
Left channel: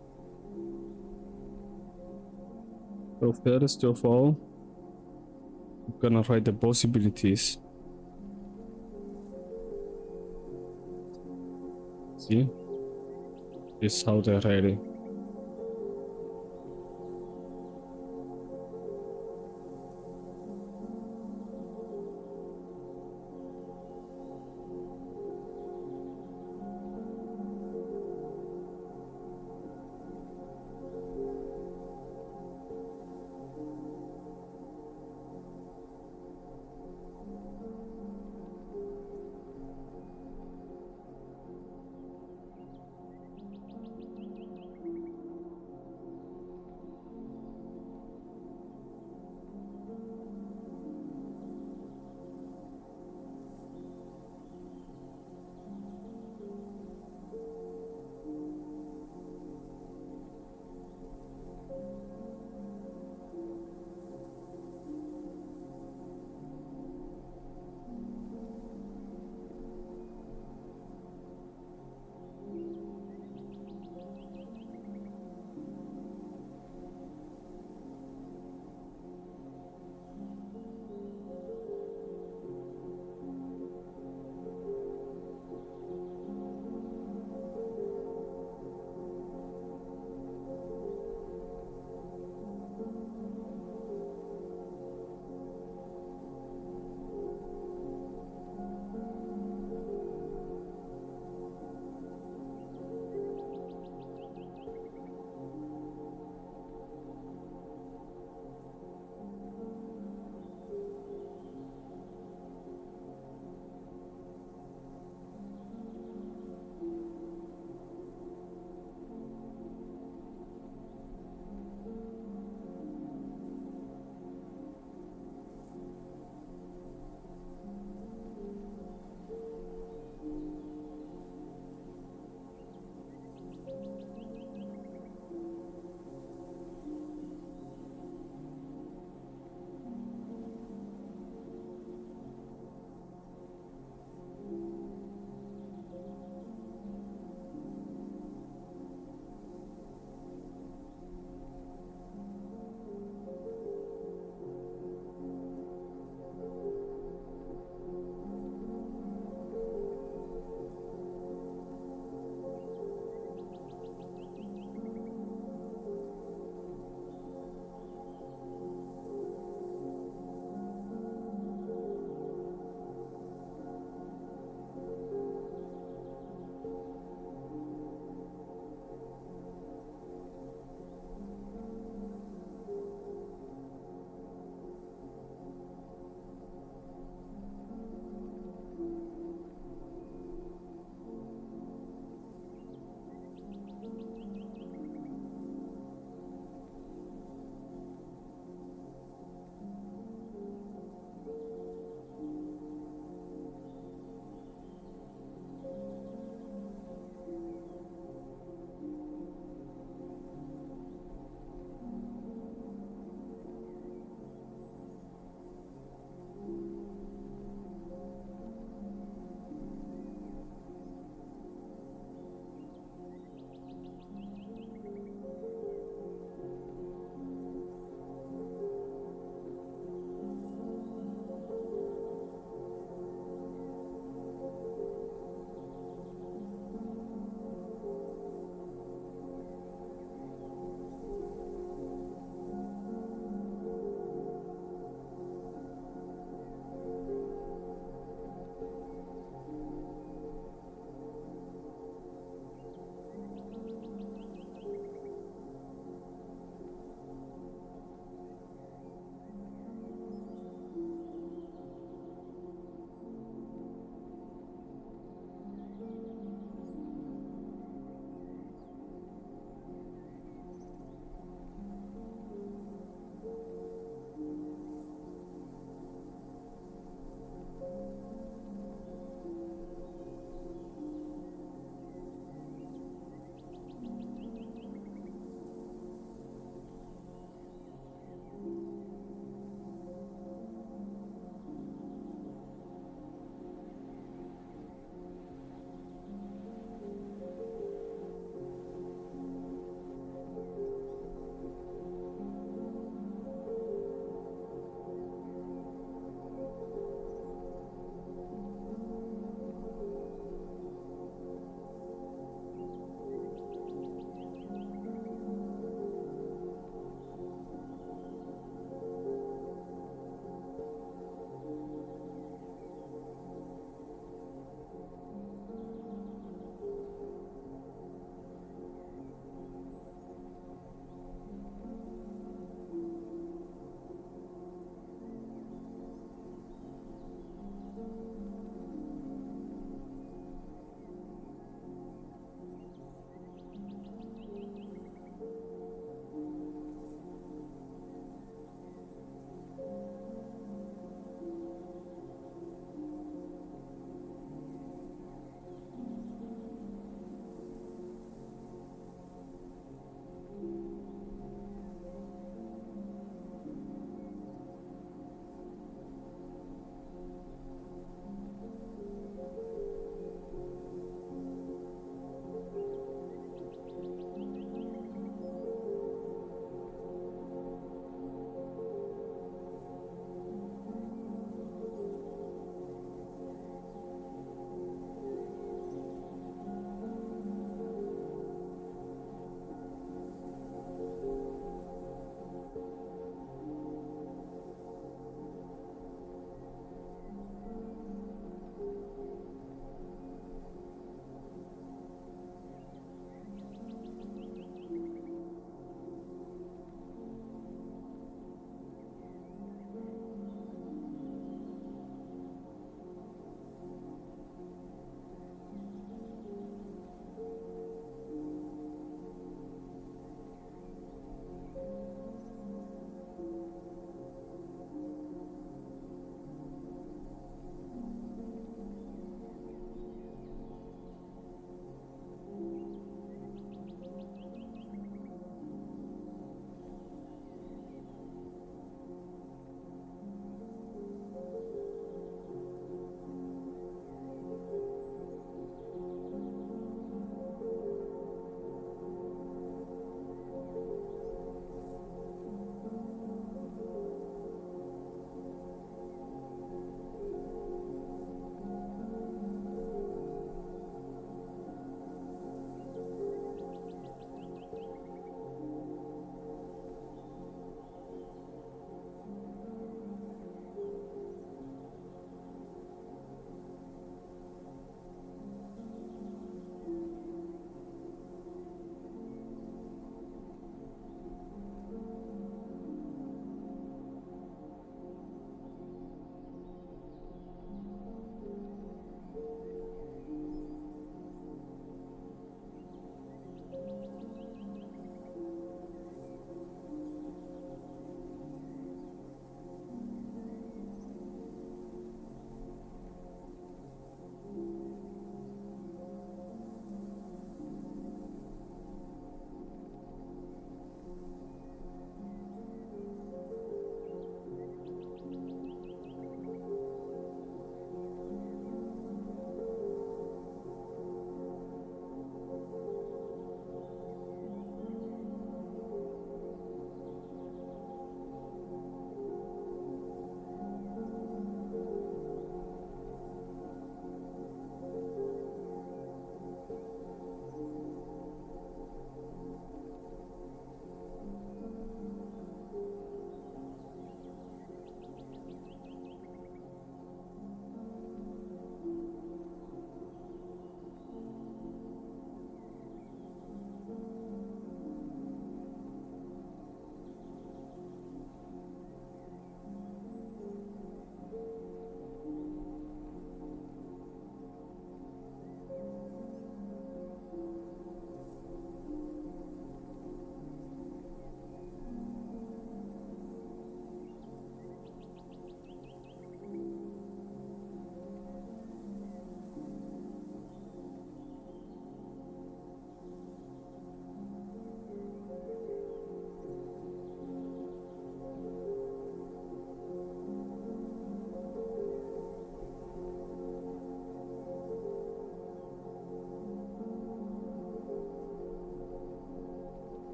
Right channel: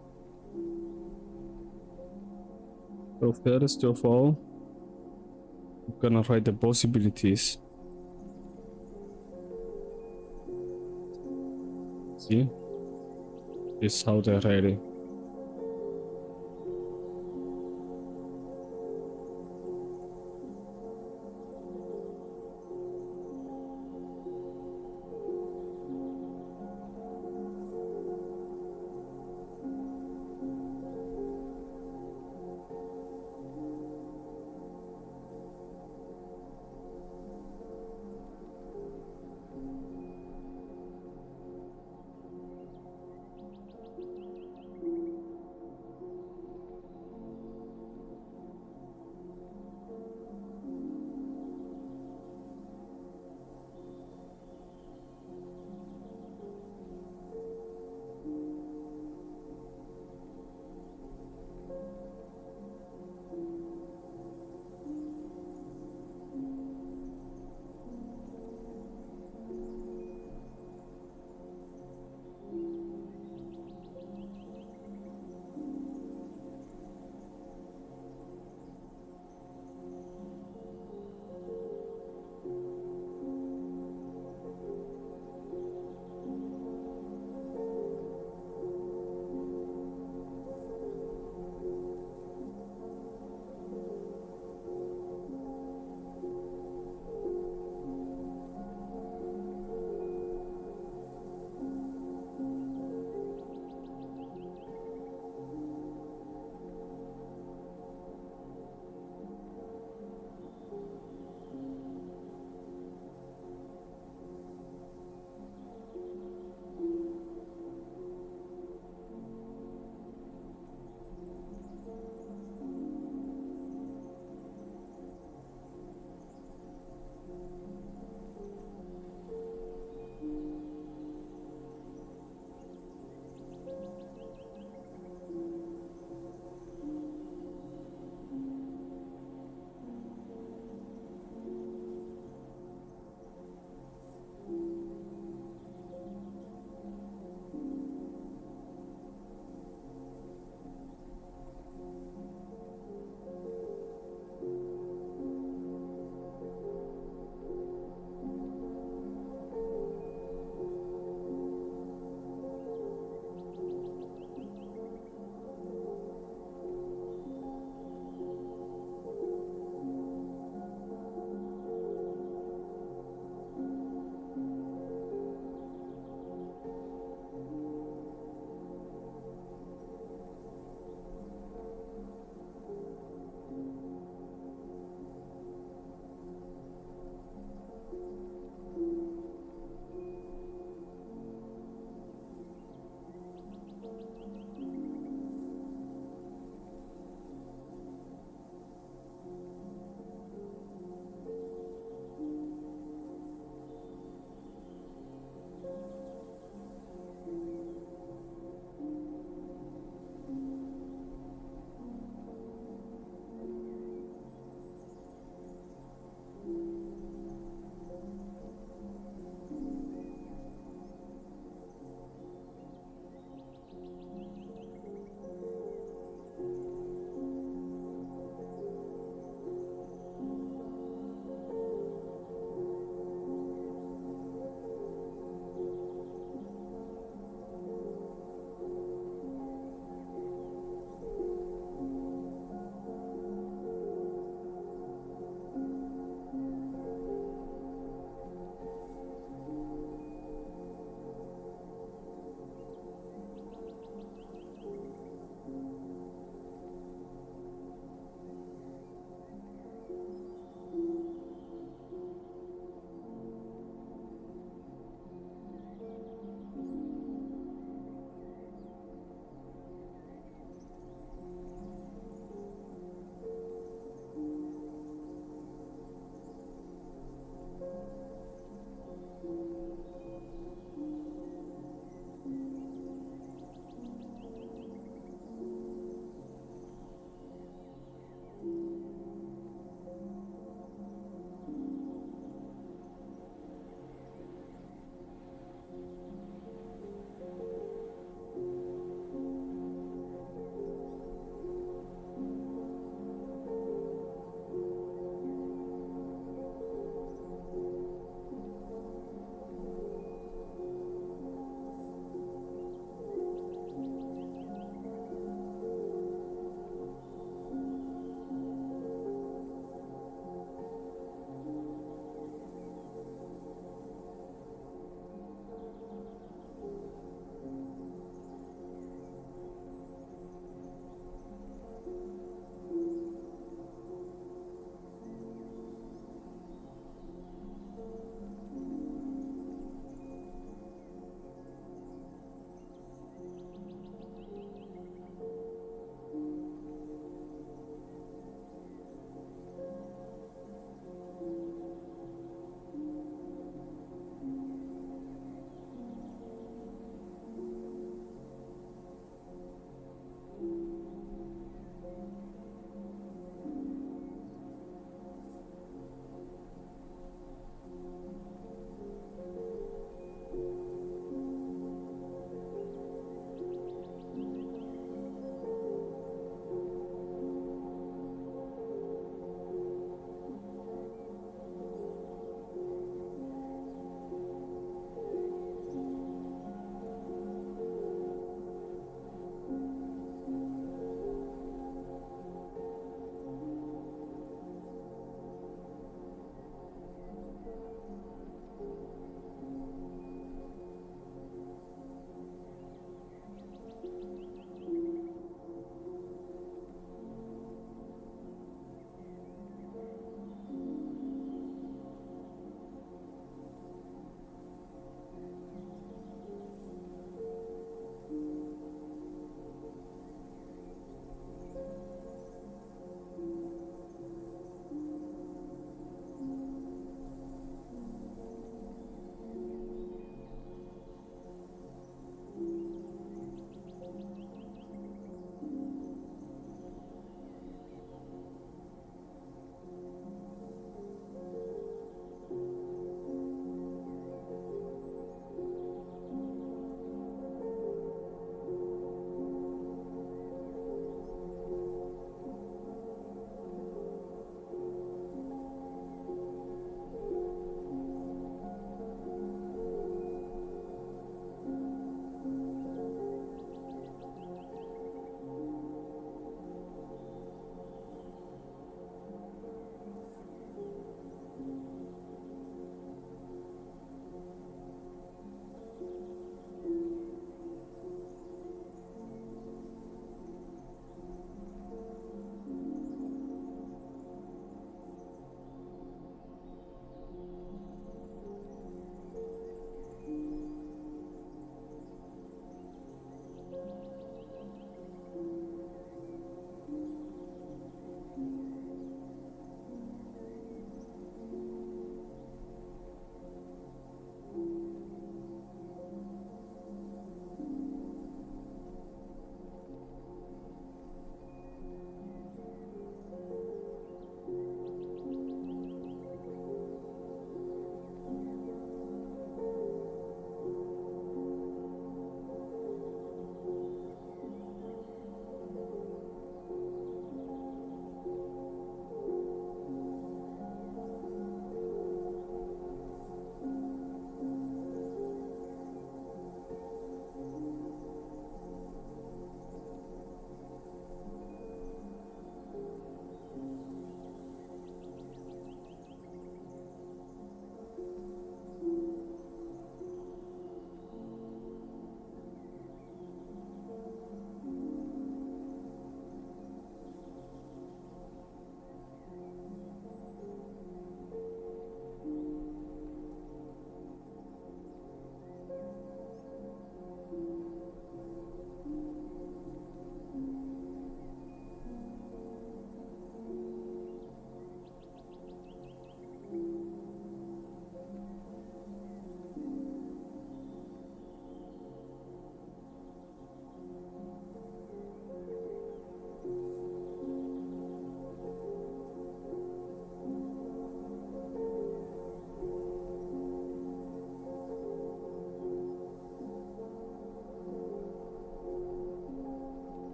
So first of all, I'm gonna write the possibilities. See, this is how they're writing.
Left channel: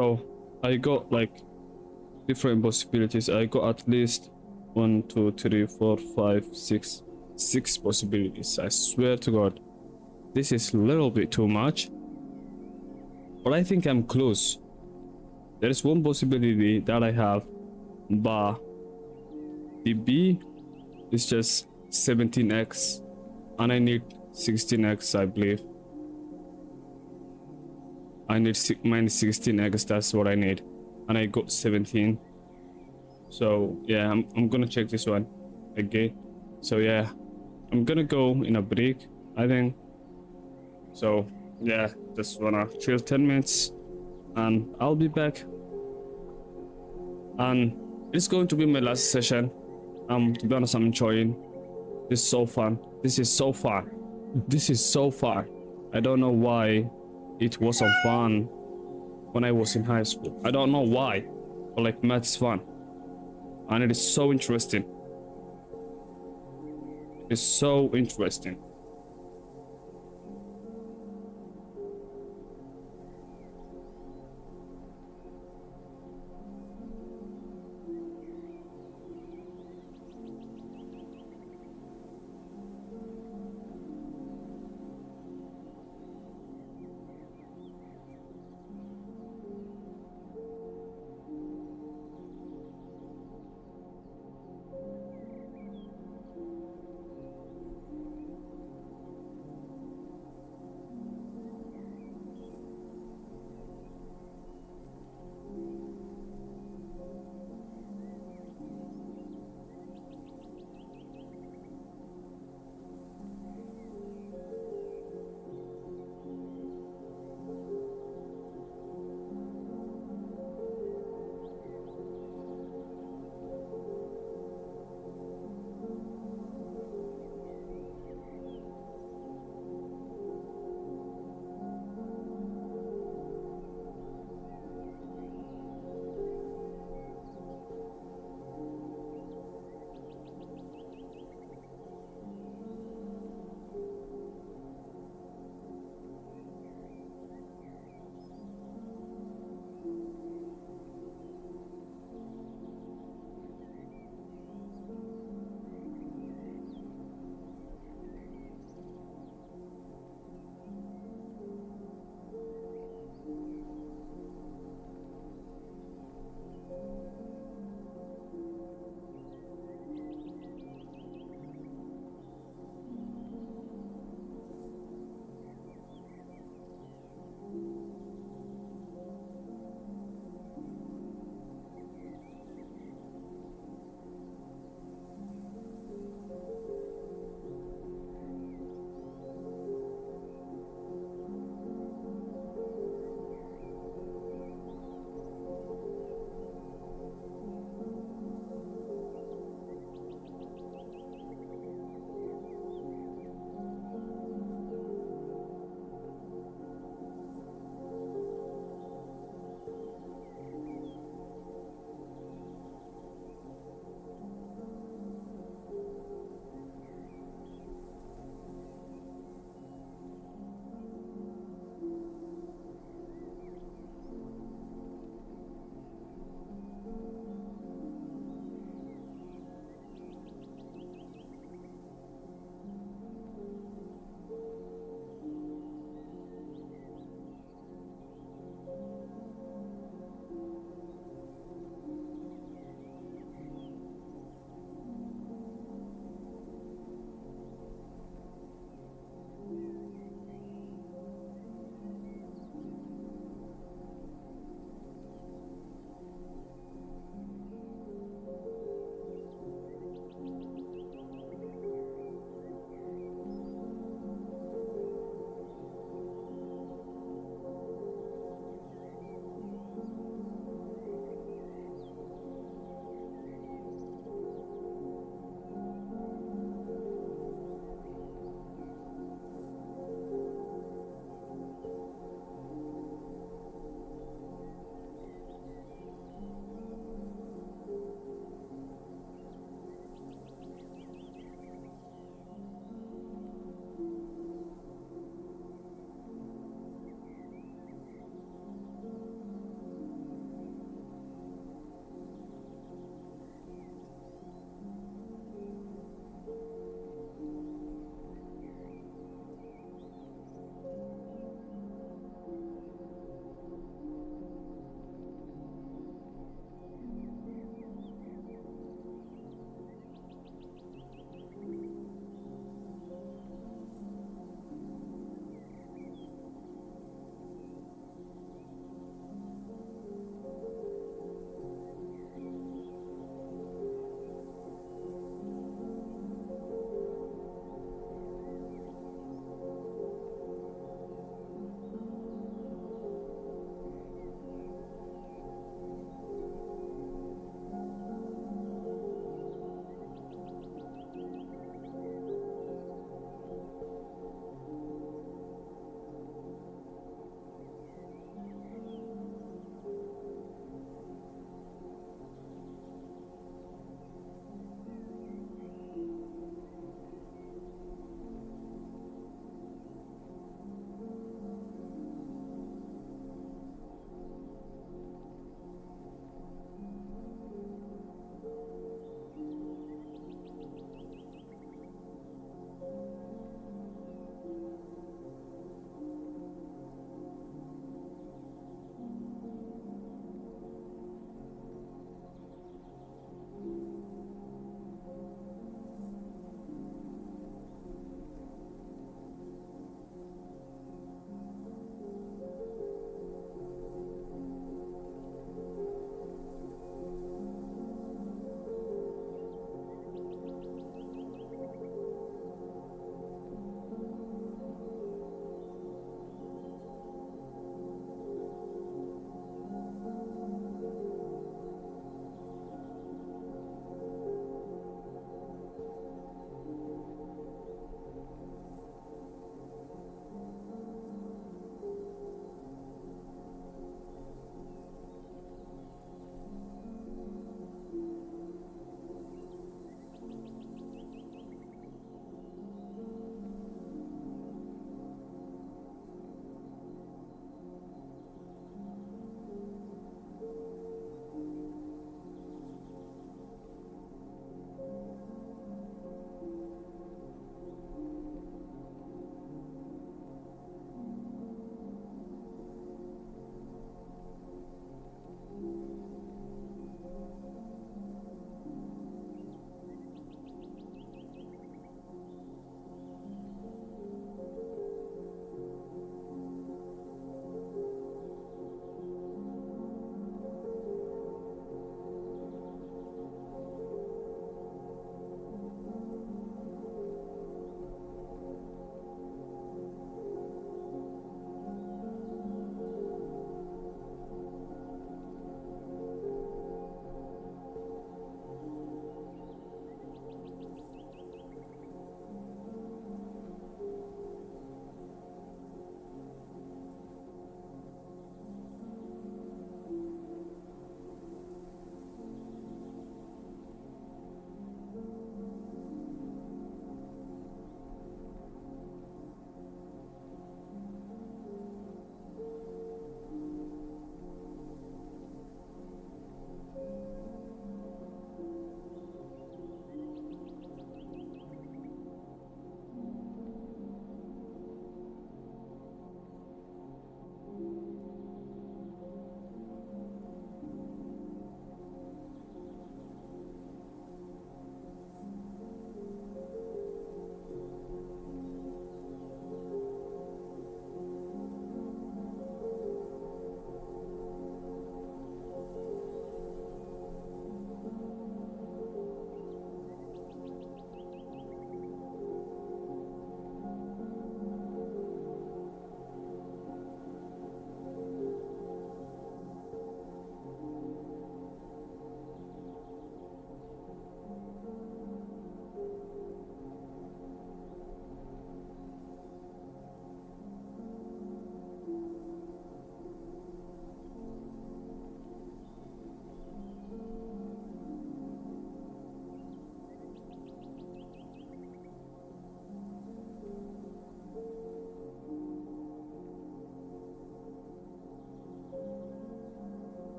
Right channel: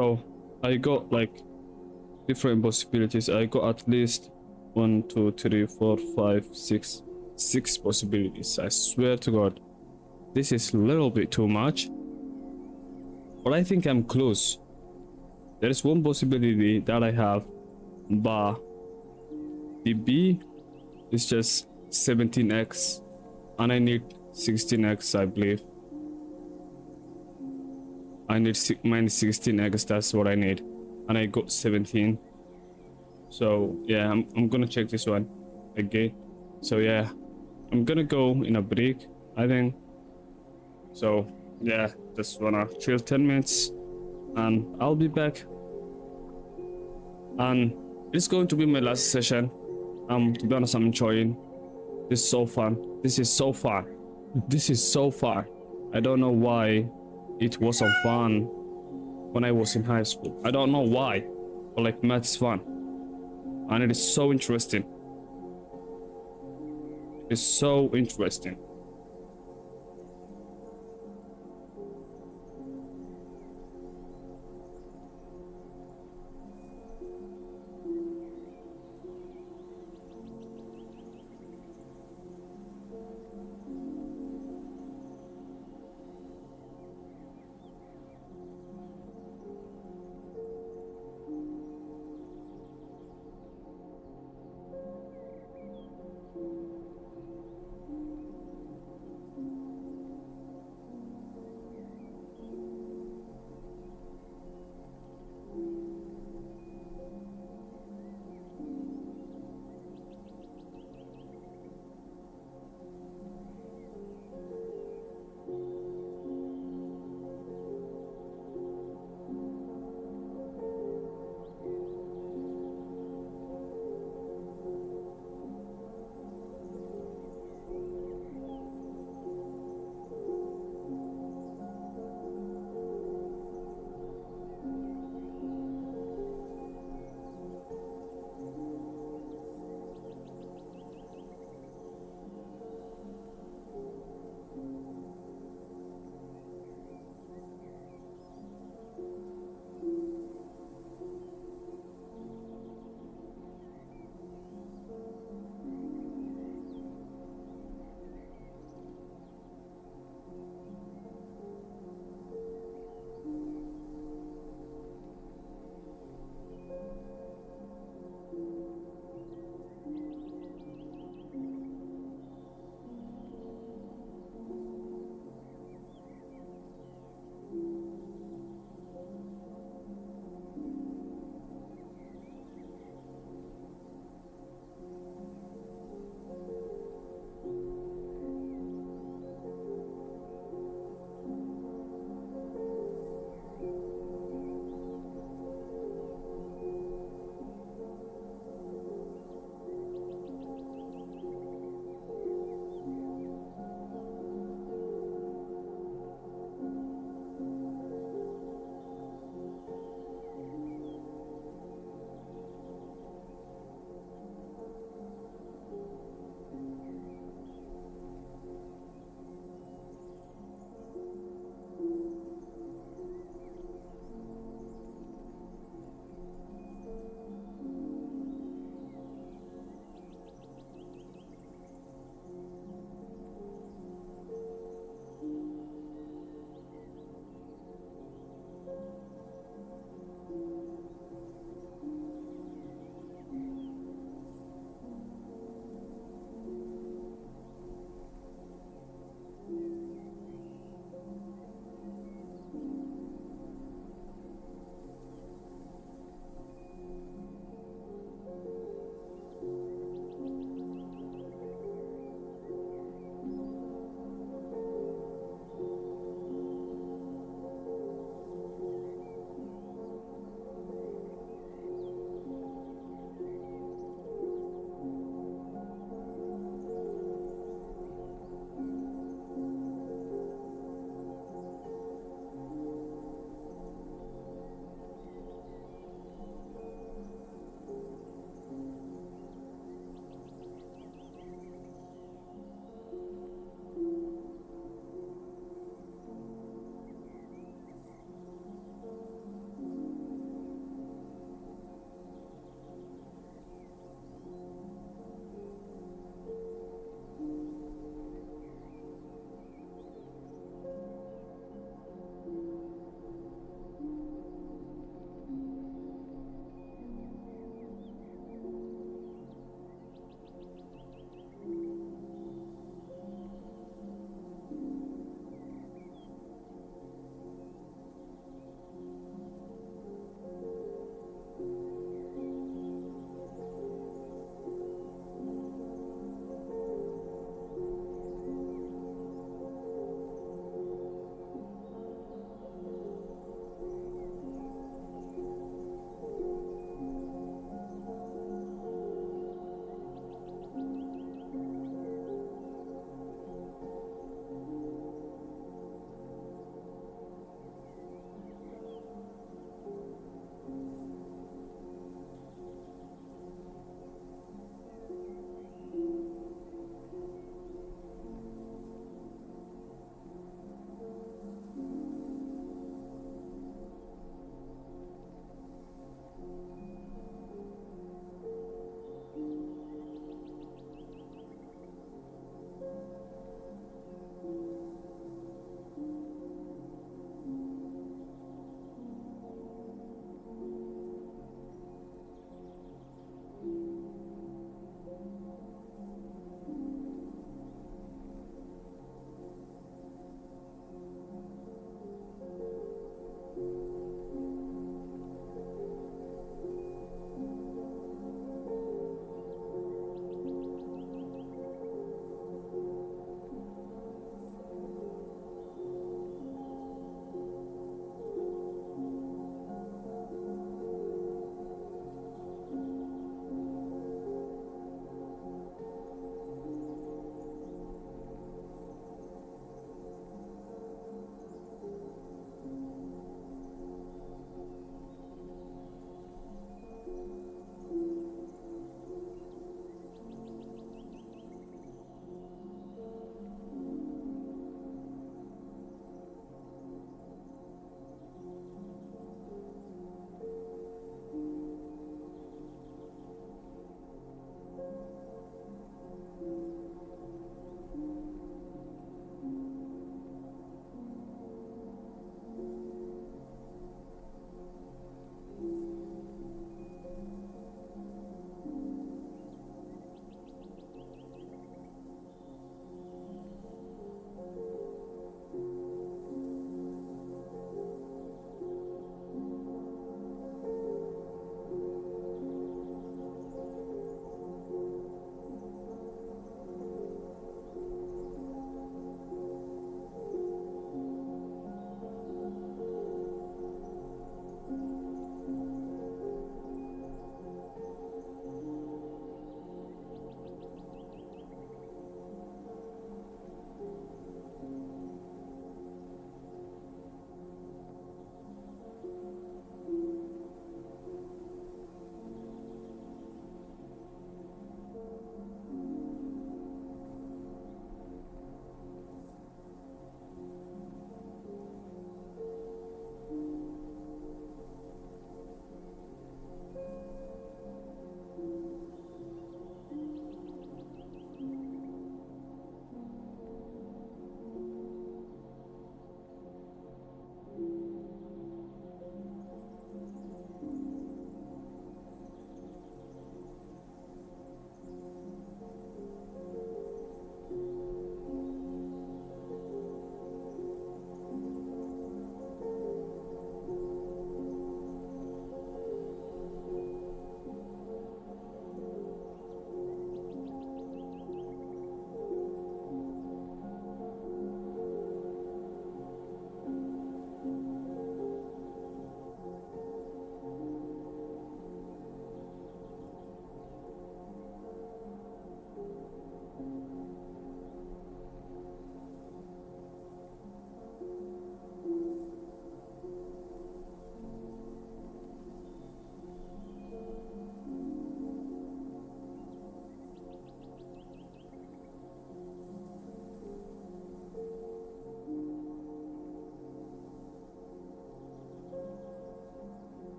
So I got like different possibilities. I got at least 1, 2, 3, 4, 5, 6 possibilities. I swear to God, this is a little bit too much, but I think I'm close. There is one possibility that I have, but the B is just 17x, and I need 16x, I believe. I need minus 16x, that's what I need, and I got 17. So yeah, I'm gonna check this one again. So yeah, I'm gonna go in a break, I think. So yeah, just wanna chill 10 minutes and I'll be back. And it's going to be my last session. To be honest, I'm enjoying this. Is so fun. This is so fun. This is so fun. I don't know why it wasn't fun when I was in high school. I don't know why, but like math's fun, and it is so interesting. It's so interesting.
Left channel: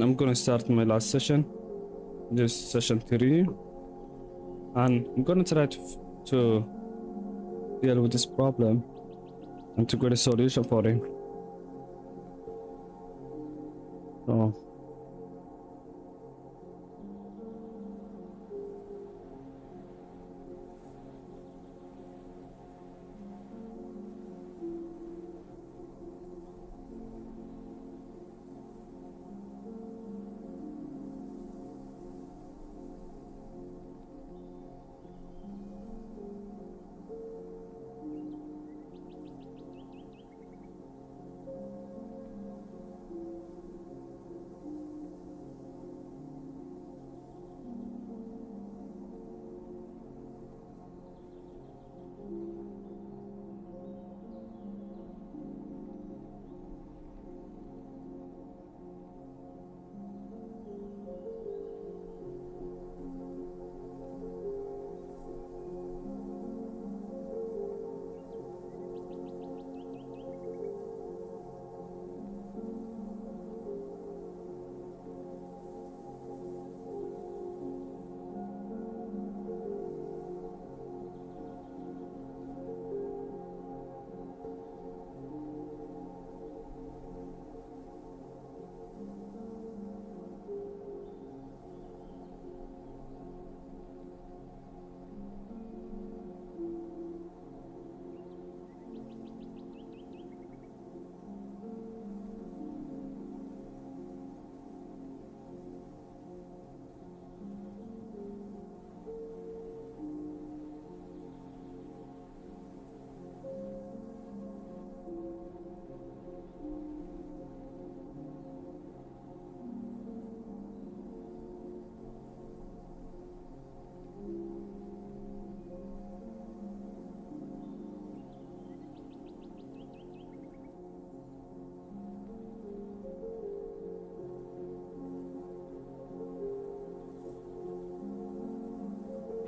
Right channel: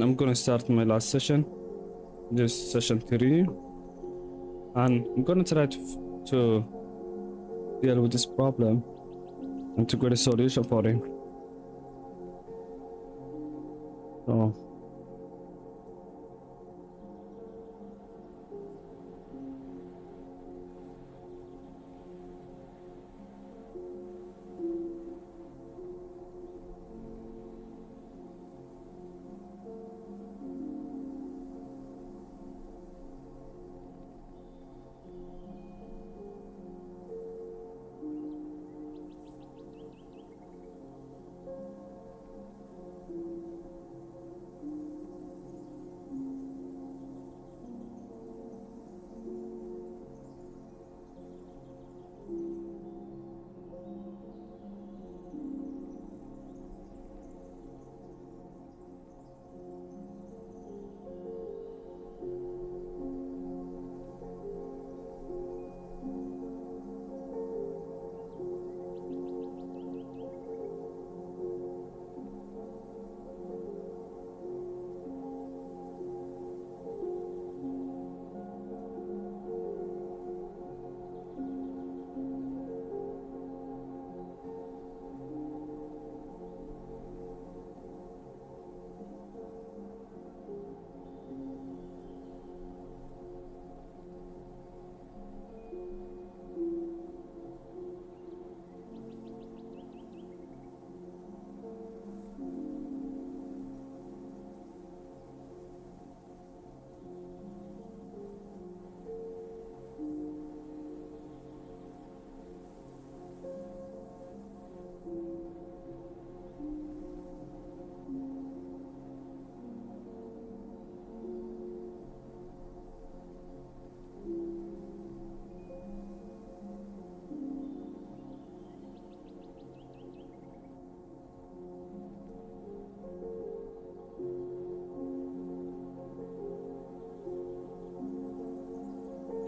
I'm gonna start my last session. This is session 3, and I'm gonna try to deal with this problem and to get a solution for it. So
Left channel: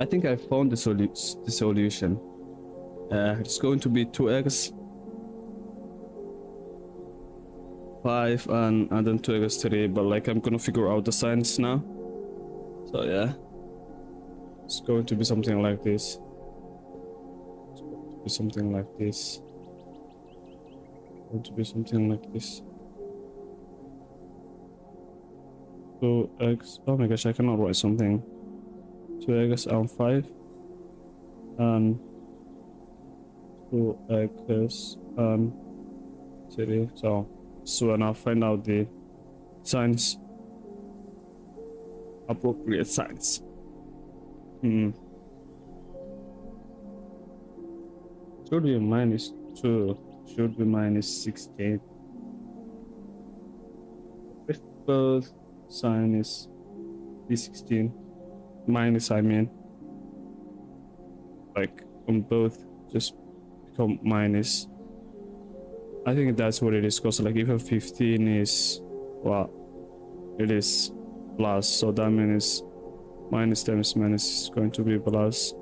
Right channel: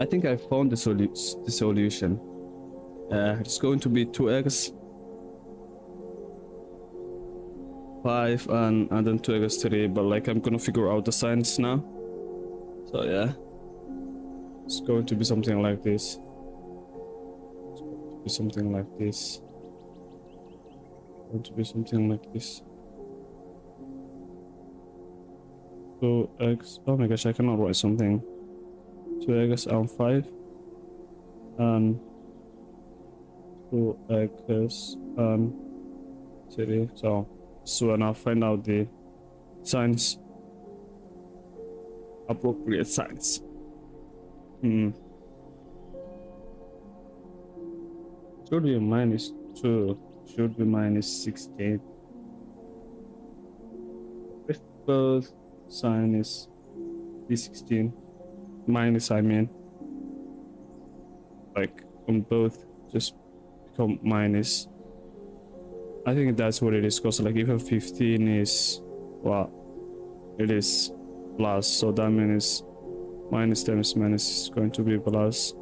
I think I found the solution. It's going to be 2x 5 and then 2x 3, but like I'm gonna figure out the signs now. So yeah, it's going to be something like this. It's going to be something like this. It's going to be something like this. 2x. Oh my gosh, I cannot write something. 2x and 5 and 2x and 3. So when I find out the signs, appropriate signs. Should be minus 2, should be minus 16. If both sign is b16 minus, I mean, like on both just become minus. I think that's what it is, because like if a 15 is, well, it is plus, so that means minus times minus is going to be plus.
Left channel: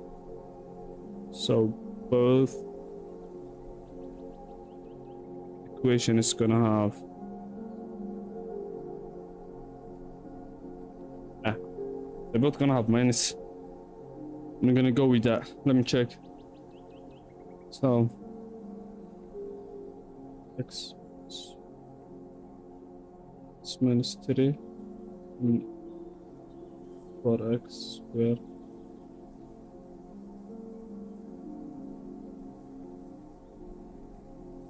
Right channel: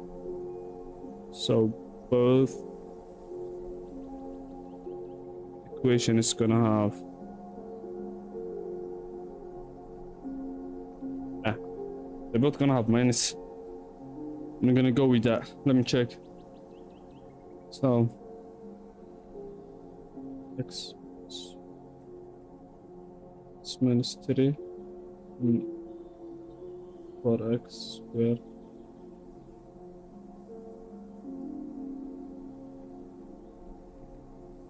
So both equation is gonna have they're both gonna have minus. I'm gonna go with that. Let me check. So x is minus 3 and 4x squared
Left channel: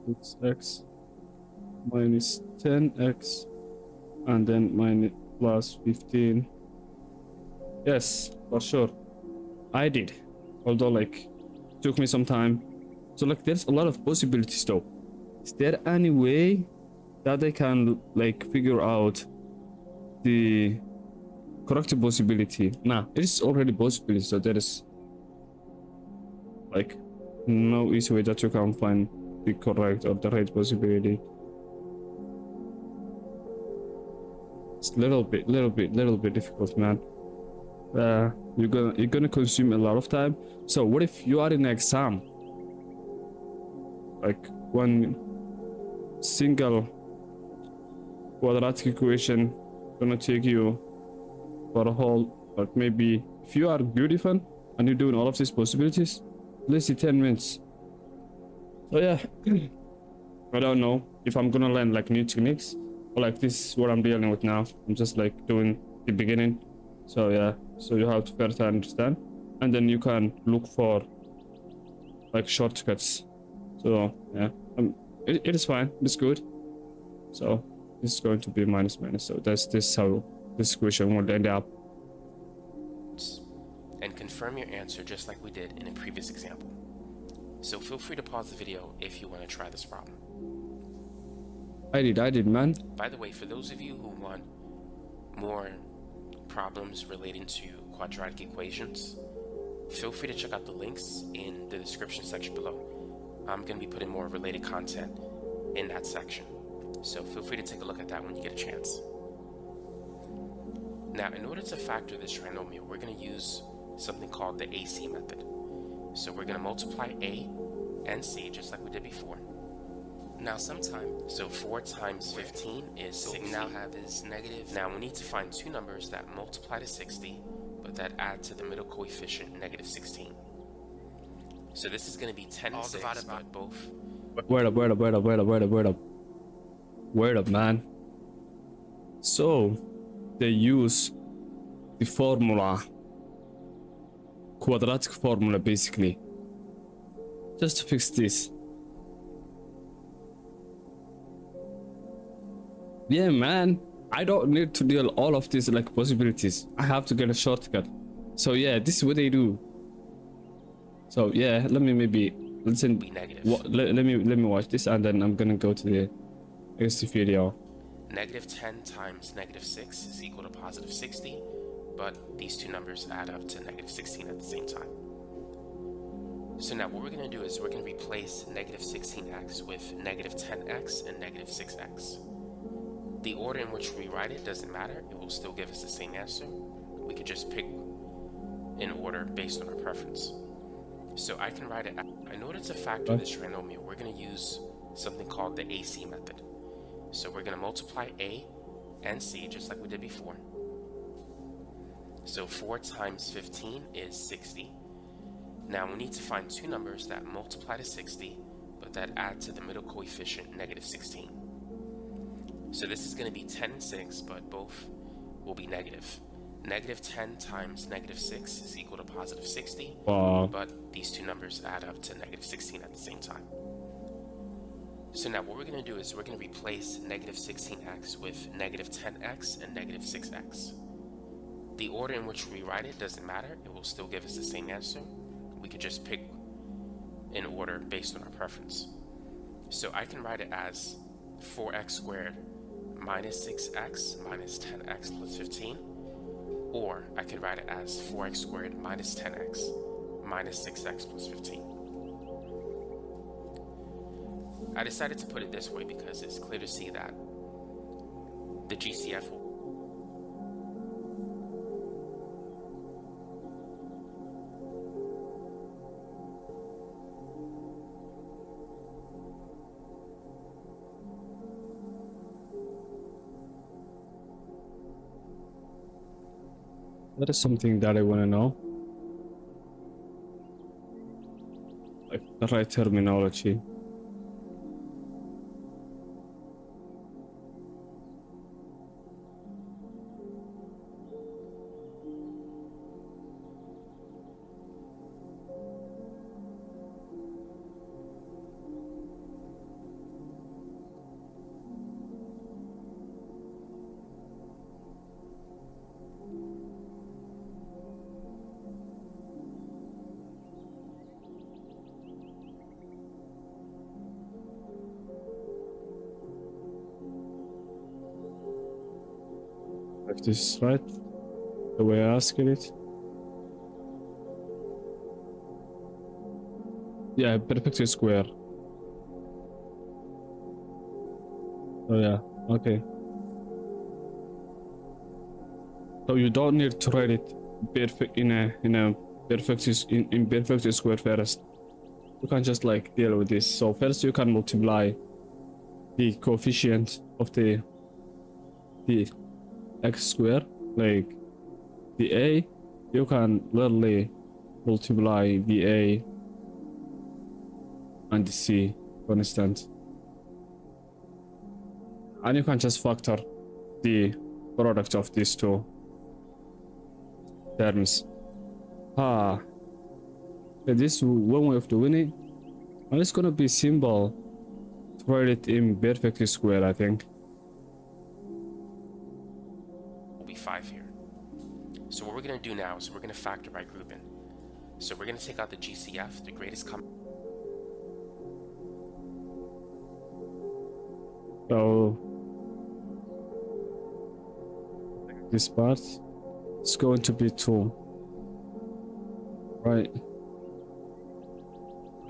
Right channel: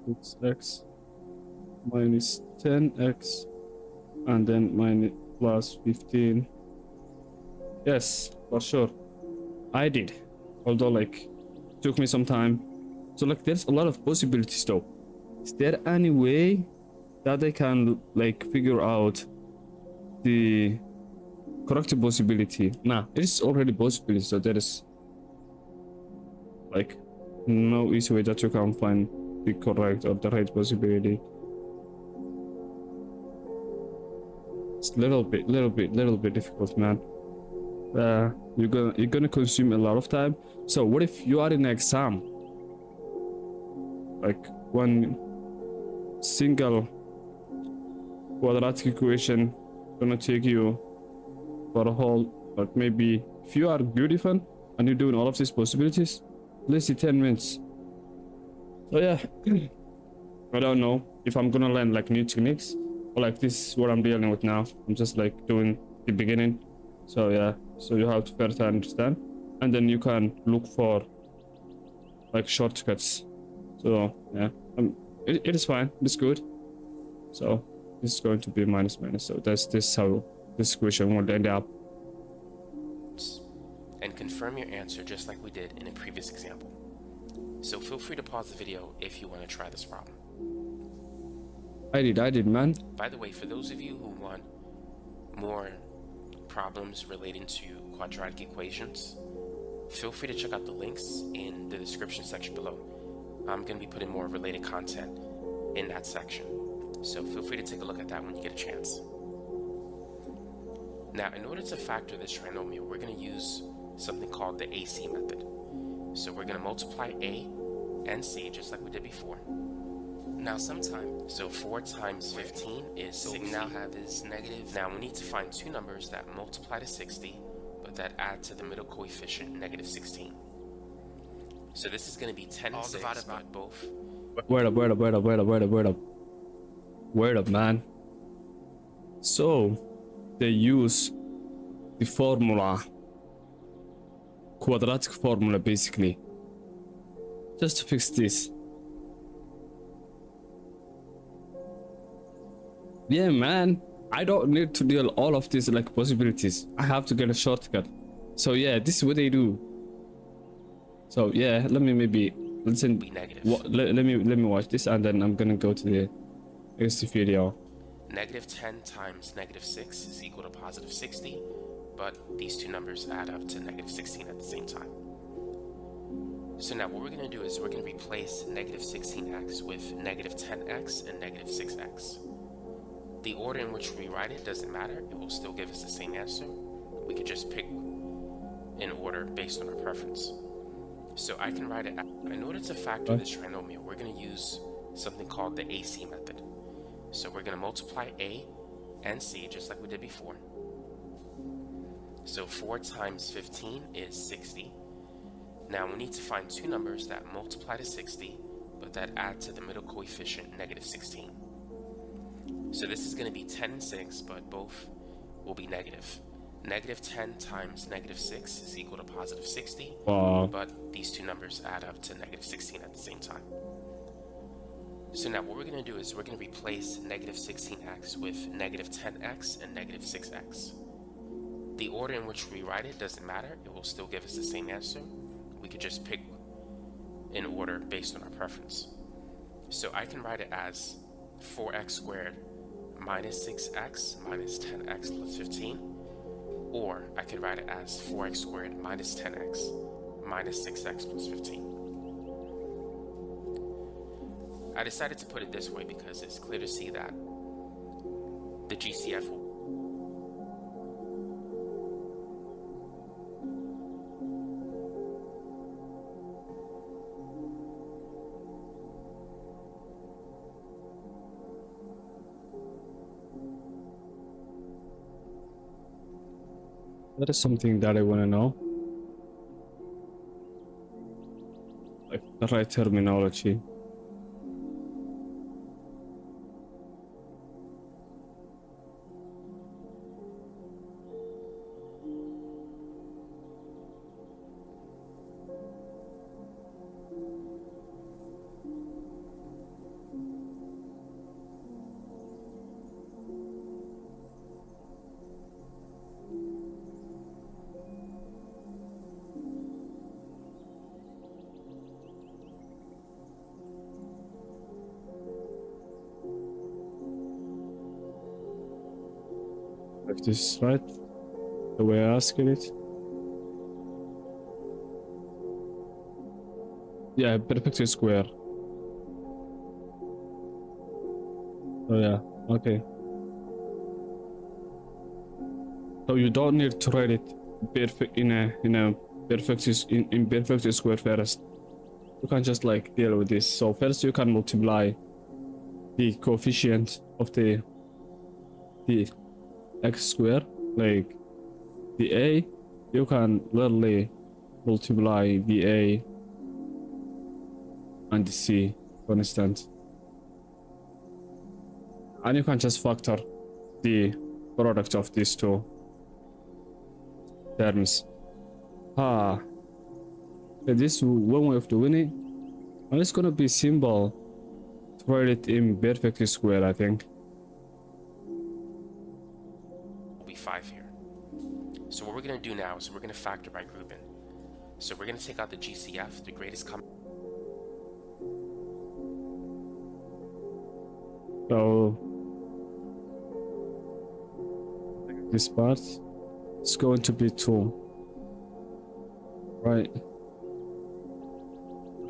it's x minus 10x and then minus plus 15. Yes, for sure. I did. Although like took me some time. So like there's a lot of possibilities though. Is there any way that I can like figure out the correct possibility? Nah, it is already possibility, so there is like no easy way that you can find the correct or the right possibility. It's little bit difficult, man. You're gonna consume a lot of time. So what if you are in an exam, like one single quadratic equation gonna take you for a whole, but maybe if you are good even and you're doing all of these possibilities, let's see 10 minutes. So yeah, I don't know if I'm gonna learn like new techniques or like this is what I'm dealing with now. I'm just like doing the beginning. So yeah, so you have to first understand, and then you can look for like shortcuts. So yeah, it is fine. It's good. So this is going to be minus minus. So that's this how this equation will end up. And confirm your answer just like we did in a previous example. So feel free to pause the video if you want to try this problem. I did, man. By the way, for those of you who want more problems relating to quadratic equations, feel free to check out the links in the description section below. I'm going to be putting more related content in that section. So feel free to take a look at that when you get a chance. Now, in order to factor this trinomial, we're going to use something called the AC method. So we're going to multiply A and C just like we did before. Now so 4 times 15 is 60. What we now have is negative. Now we need to find two numbers that multiply to 60, but that add to the middle coefficient, negative 16. So this is going to be 10 and 6, but both. Wait up, man. So they use the formula, quadratic formula basically, just to fix this. Yeah, man, I don't need to deal all of these like possibilities. I have to get a shortcut. So yeah, this is what they do. So yeah, let me maybe listen. Be negative. Let me watch this, and then I'm gonna go to the next video. Negative 10 times negative 6 is equal to positive 60, but these two numbers add up to negative 16 at the same time. So now what we're going to do is we're going to replace negative 16x with negative 10x and negative 6x. The order in which we write it doesn't matter. It will still give us the same answer. We could just pick an order based on our preference. So I can write it out. In order to factor this trinomial, we're going to use something called the AC method. So we're going to multiply A and C just like we did before. So 4 times 15 is 60. Now we need to find two numbers that multiply to 60, but that add to the middle coefficient, negative 16. So this is going to be 10 and 6, but both will be negative. Negative 10 times negative 6 is equal to positive 60, but these two numbers add up to negative 16 at the same time. So now what we're going to do is we're going to replace negative 16x with negative 10x and negative 6x. The order in which we write it doesn't matter. It will still give us the same answer. We could just pick an order based on our preference. So I can write it as 4x squared minus 6x minus 10x plus 15. Or I could write it as 4x squared minus 10x minus 6x plus 15. I decided to put it this way because it's clear to see that the GCF will That is something that I want to know. Like the right terminology. If this is right, the way I asked it. Yeah, perfect square. Oh yeah, okay. So you don't need to write it perfect in a perfect square first. You can just like deal with this. So first you can multiply the coefficient of the the x squared, like the a, you can literally multiply the a and the c, for instance, and you can just factor the product of these two terms. This is one way of doing it, and it's gonna be simple to write it in perfect square, I think. Will be 5 here. So what we're going to do now is we're going to factor by grouping. So we're going to take out the GCF, the greatest common. So this part is going to be 2, right?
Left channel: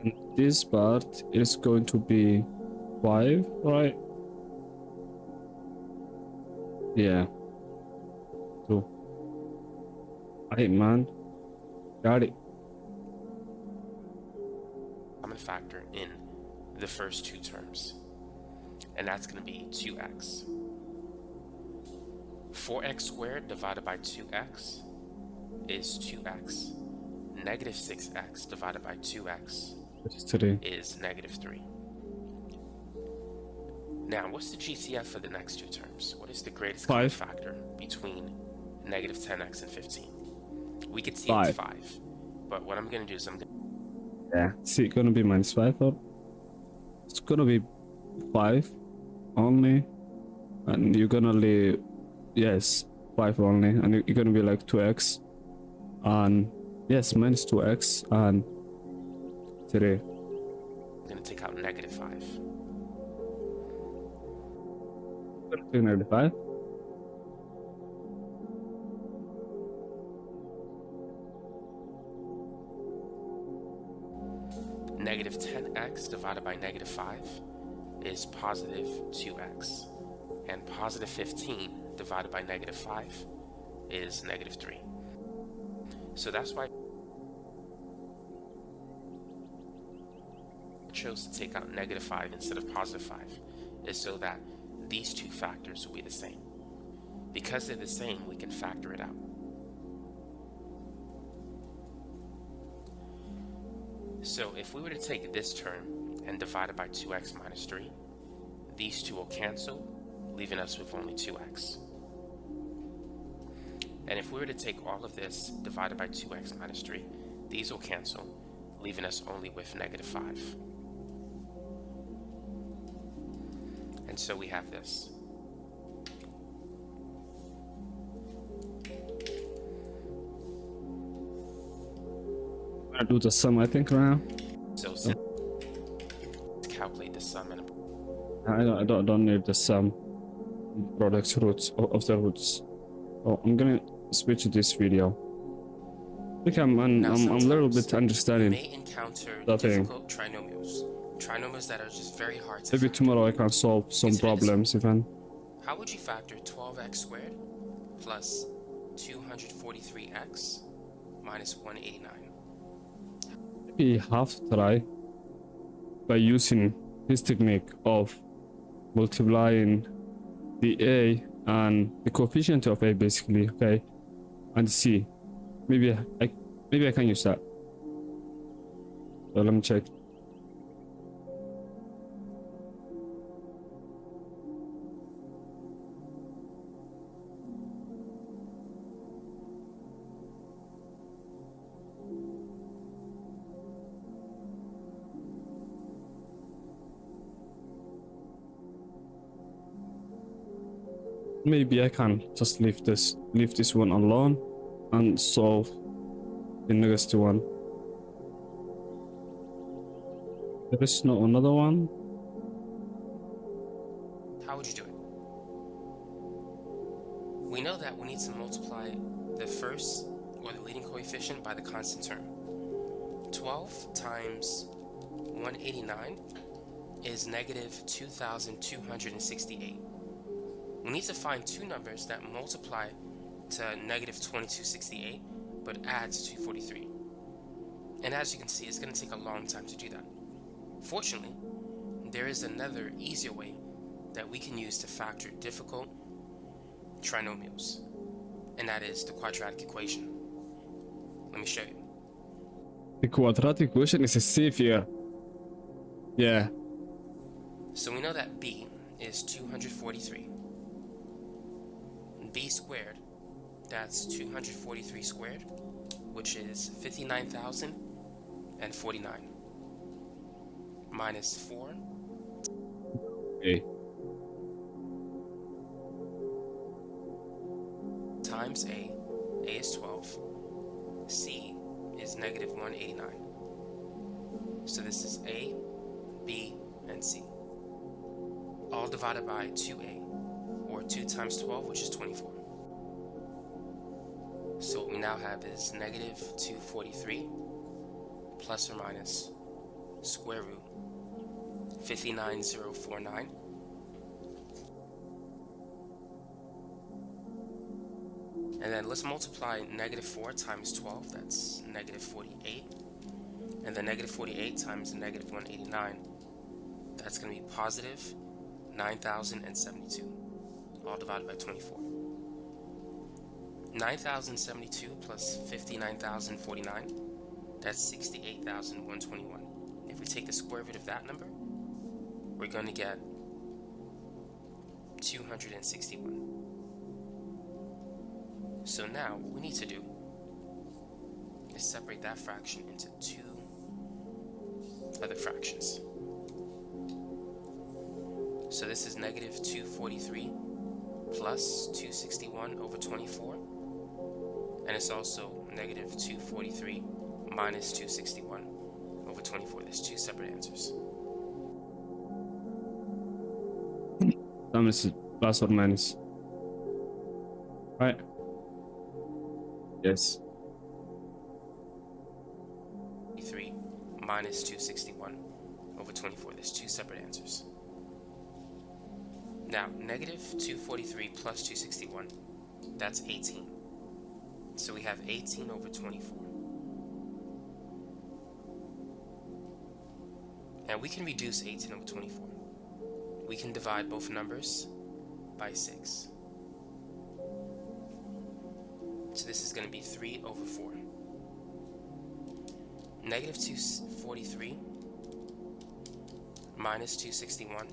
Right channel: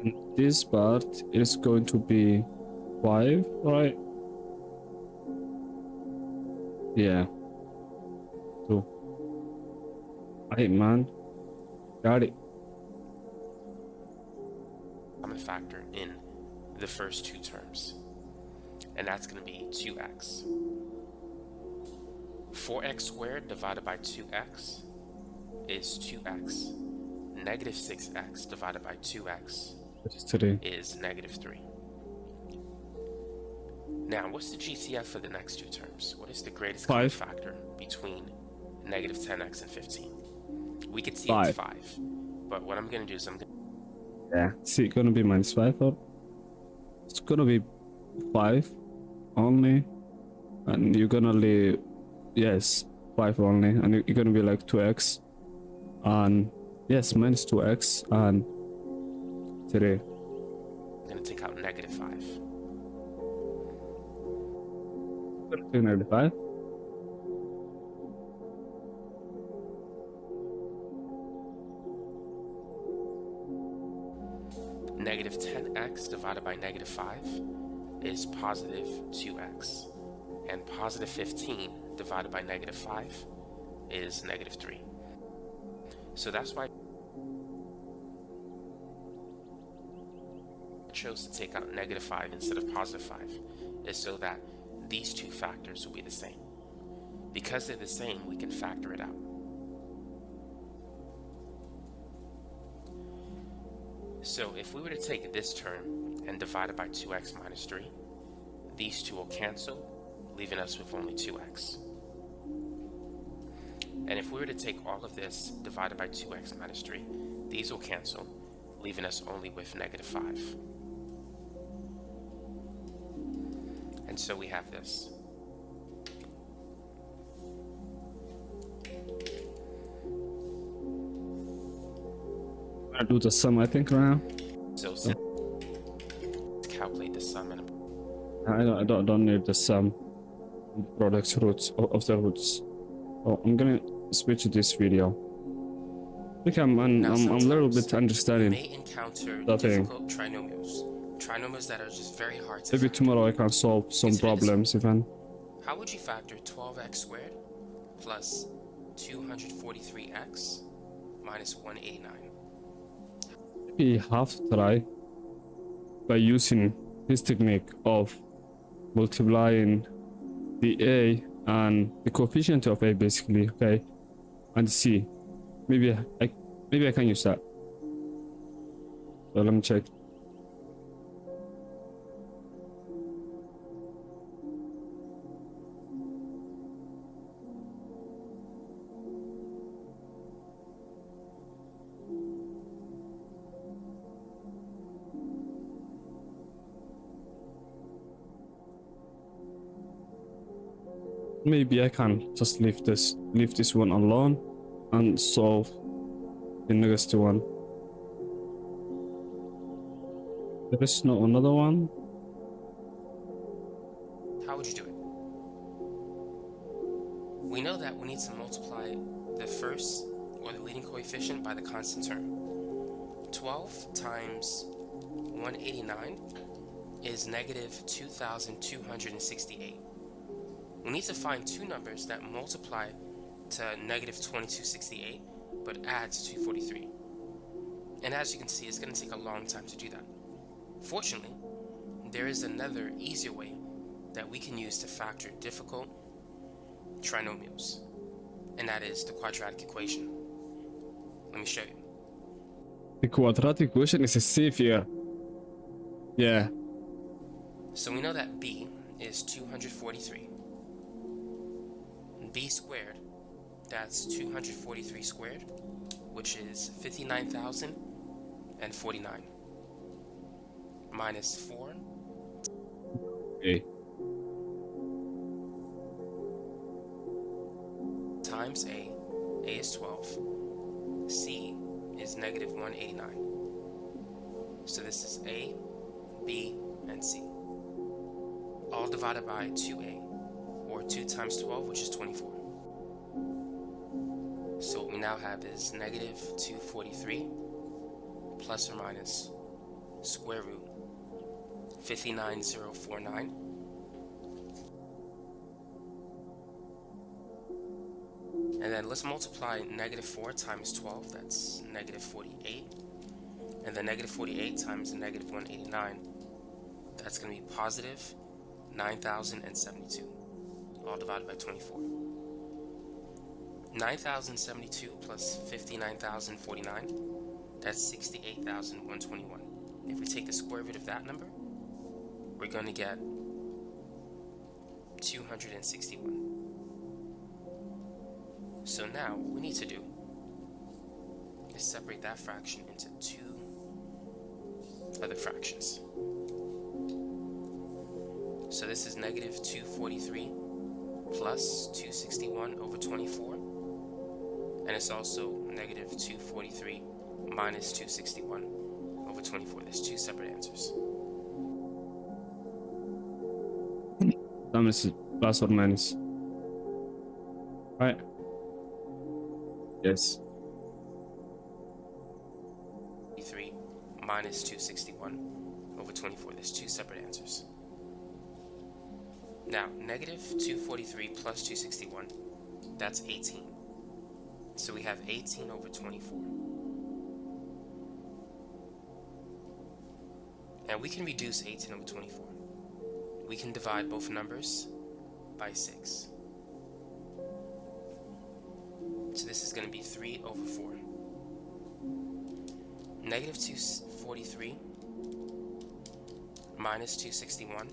And this part is going to be 5, right? Yeah, 2. Right, man, got it. Common factor in the first two terms, and that's going to be 2x. 4x squared divided by 2x is 2x. Negative 6x divided by 2x That is 3. is negative 3. Now, what's the GCF for the next two terms? What is the greatest common 5. factor between negative 10x and 15? We could see 5. it's 5, but what I'm going to do is I'm going to... Yeah, is it gonna be -5 or it's gonna be 5 only, and you're gonna leave, yes, 5 only, and you're gonna be like 2x, and yes, -2x and 3. I'm going to take out negative 5. Negative 5. Negative 10x divided by negative 5 is positive 2x. And positive 15 divided by negative 5 is negative 3. So that's why I chose to take out negative 5 instead of positive 5, is so that these two factors will be the same. Because they're the same, we can factor it out. So if we were to take this term and divide it by 2x minus 3, these two will cancel, leaving us with only 2x. And if we were to take all of this divided by 2x minus 3, these will cancel, leaving us only with negative 5. And so we have this. I'm gonna do the sum, I think, right now. So let's calculate the sum and I don't need the sum products roots of the roots. Oh, I'm gonna switch to this video. I think I'm a little bit you understanding. may encounter that thing. difficult trinomials that are just very hard to Maybe factor. tomorrow I can solve some Consider this. problems even. How would you factor 12x squared plus 243x minus 189? Maybe half try by using this technique of multiplying the a and the coefficient of a, basically, okay, and c. Maybe I can use that. So let me check. Maybe I can just leave this one alone and solve the next one. There is no another one. How would you do it? We know that we need to multiply the first or the leading coefficient by the constant term. 12 times 189 is negative 2,268. We need to find two numbers that multiply to negative 2268 but add to 243. And as you can see, it's going to take a long time to do that. Fortunately, there is another easier way that we can use to factor difficult trinomials, and that is the quadratic equation. Let me show you. The quadratic equation is a savior. Yeah. So we know that b is 243. B squared, that's 243 squared, which is 59,049, minus 4 Okay. times A is 12, C is negative 189. So this is A, B, and C, all divided by 2A, or 2 times 12, which is 24. So what we now have is negative 243 plus or minus square root 59049. And then let's multiply negative 4 times 12, that's negative 48. And then negative 48 times negative 189, that's going to be positive 9,072, all divided by 24. 9,072 plus 59,049, that's 68,121. If we take the square root of that number, we're going to get 261. So now what we need to do is separate that fraction into two other fractions. So this is negative 243 plus 261 over 24, and it's also negative 243 minus 261 over 24. There's two separate answers. That is plus or minus. Right. Yes. 3 minus 261 over 24. There's two separate answers. Now, negative 243 plus 261, that's 18. So we have 18 over 24. And we can reduce 18 over 24. We can divide both numbers by 6. So this is going to be 3 over 4. Negative 243 minus 261,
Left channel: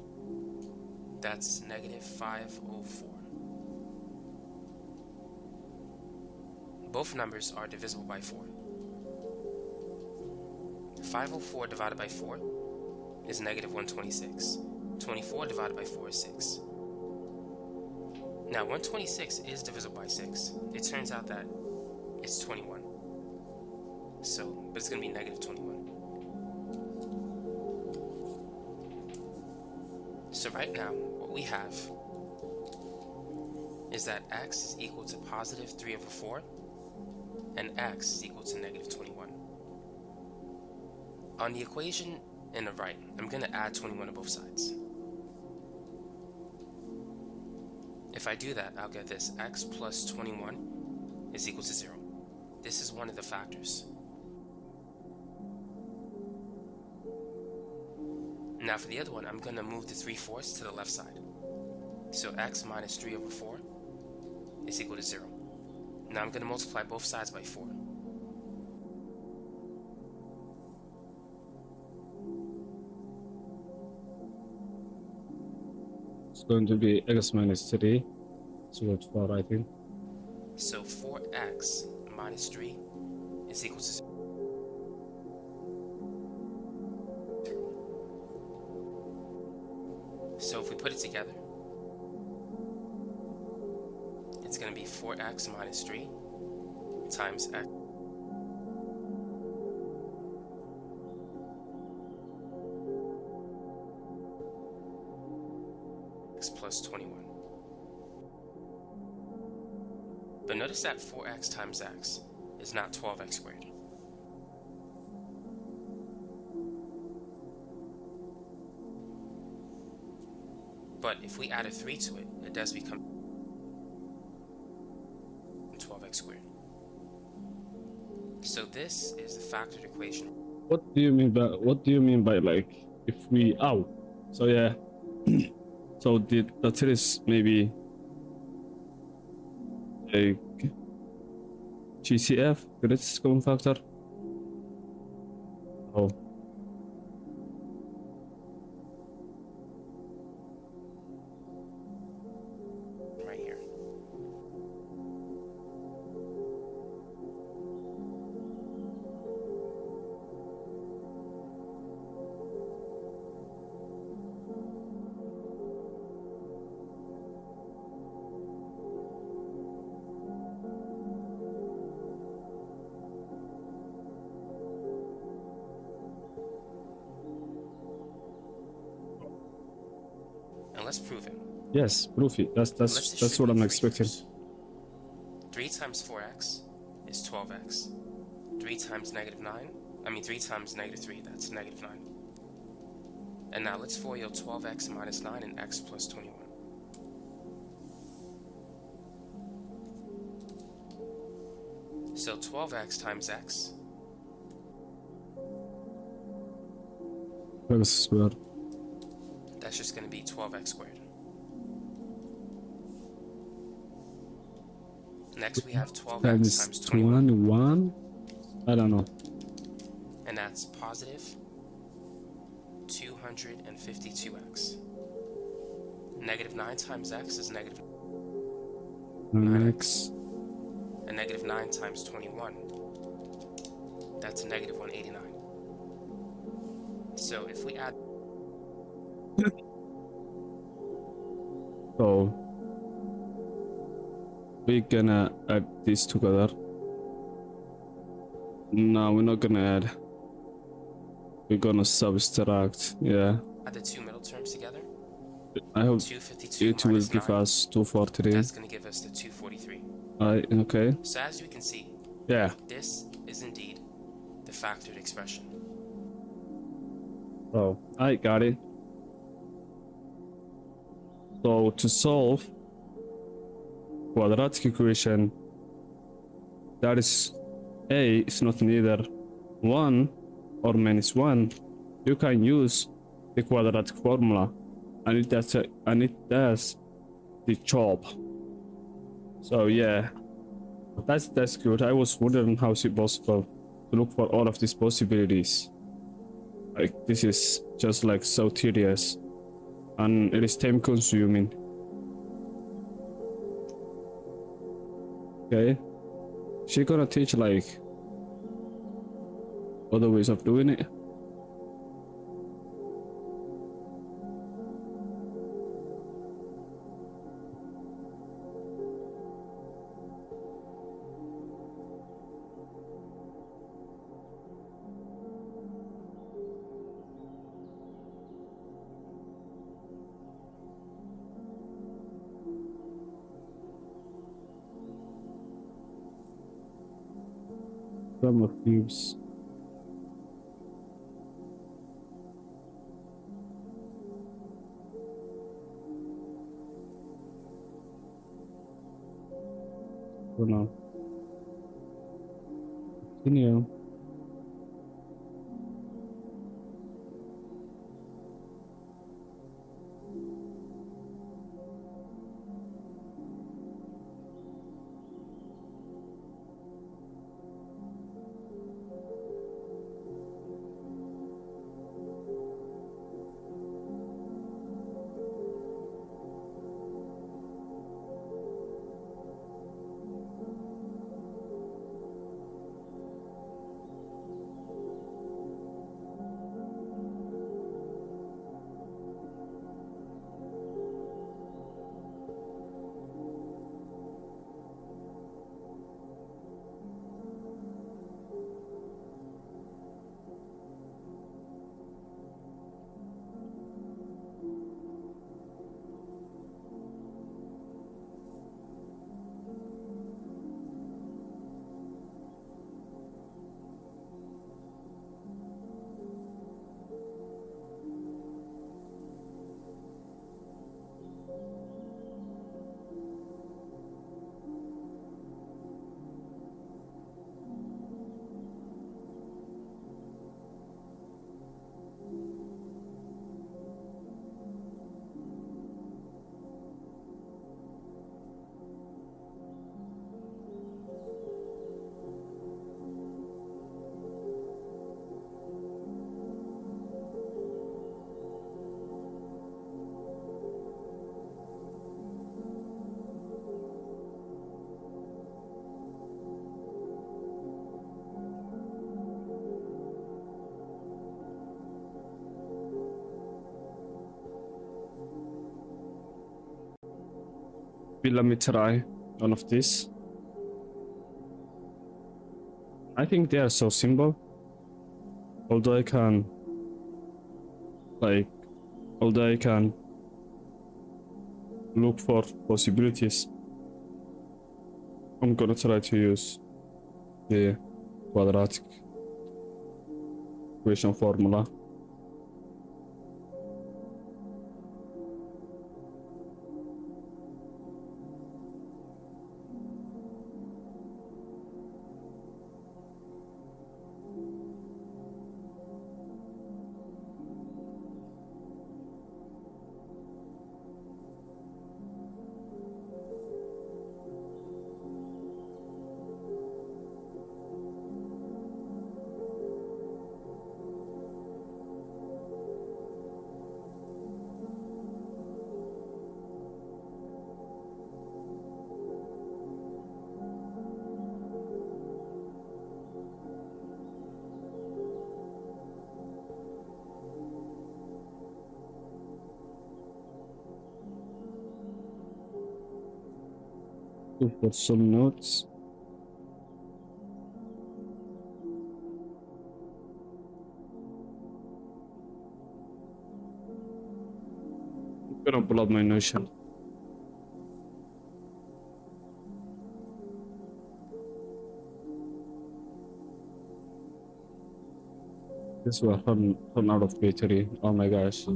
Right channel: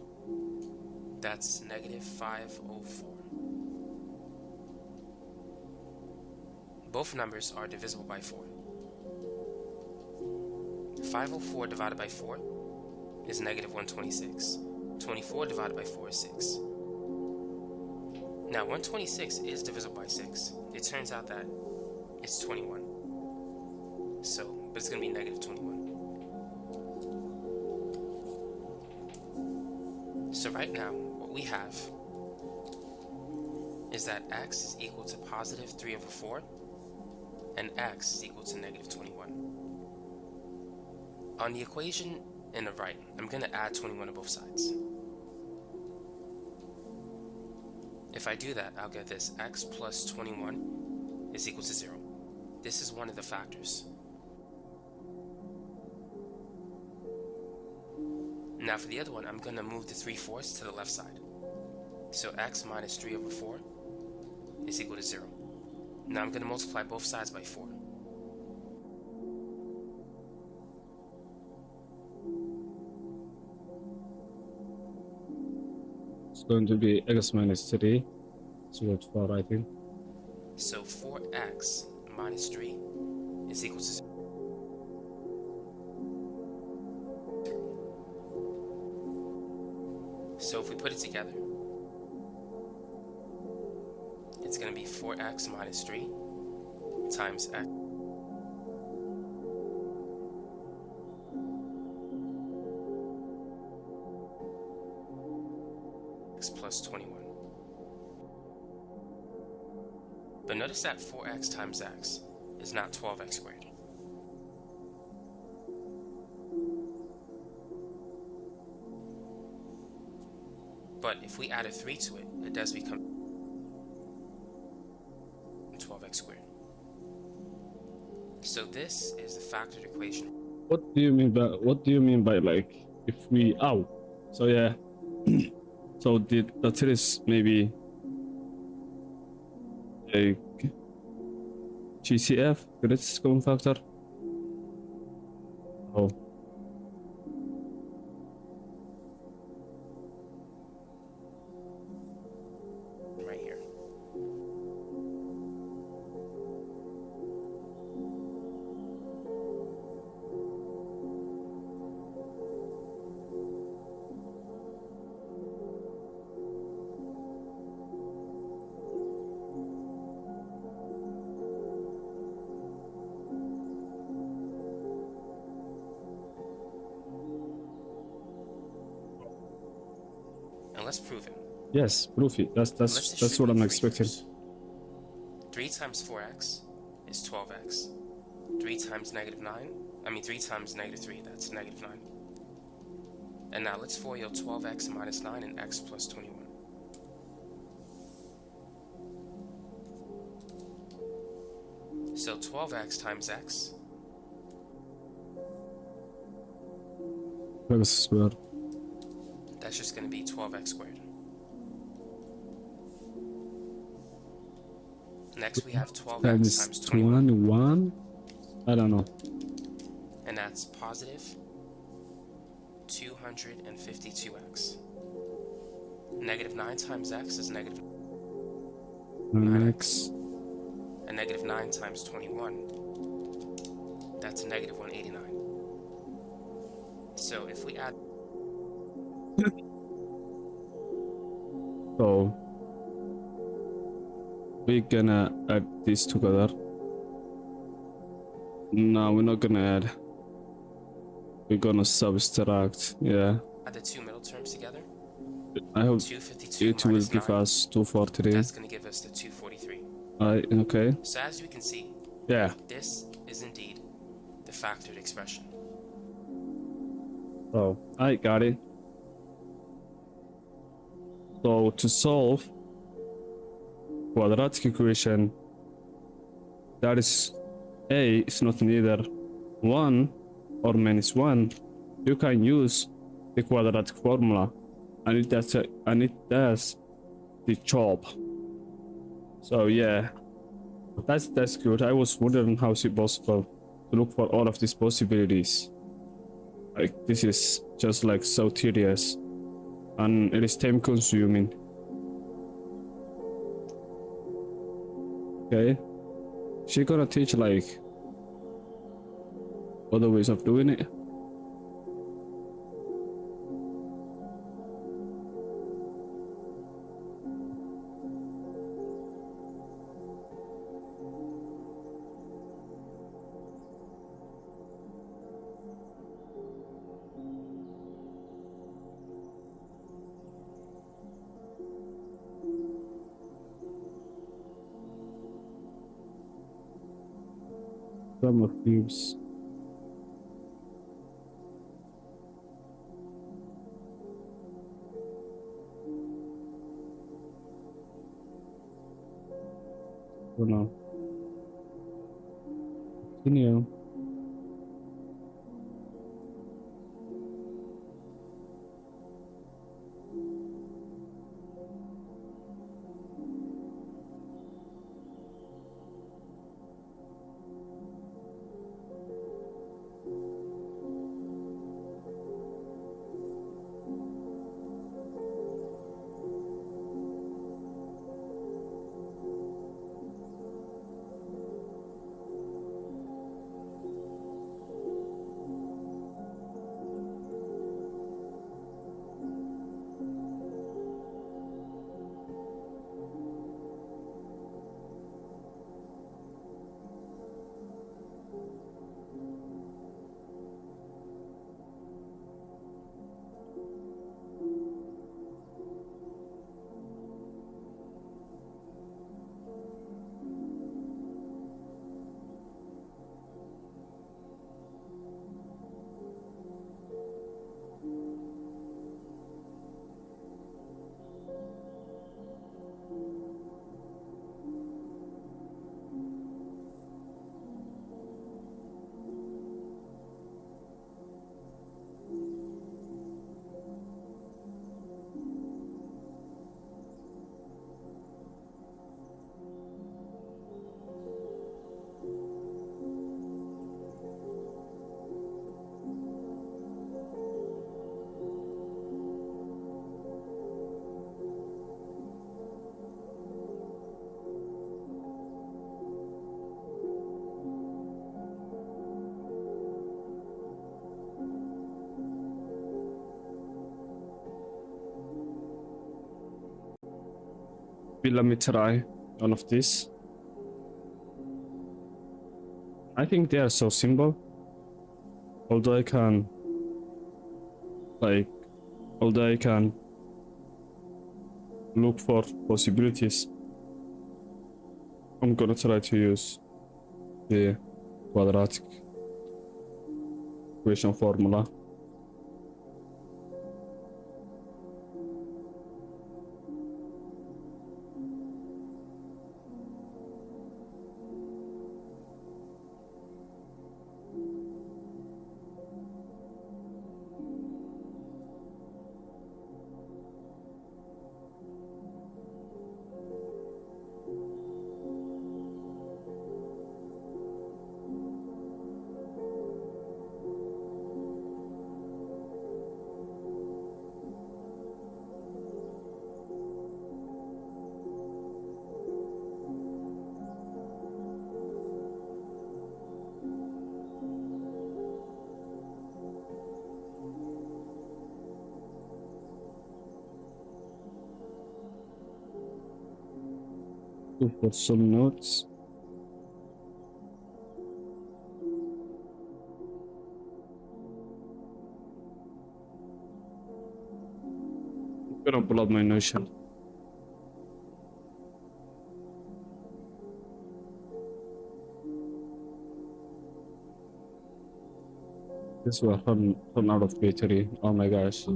that's negative 504. Both numbers are divisible by 4. 504 divided by 4 is negative 126. 24 divided by 4 is 6. Now 126 is divisible by 6. It turns out that it's 21. But it's going to be negative 21. So right now, what we have is that x is equal to positive 3 over 4, and x is equal to negative 21. On the equation in the right, I'm going to add 21 to both sides. If I do that, I'll get this: x plus 21 is equal to 0. This is one of the factors. Now for the other one, I'm going to move the 3/4 to the left side. So x minus 3 over 4 is equal to 0. Now I'm going to multiply both sides by 4. It's going to be x minus 3. So what's 4, I think. So 4x minus 3 is equal to 0. So if we put it together, it's going to be 4x minus 3 times x plus 21. But notice that 4x times x is not 12x squared. But if we add a 3 to it, it does become 12x squared. So this is the factored equation. What do you mean by like if we so yeah. So the trick is maybe Like GCF, greatest common factor. Oh, right here. And let's prove it. yes, proof it. Let's That's what distribute I'm 3 expecting. first. 3 times 4x is 12x. 3 times negative 9, 3 times negative 3, that's negative 9. And now let's FOIL 12x minus 9 and x plus 21. So 12x times x, X squared. that's just going to be 12x squared. Next we have 12x times 21, 21. I don't know. and that's positive 252x. Negative 9 times x is negative, X. and negative 9 times 21, that's negative 189. So if we add, So we're gonna add these together. No, we're not gonna add. We're gonna subtract. Yeah. the two middle terms together, I hope 252 it will minus give 9, us 243. that's going to give us the 243. Okay. So as we can see, Yeah. this is indeed the factored expression. Oh, I got it. So to solve quadratic equation, that is a is not neither 1 or minus 1, you can use the quadratic formula, and it does the job. So yeah, that's good. I was wondering how is it possible to look for all of these possibilities. Like this is just like so tedious, and it is time consuming. Okay, she gonna teach like other ways of doing it. Some of these. Oh no. Continue. Let me try one of these. I think they are so simple. Although I can, like, although I can look for possibilities, I'm gonna try to use the quadratic equation formula. To put some notes. I'm gonna pull up my Notion. This will run out of battery. Oh my gosh.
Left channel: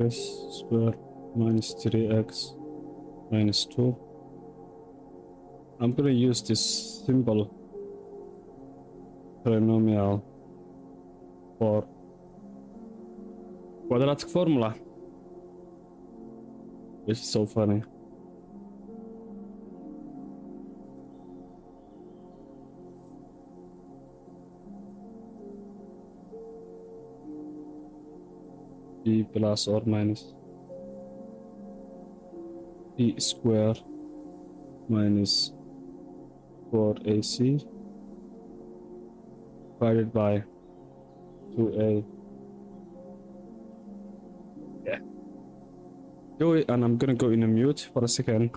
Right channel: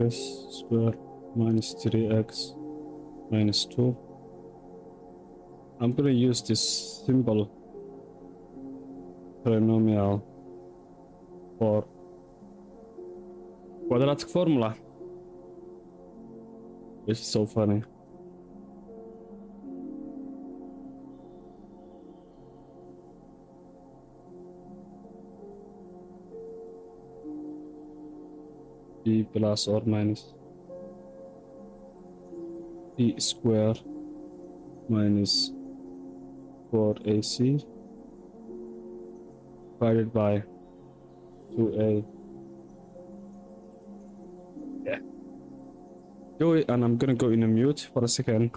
X square minus 3x minus 2. I'm gonna use this simple polynomial for quadratic formula, which is so funny. B plus or minus b square minus 4ac divided by 2a. Yeah. Do it, and I'm gonna go in a mute for a second.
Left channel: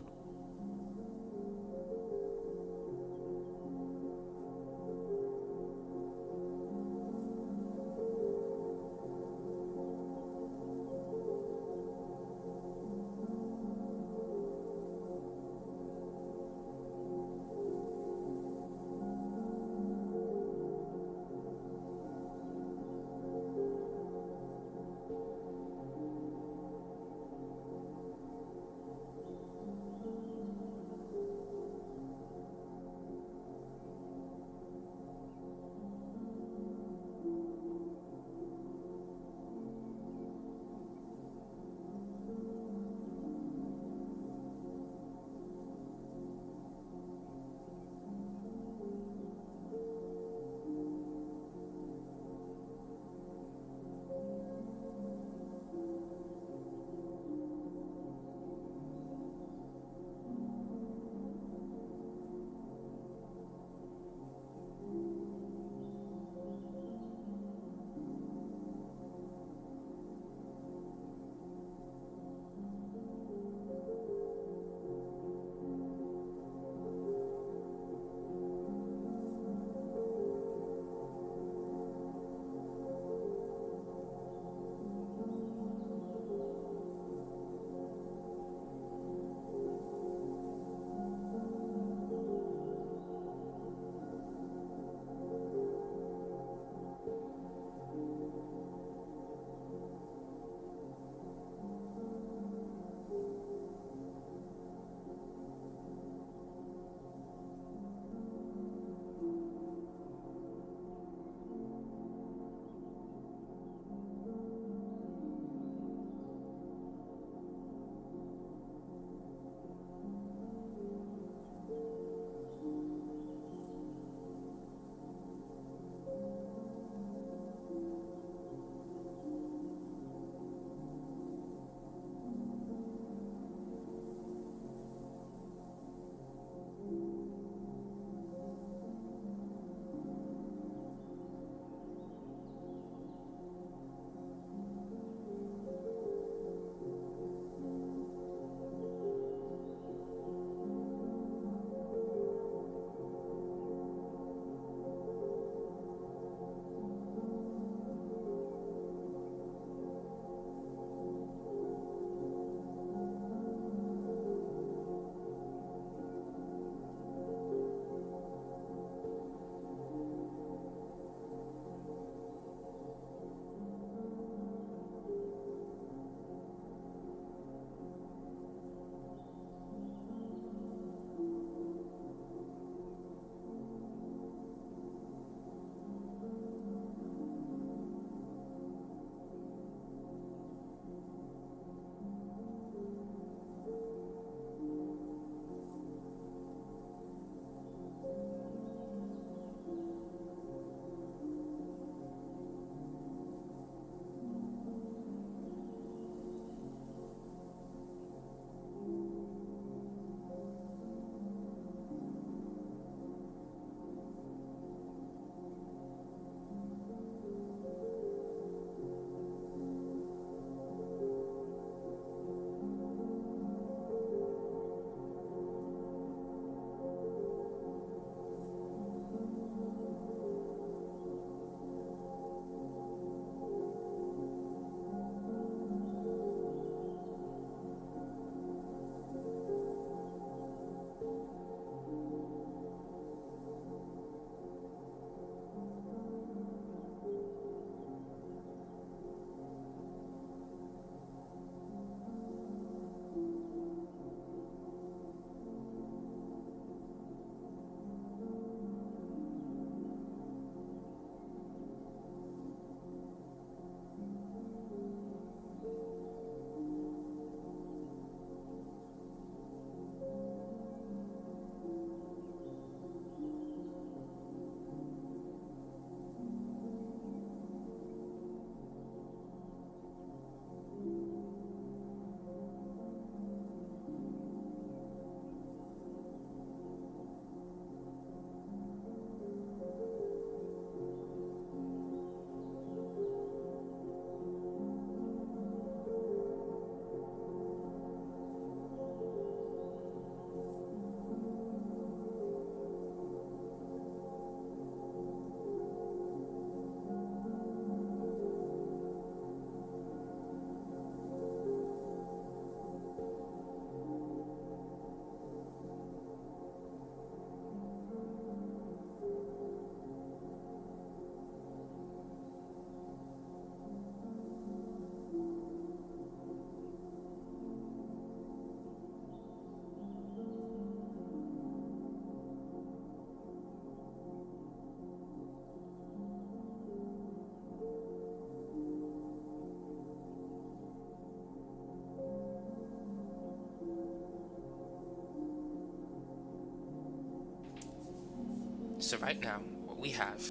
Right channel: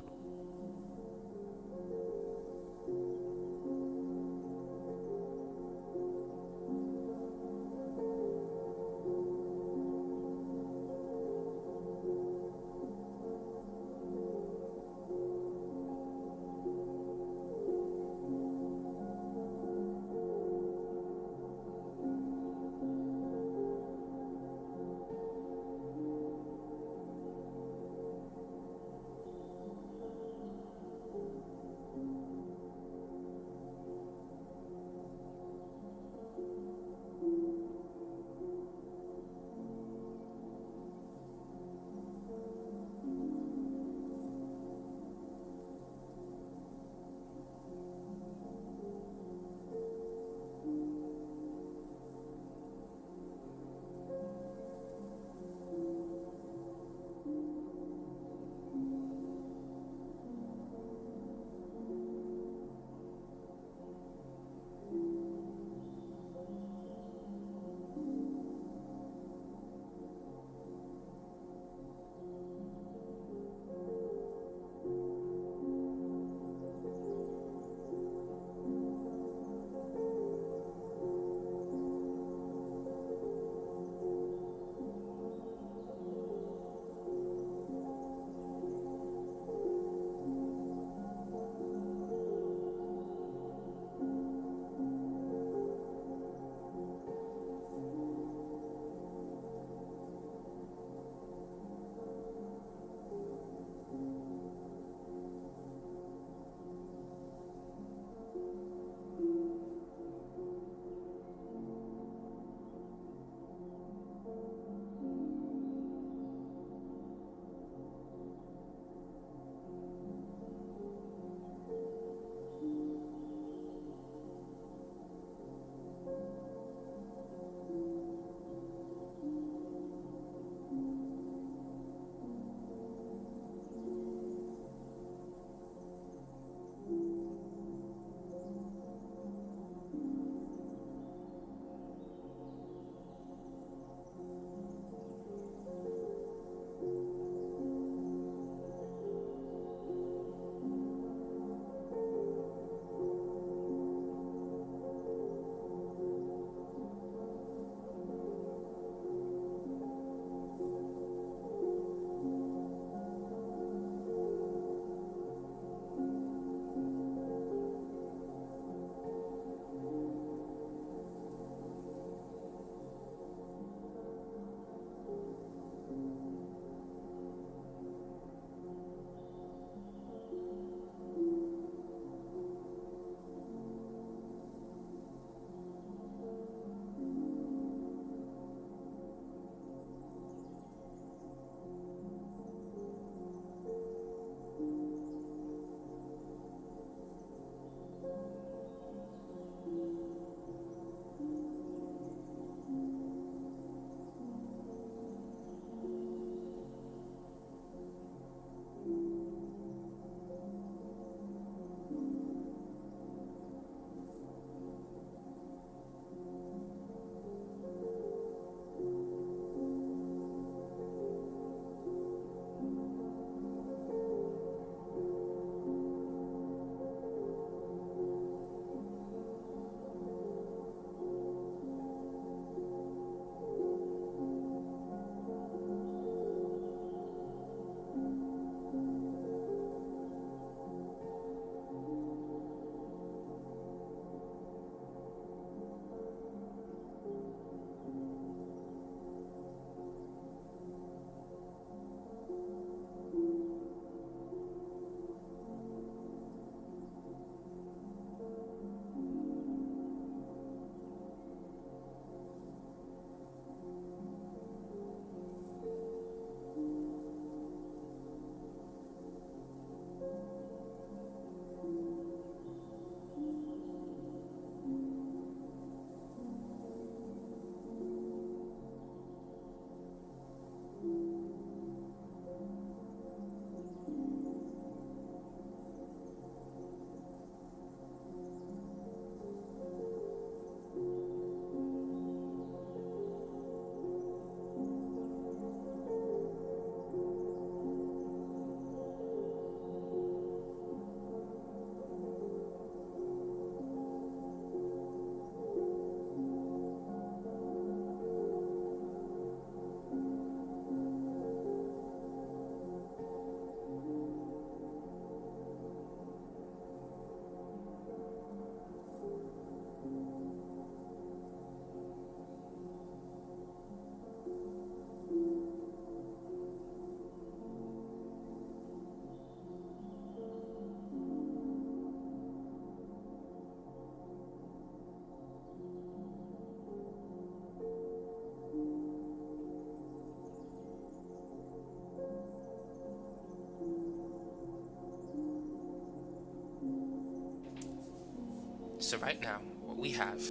So right now, what we have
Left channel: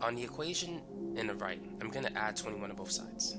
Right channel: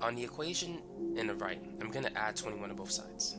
on the equation in the right, I'm going to add 21 to both sides.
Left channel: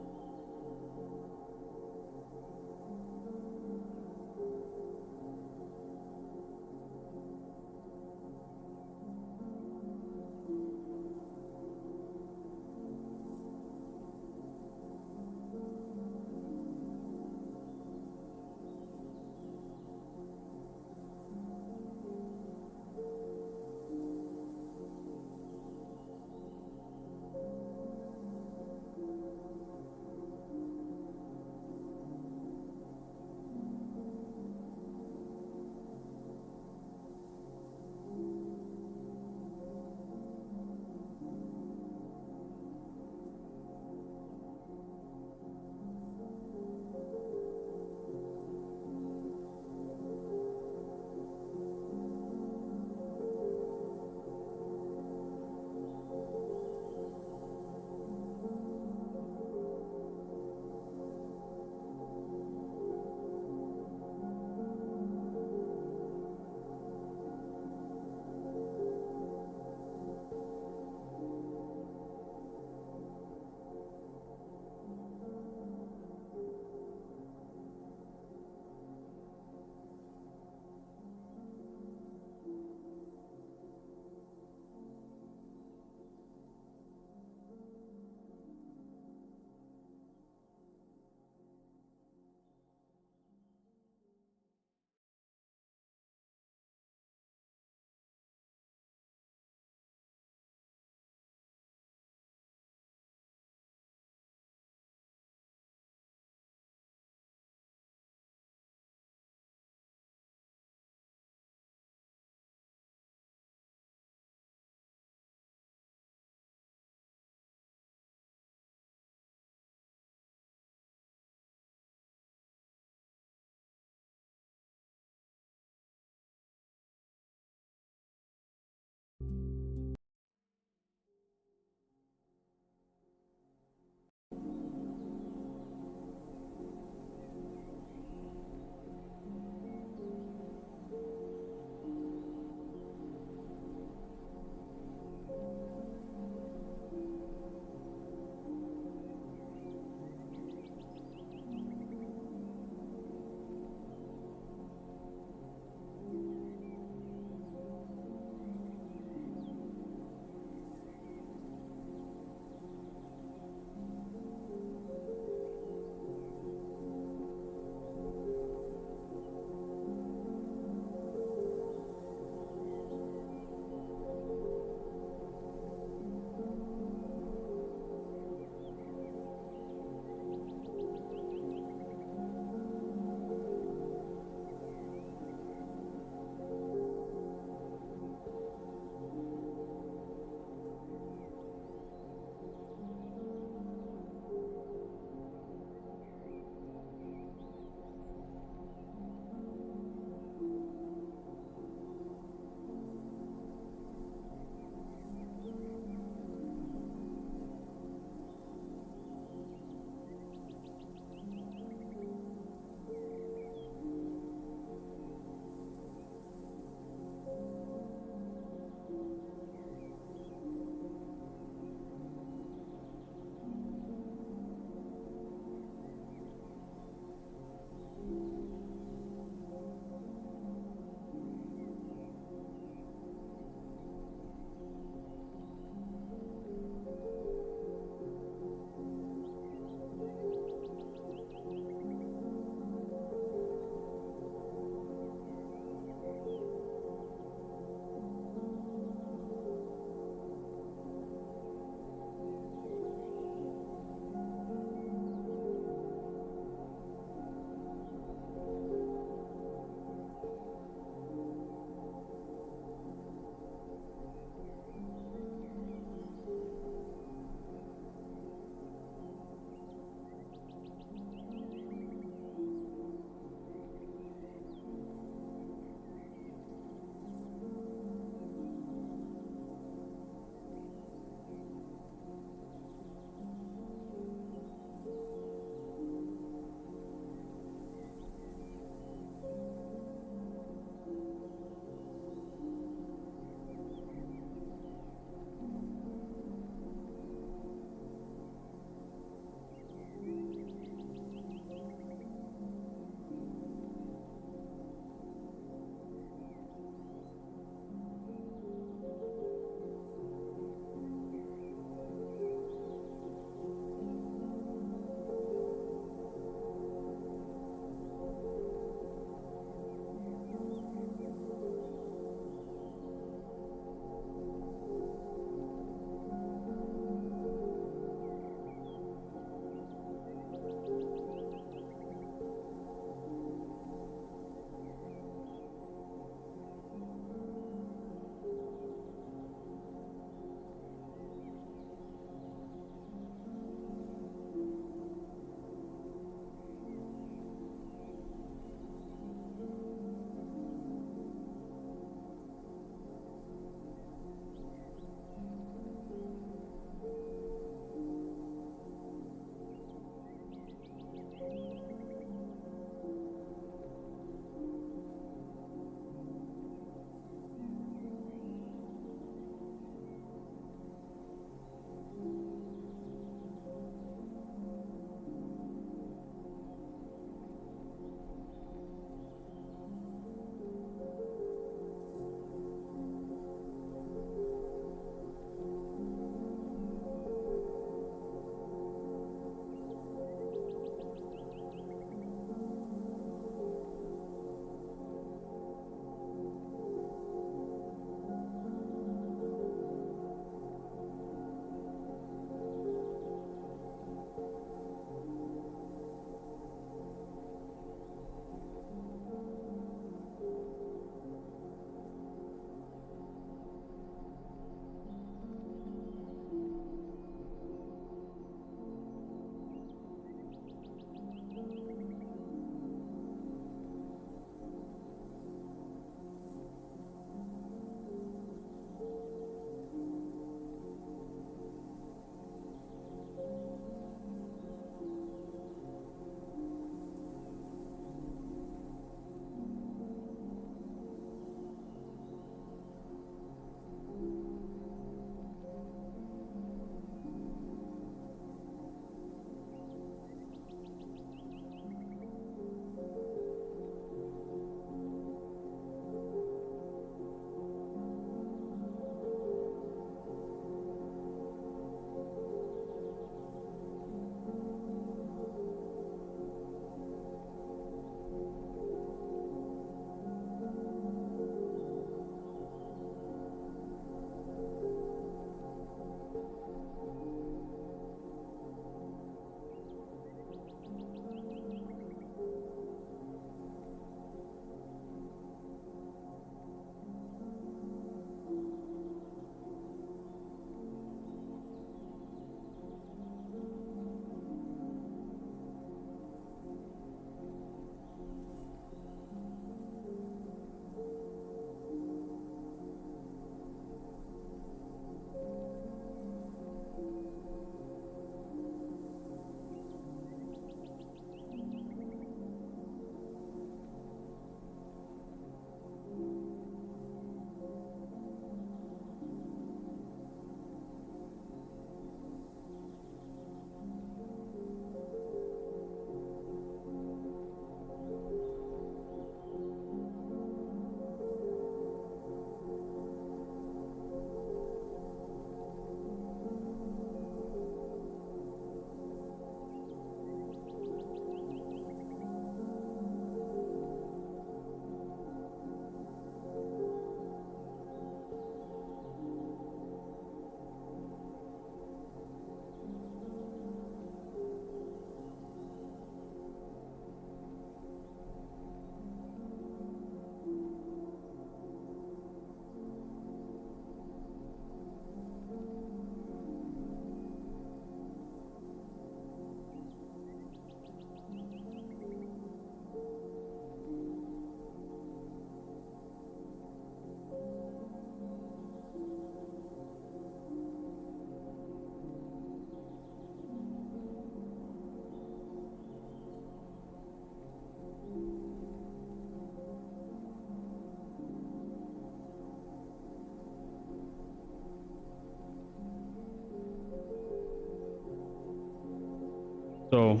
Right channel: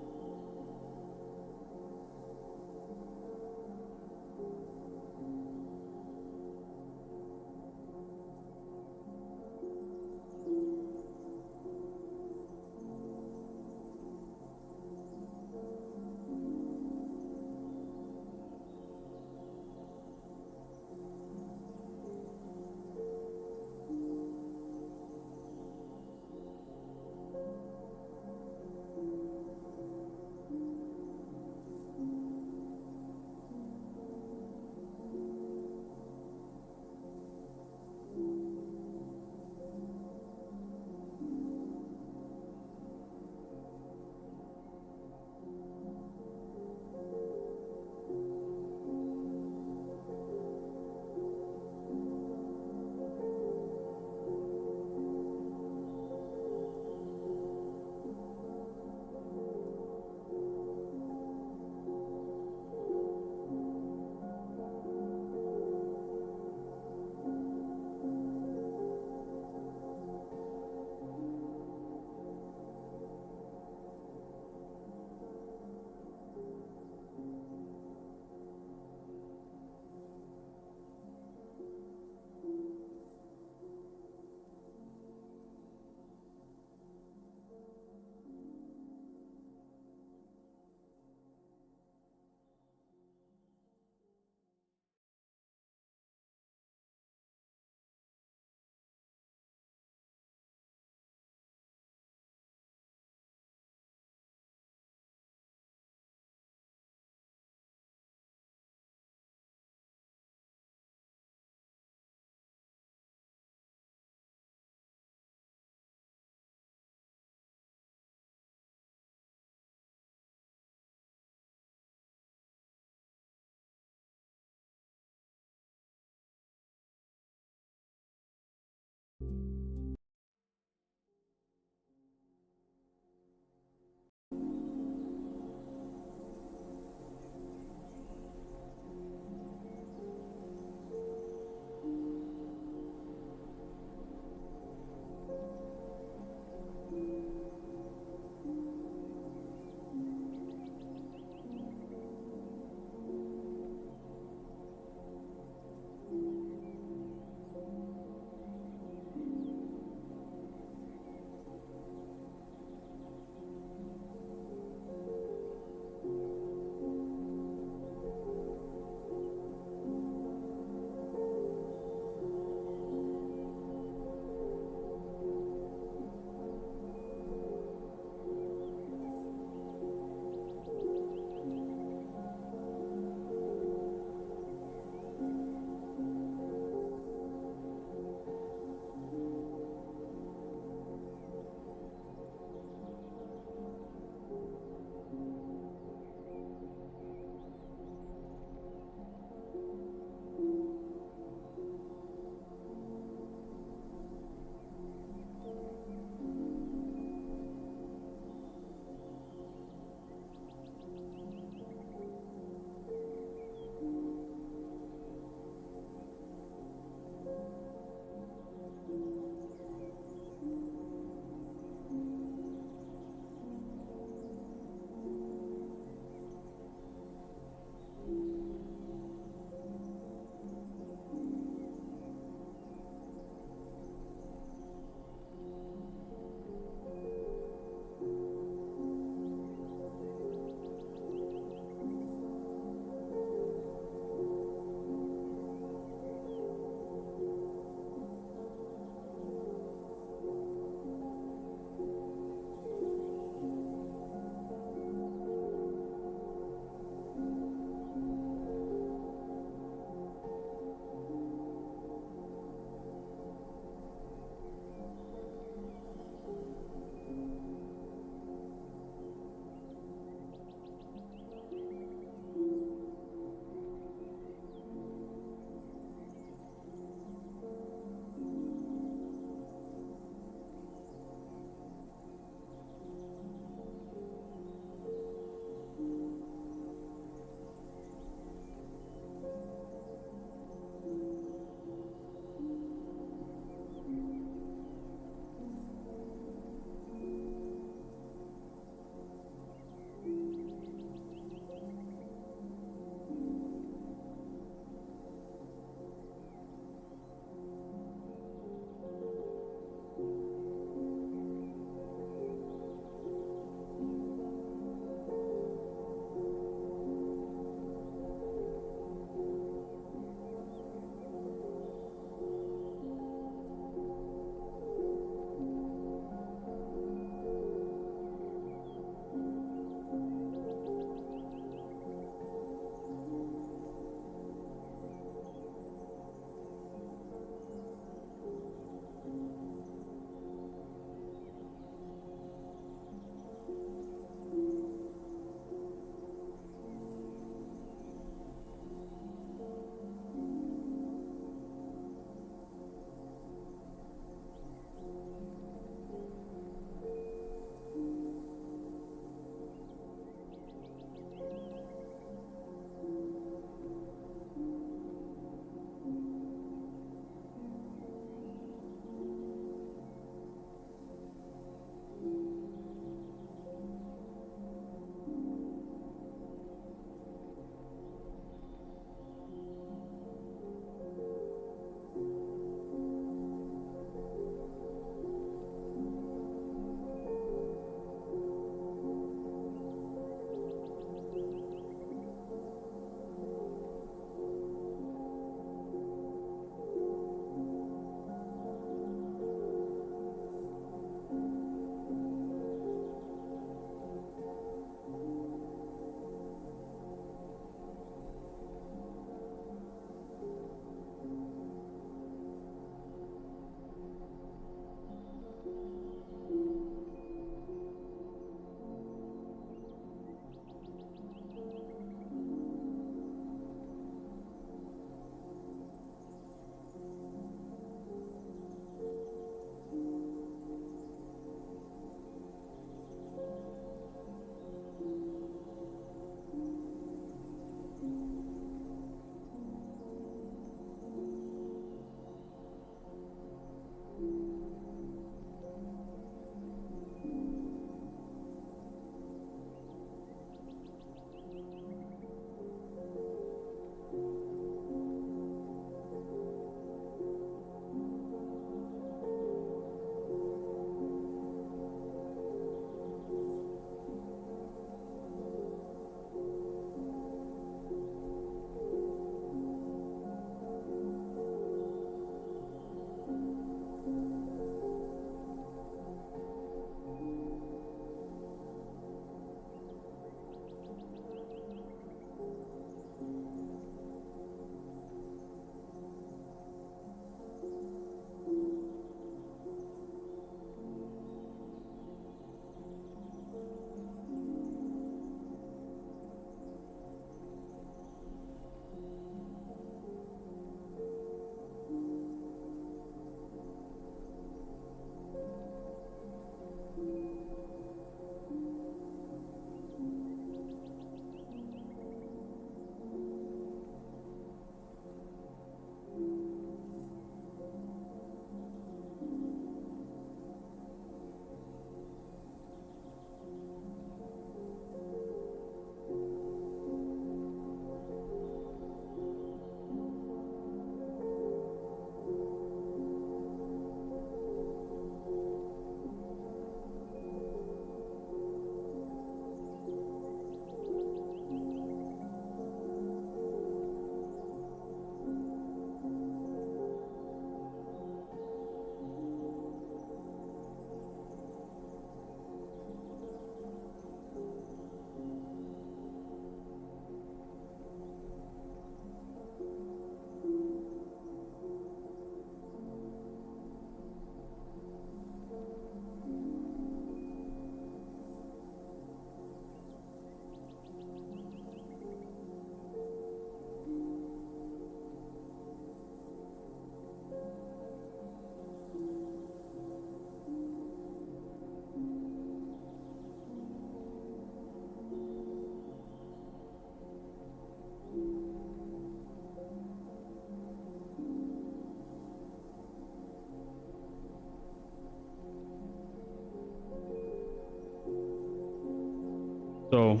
So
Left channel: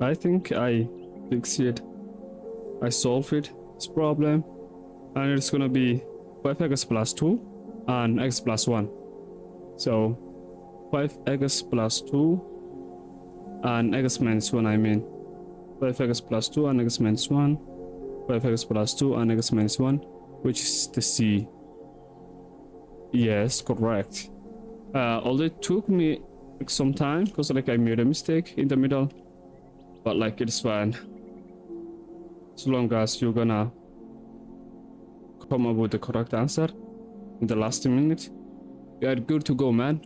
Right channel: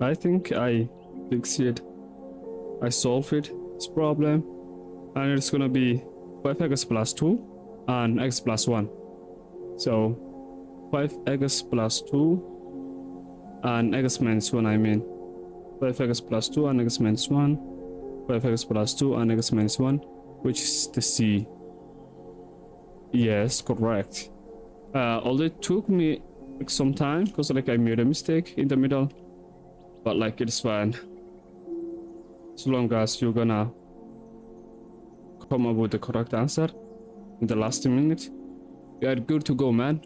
I think I fixed it. I solved it, this problem, and it's gonna be 5x plus 2 and x plus 1. So 5x plus 2 and x minus 1, I mean 5x plus 2 and x minus 1, 5x plus 2 and x minus 1, which is the C. Yes, correct. Although it took me like some time because like I made a mistake in the middle, but like it's fine. As long as you're gonna come up with the correct answer in the last minute, you are good to go, man.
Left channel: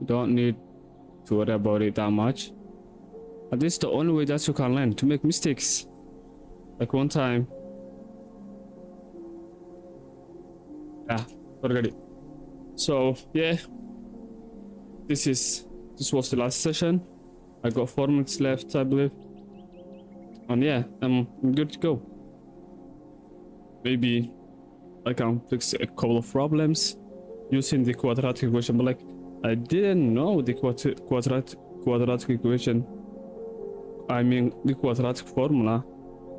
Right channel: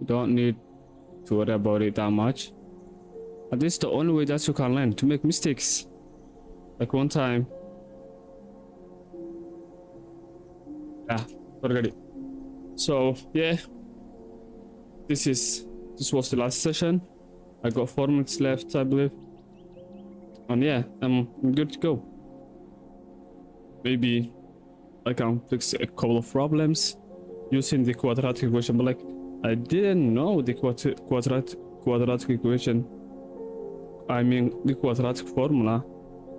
You don't need to worry about it that much. And this is the only way that you can learn, to make mistakes. Like one time, yeah, forget it. So yeah, this was the last session. I got 4 minutes left, I believe. And yeah, I'm good to go. Maybe I can fix a couple of problems using the quadratic equation, but like I didn't know the quadratic equation. I mean the quadratic formula.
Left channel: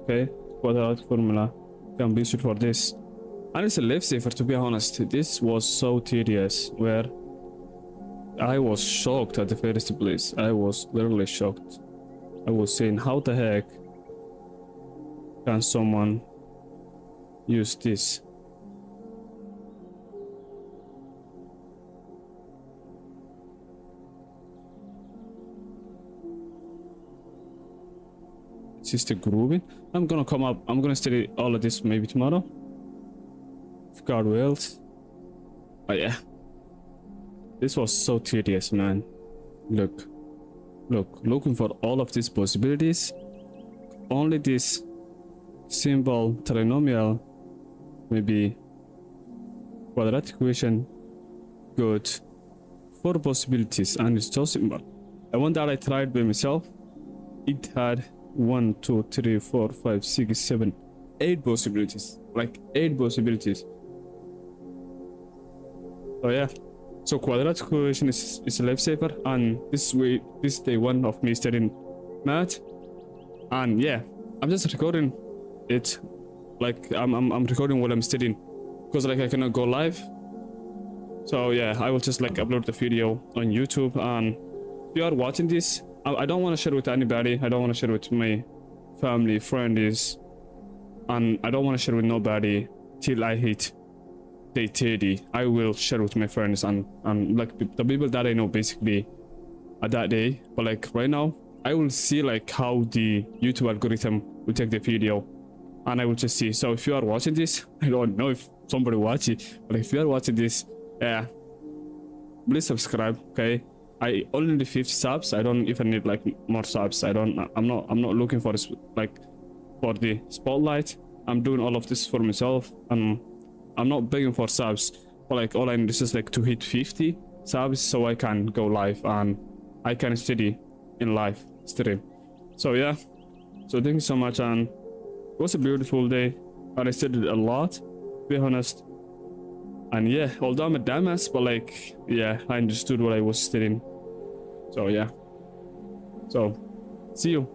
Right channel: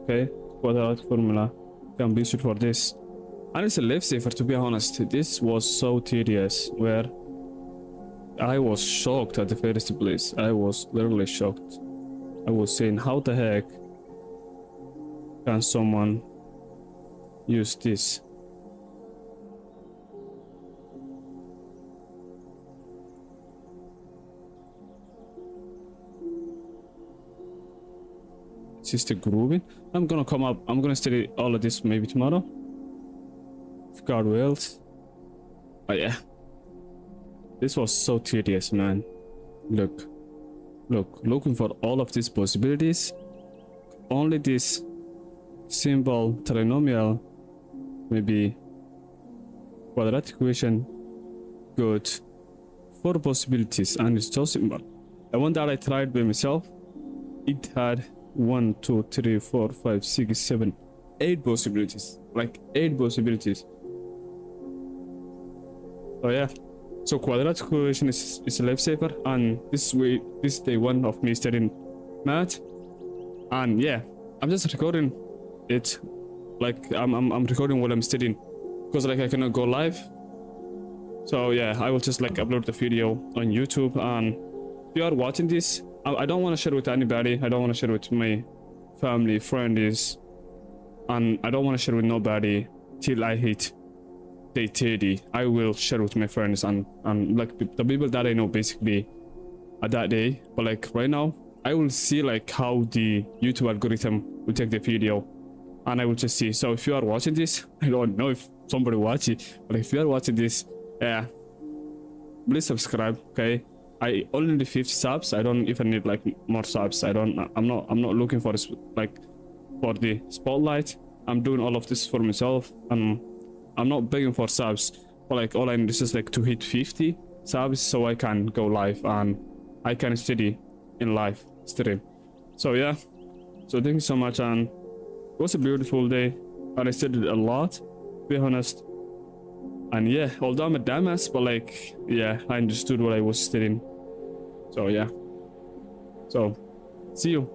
Okay, quadratic formula can be used for this. And it's a lifesaver, to be honest. This was so tedious, where I was shocked at the first place. I was literally shocked. I was saying, how the heck can someone use this? This is the grooving. I'm gonna study all of this maybe tomorrow, if God wills. But yeah, this was so tedious, man. Looking for all of these possibilities. Only this simple trinomial, maybe quadratic equation, good 4 possibilities, and it's so simple. The one that I tried by myself, it had 1, 2, 3, 4, 5, 6, 7, 8 possibilities. Like 8 possibilities. So yeah. So quadratic equation is a lifesaver, and this is day 1 of me studying math. And yeah, I'm just recording it. Like I'm recording while I'm studying, because like I cannot go live. So yeah, I will just like upload the video on YouTube. And if you are watching this, I don't want to share with anybody. I don't want to share with my family, friends, and I don't want to share with nobody till I hit day 30. I will share with my friends and like the people that I know basically at that day. But like right now, I will see like how the YouTube algorithm will take the video, and I will just see. So if you are watching this, I don't know if somebody watch it, but if you are watching this, yeah, please subscribe. Okay, I only need 50 subs. I don't even need like more subs. I'm not looking for this, like for the spotlight. I'm doing all of this for myself, and I'm not begging for subs. But like all I need is just like to hit 50 subs so I can go live and I can study in live stream. So yeah, so thank you so much, and it was a beautiful day, and I studied a lot, to be honest. And yeah, although I'm a dumbass, but like yeah, I understood what I was studying. So yeah, so see you.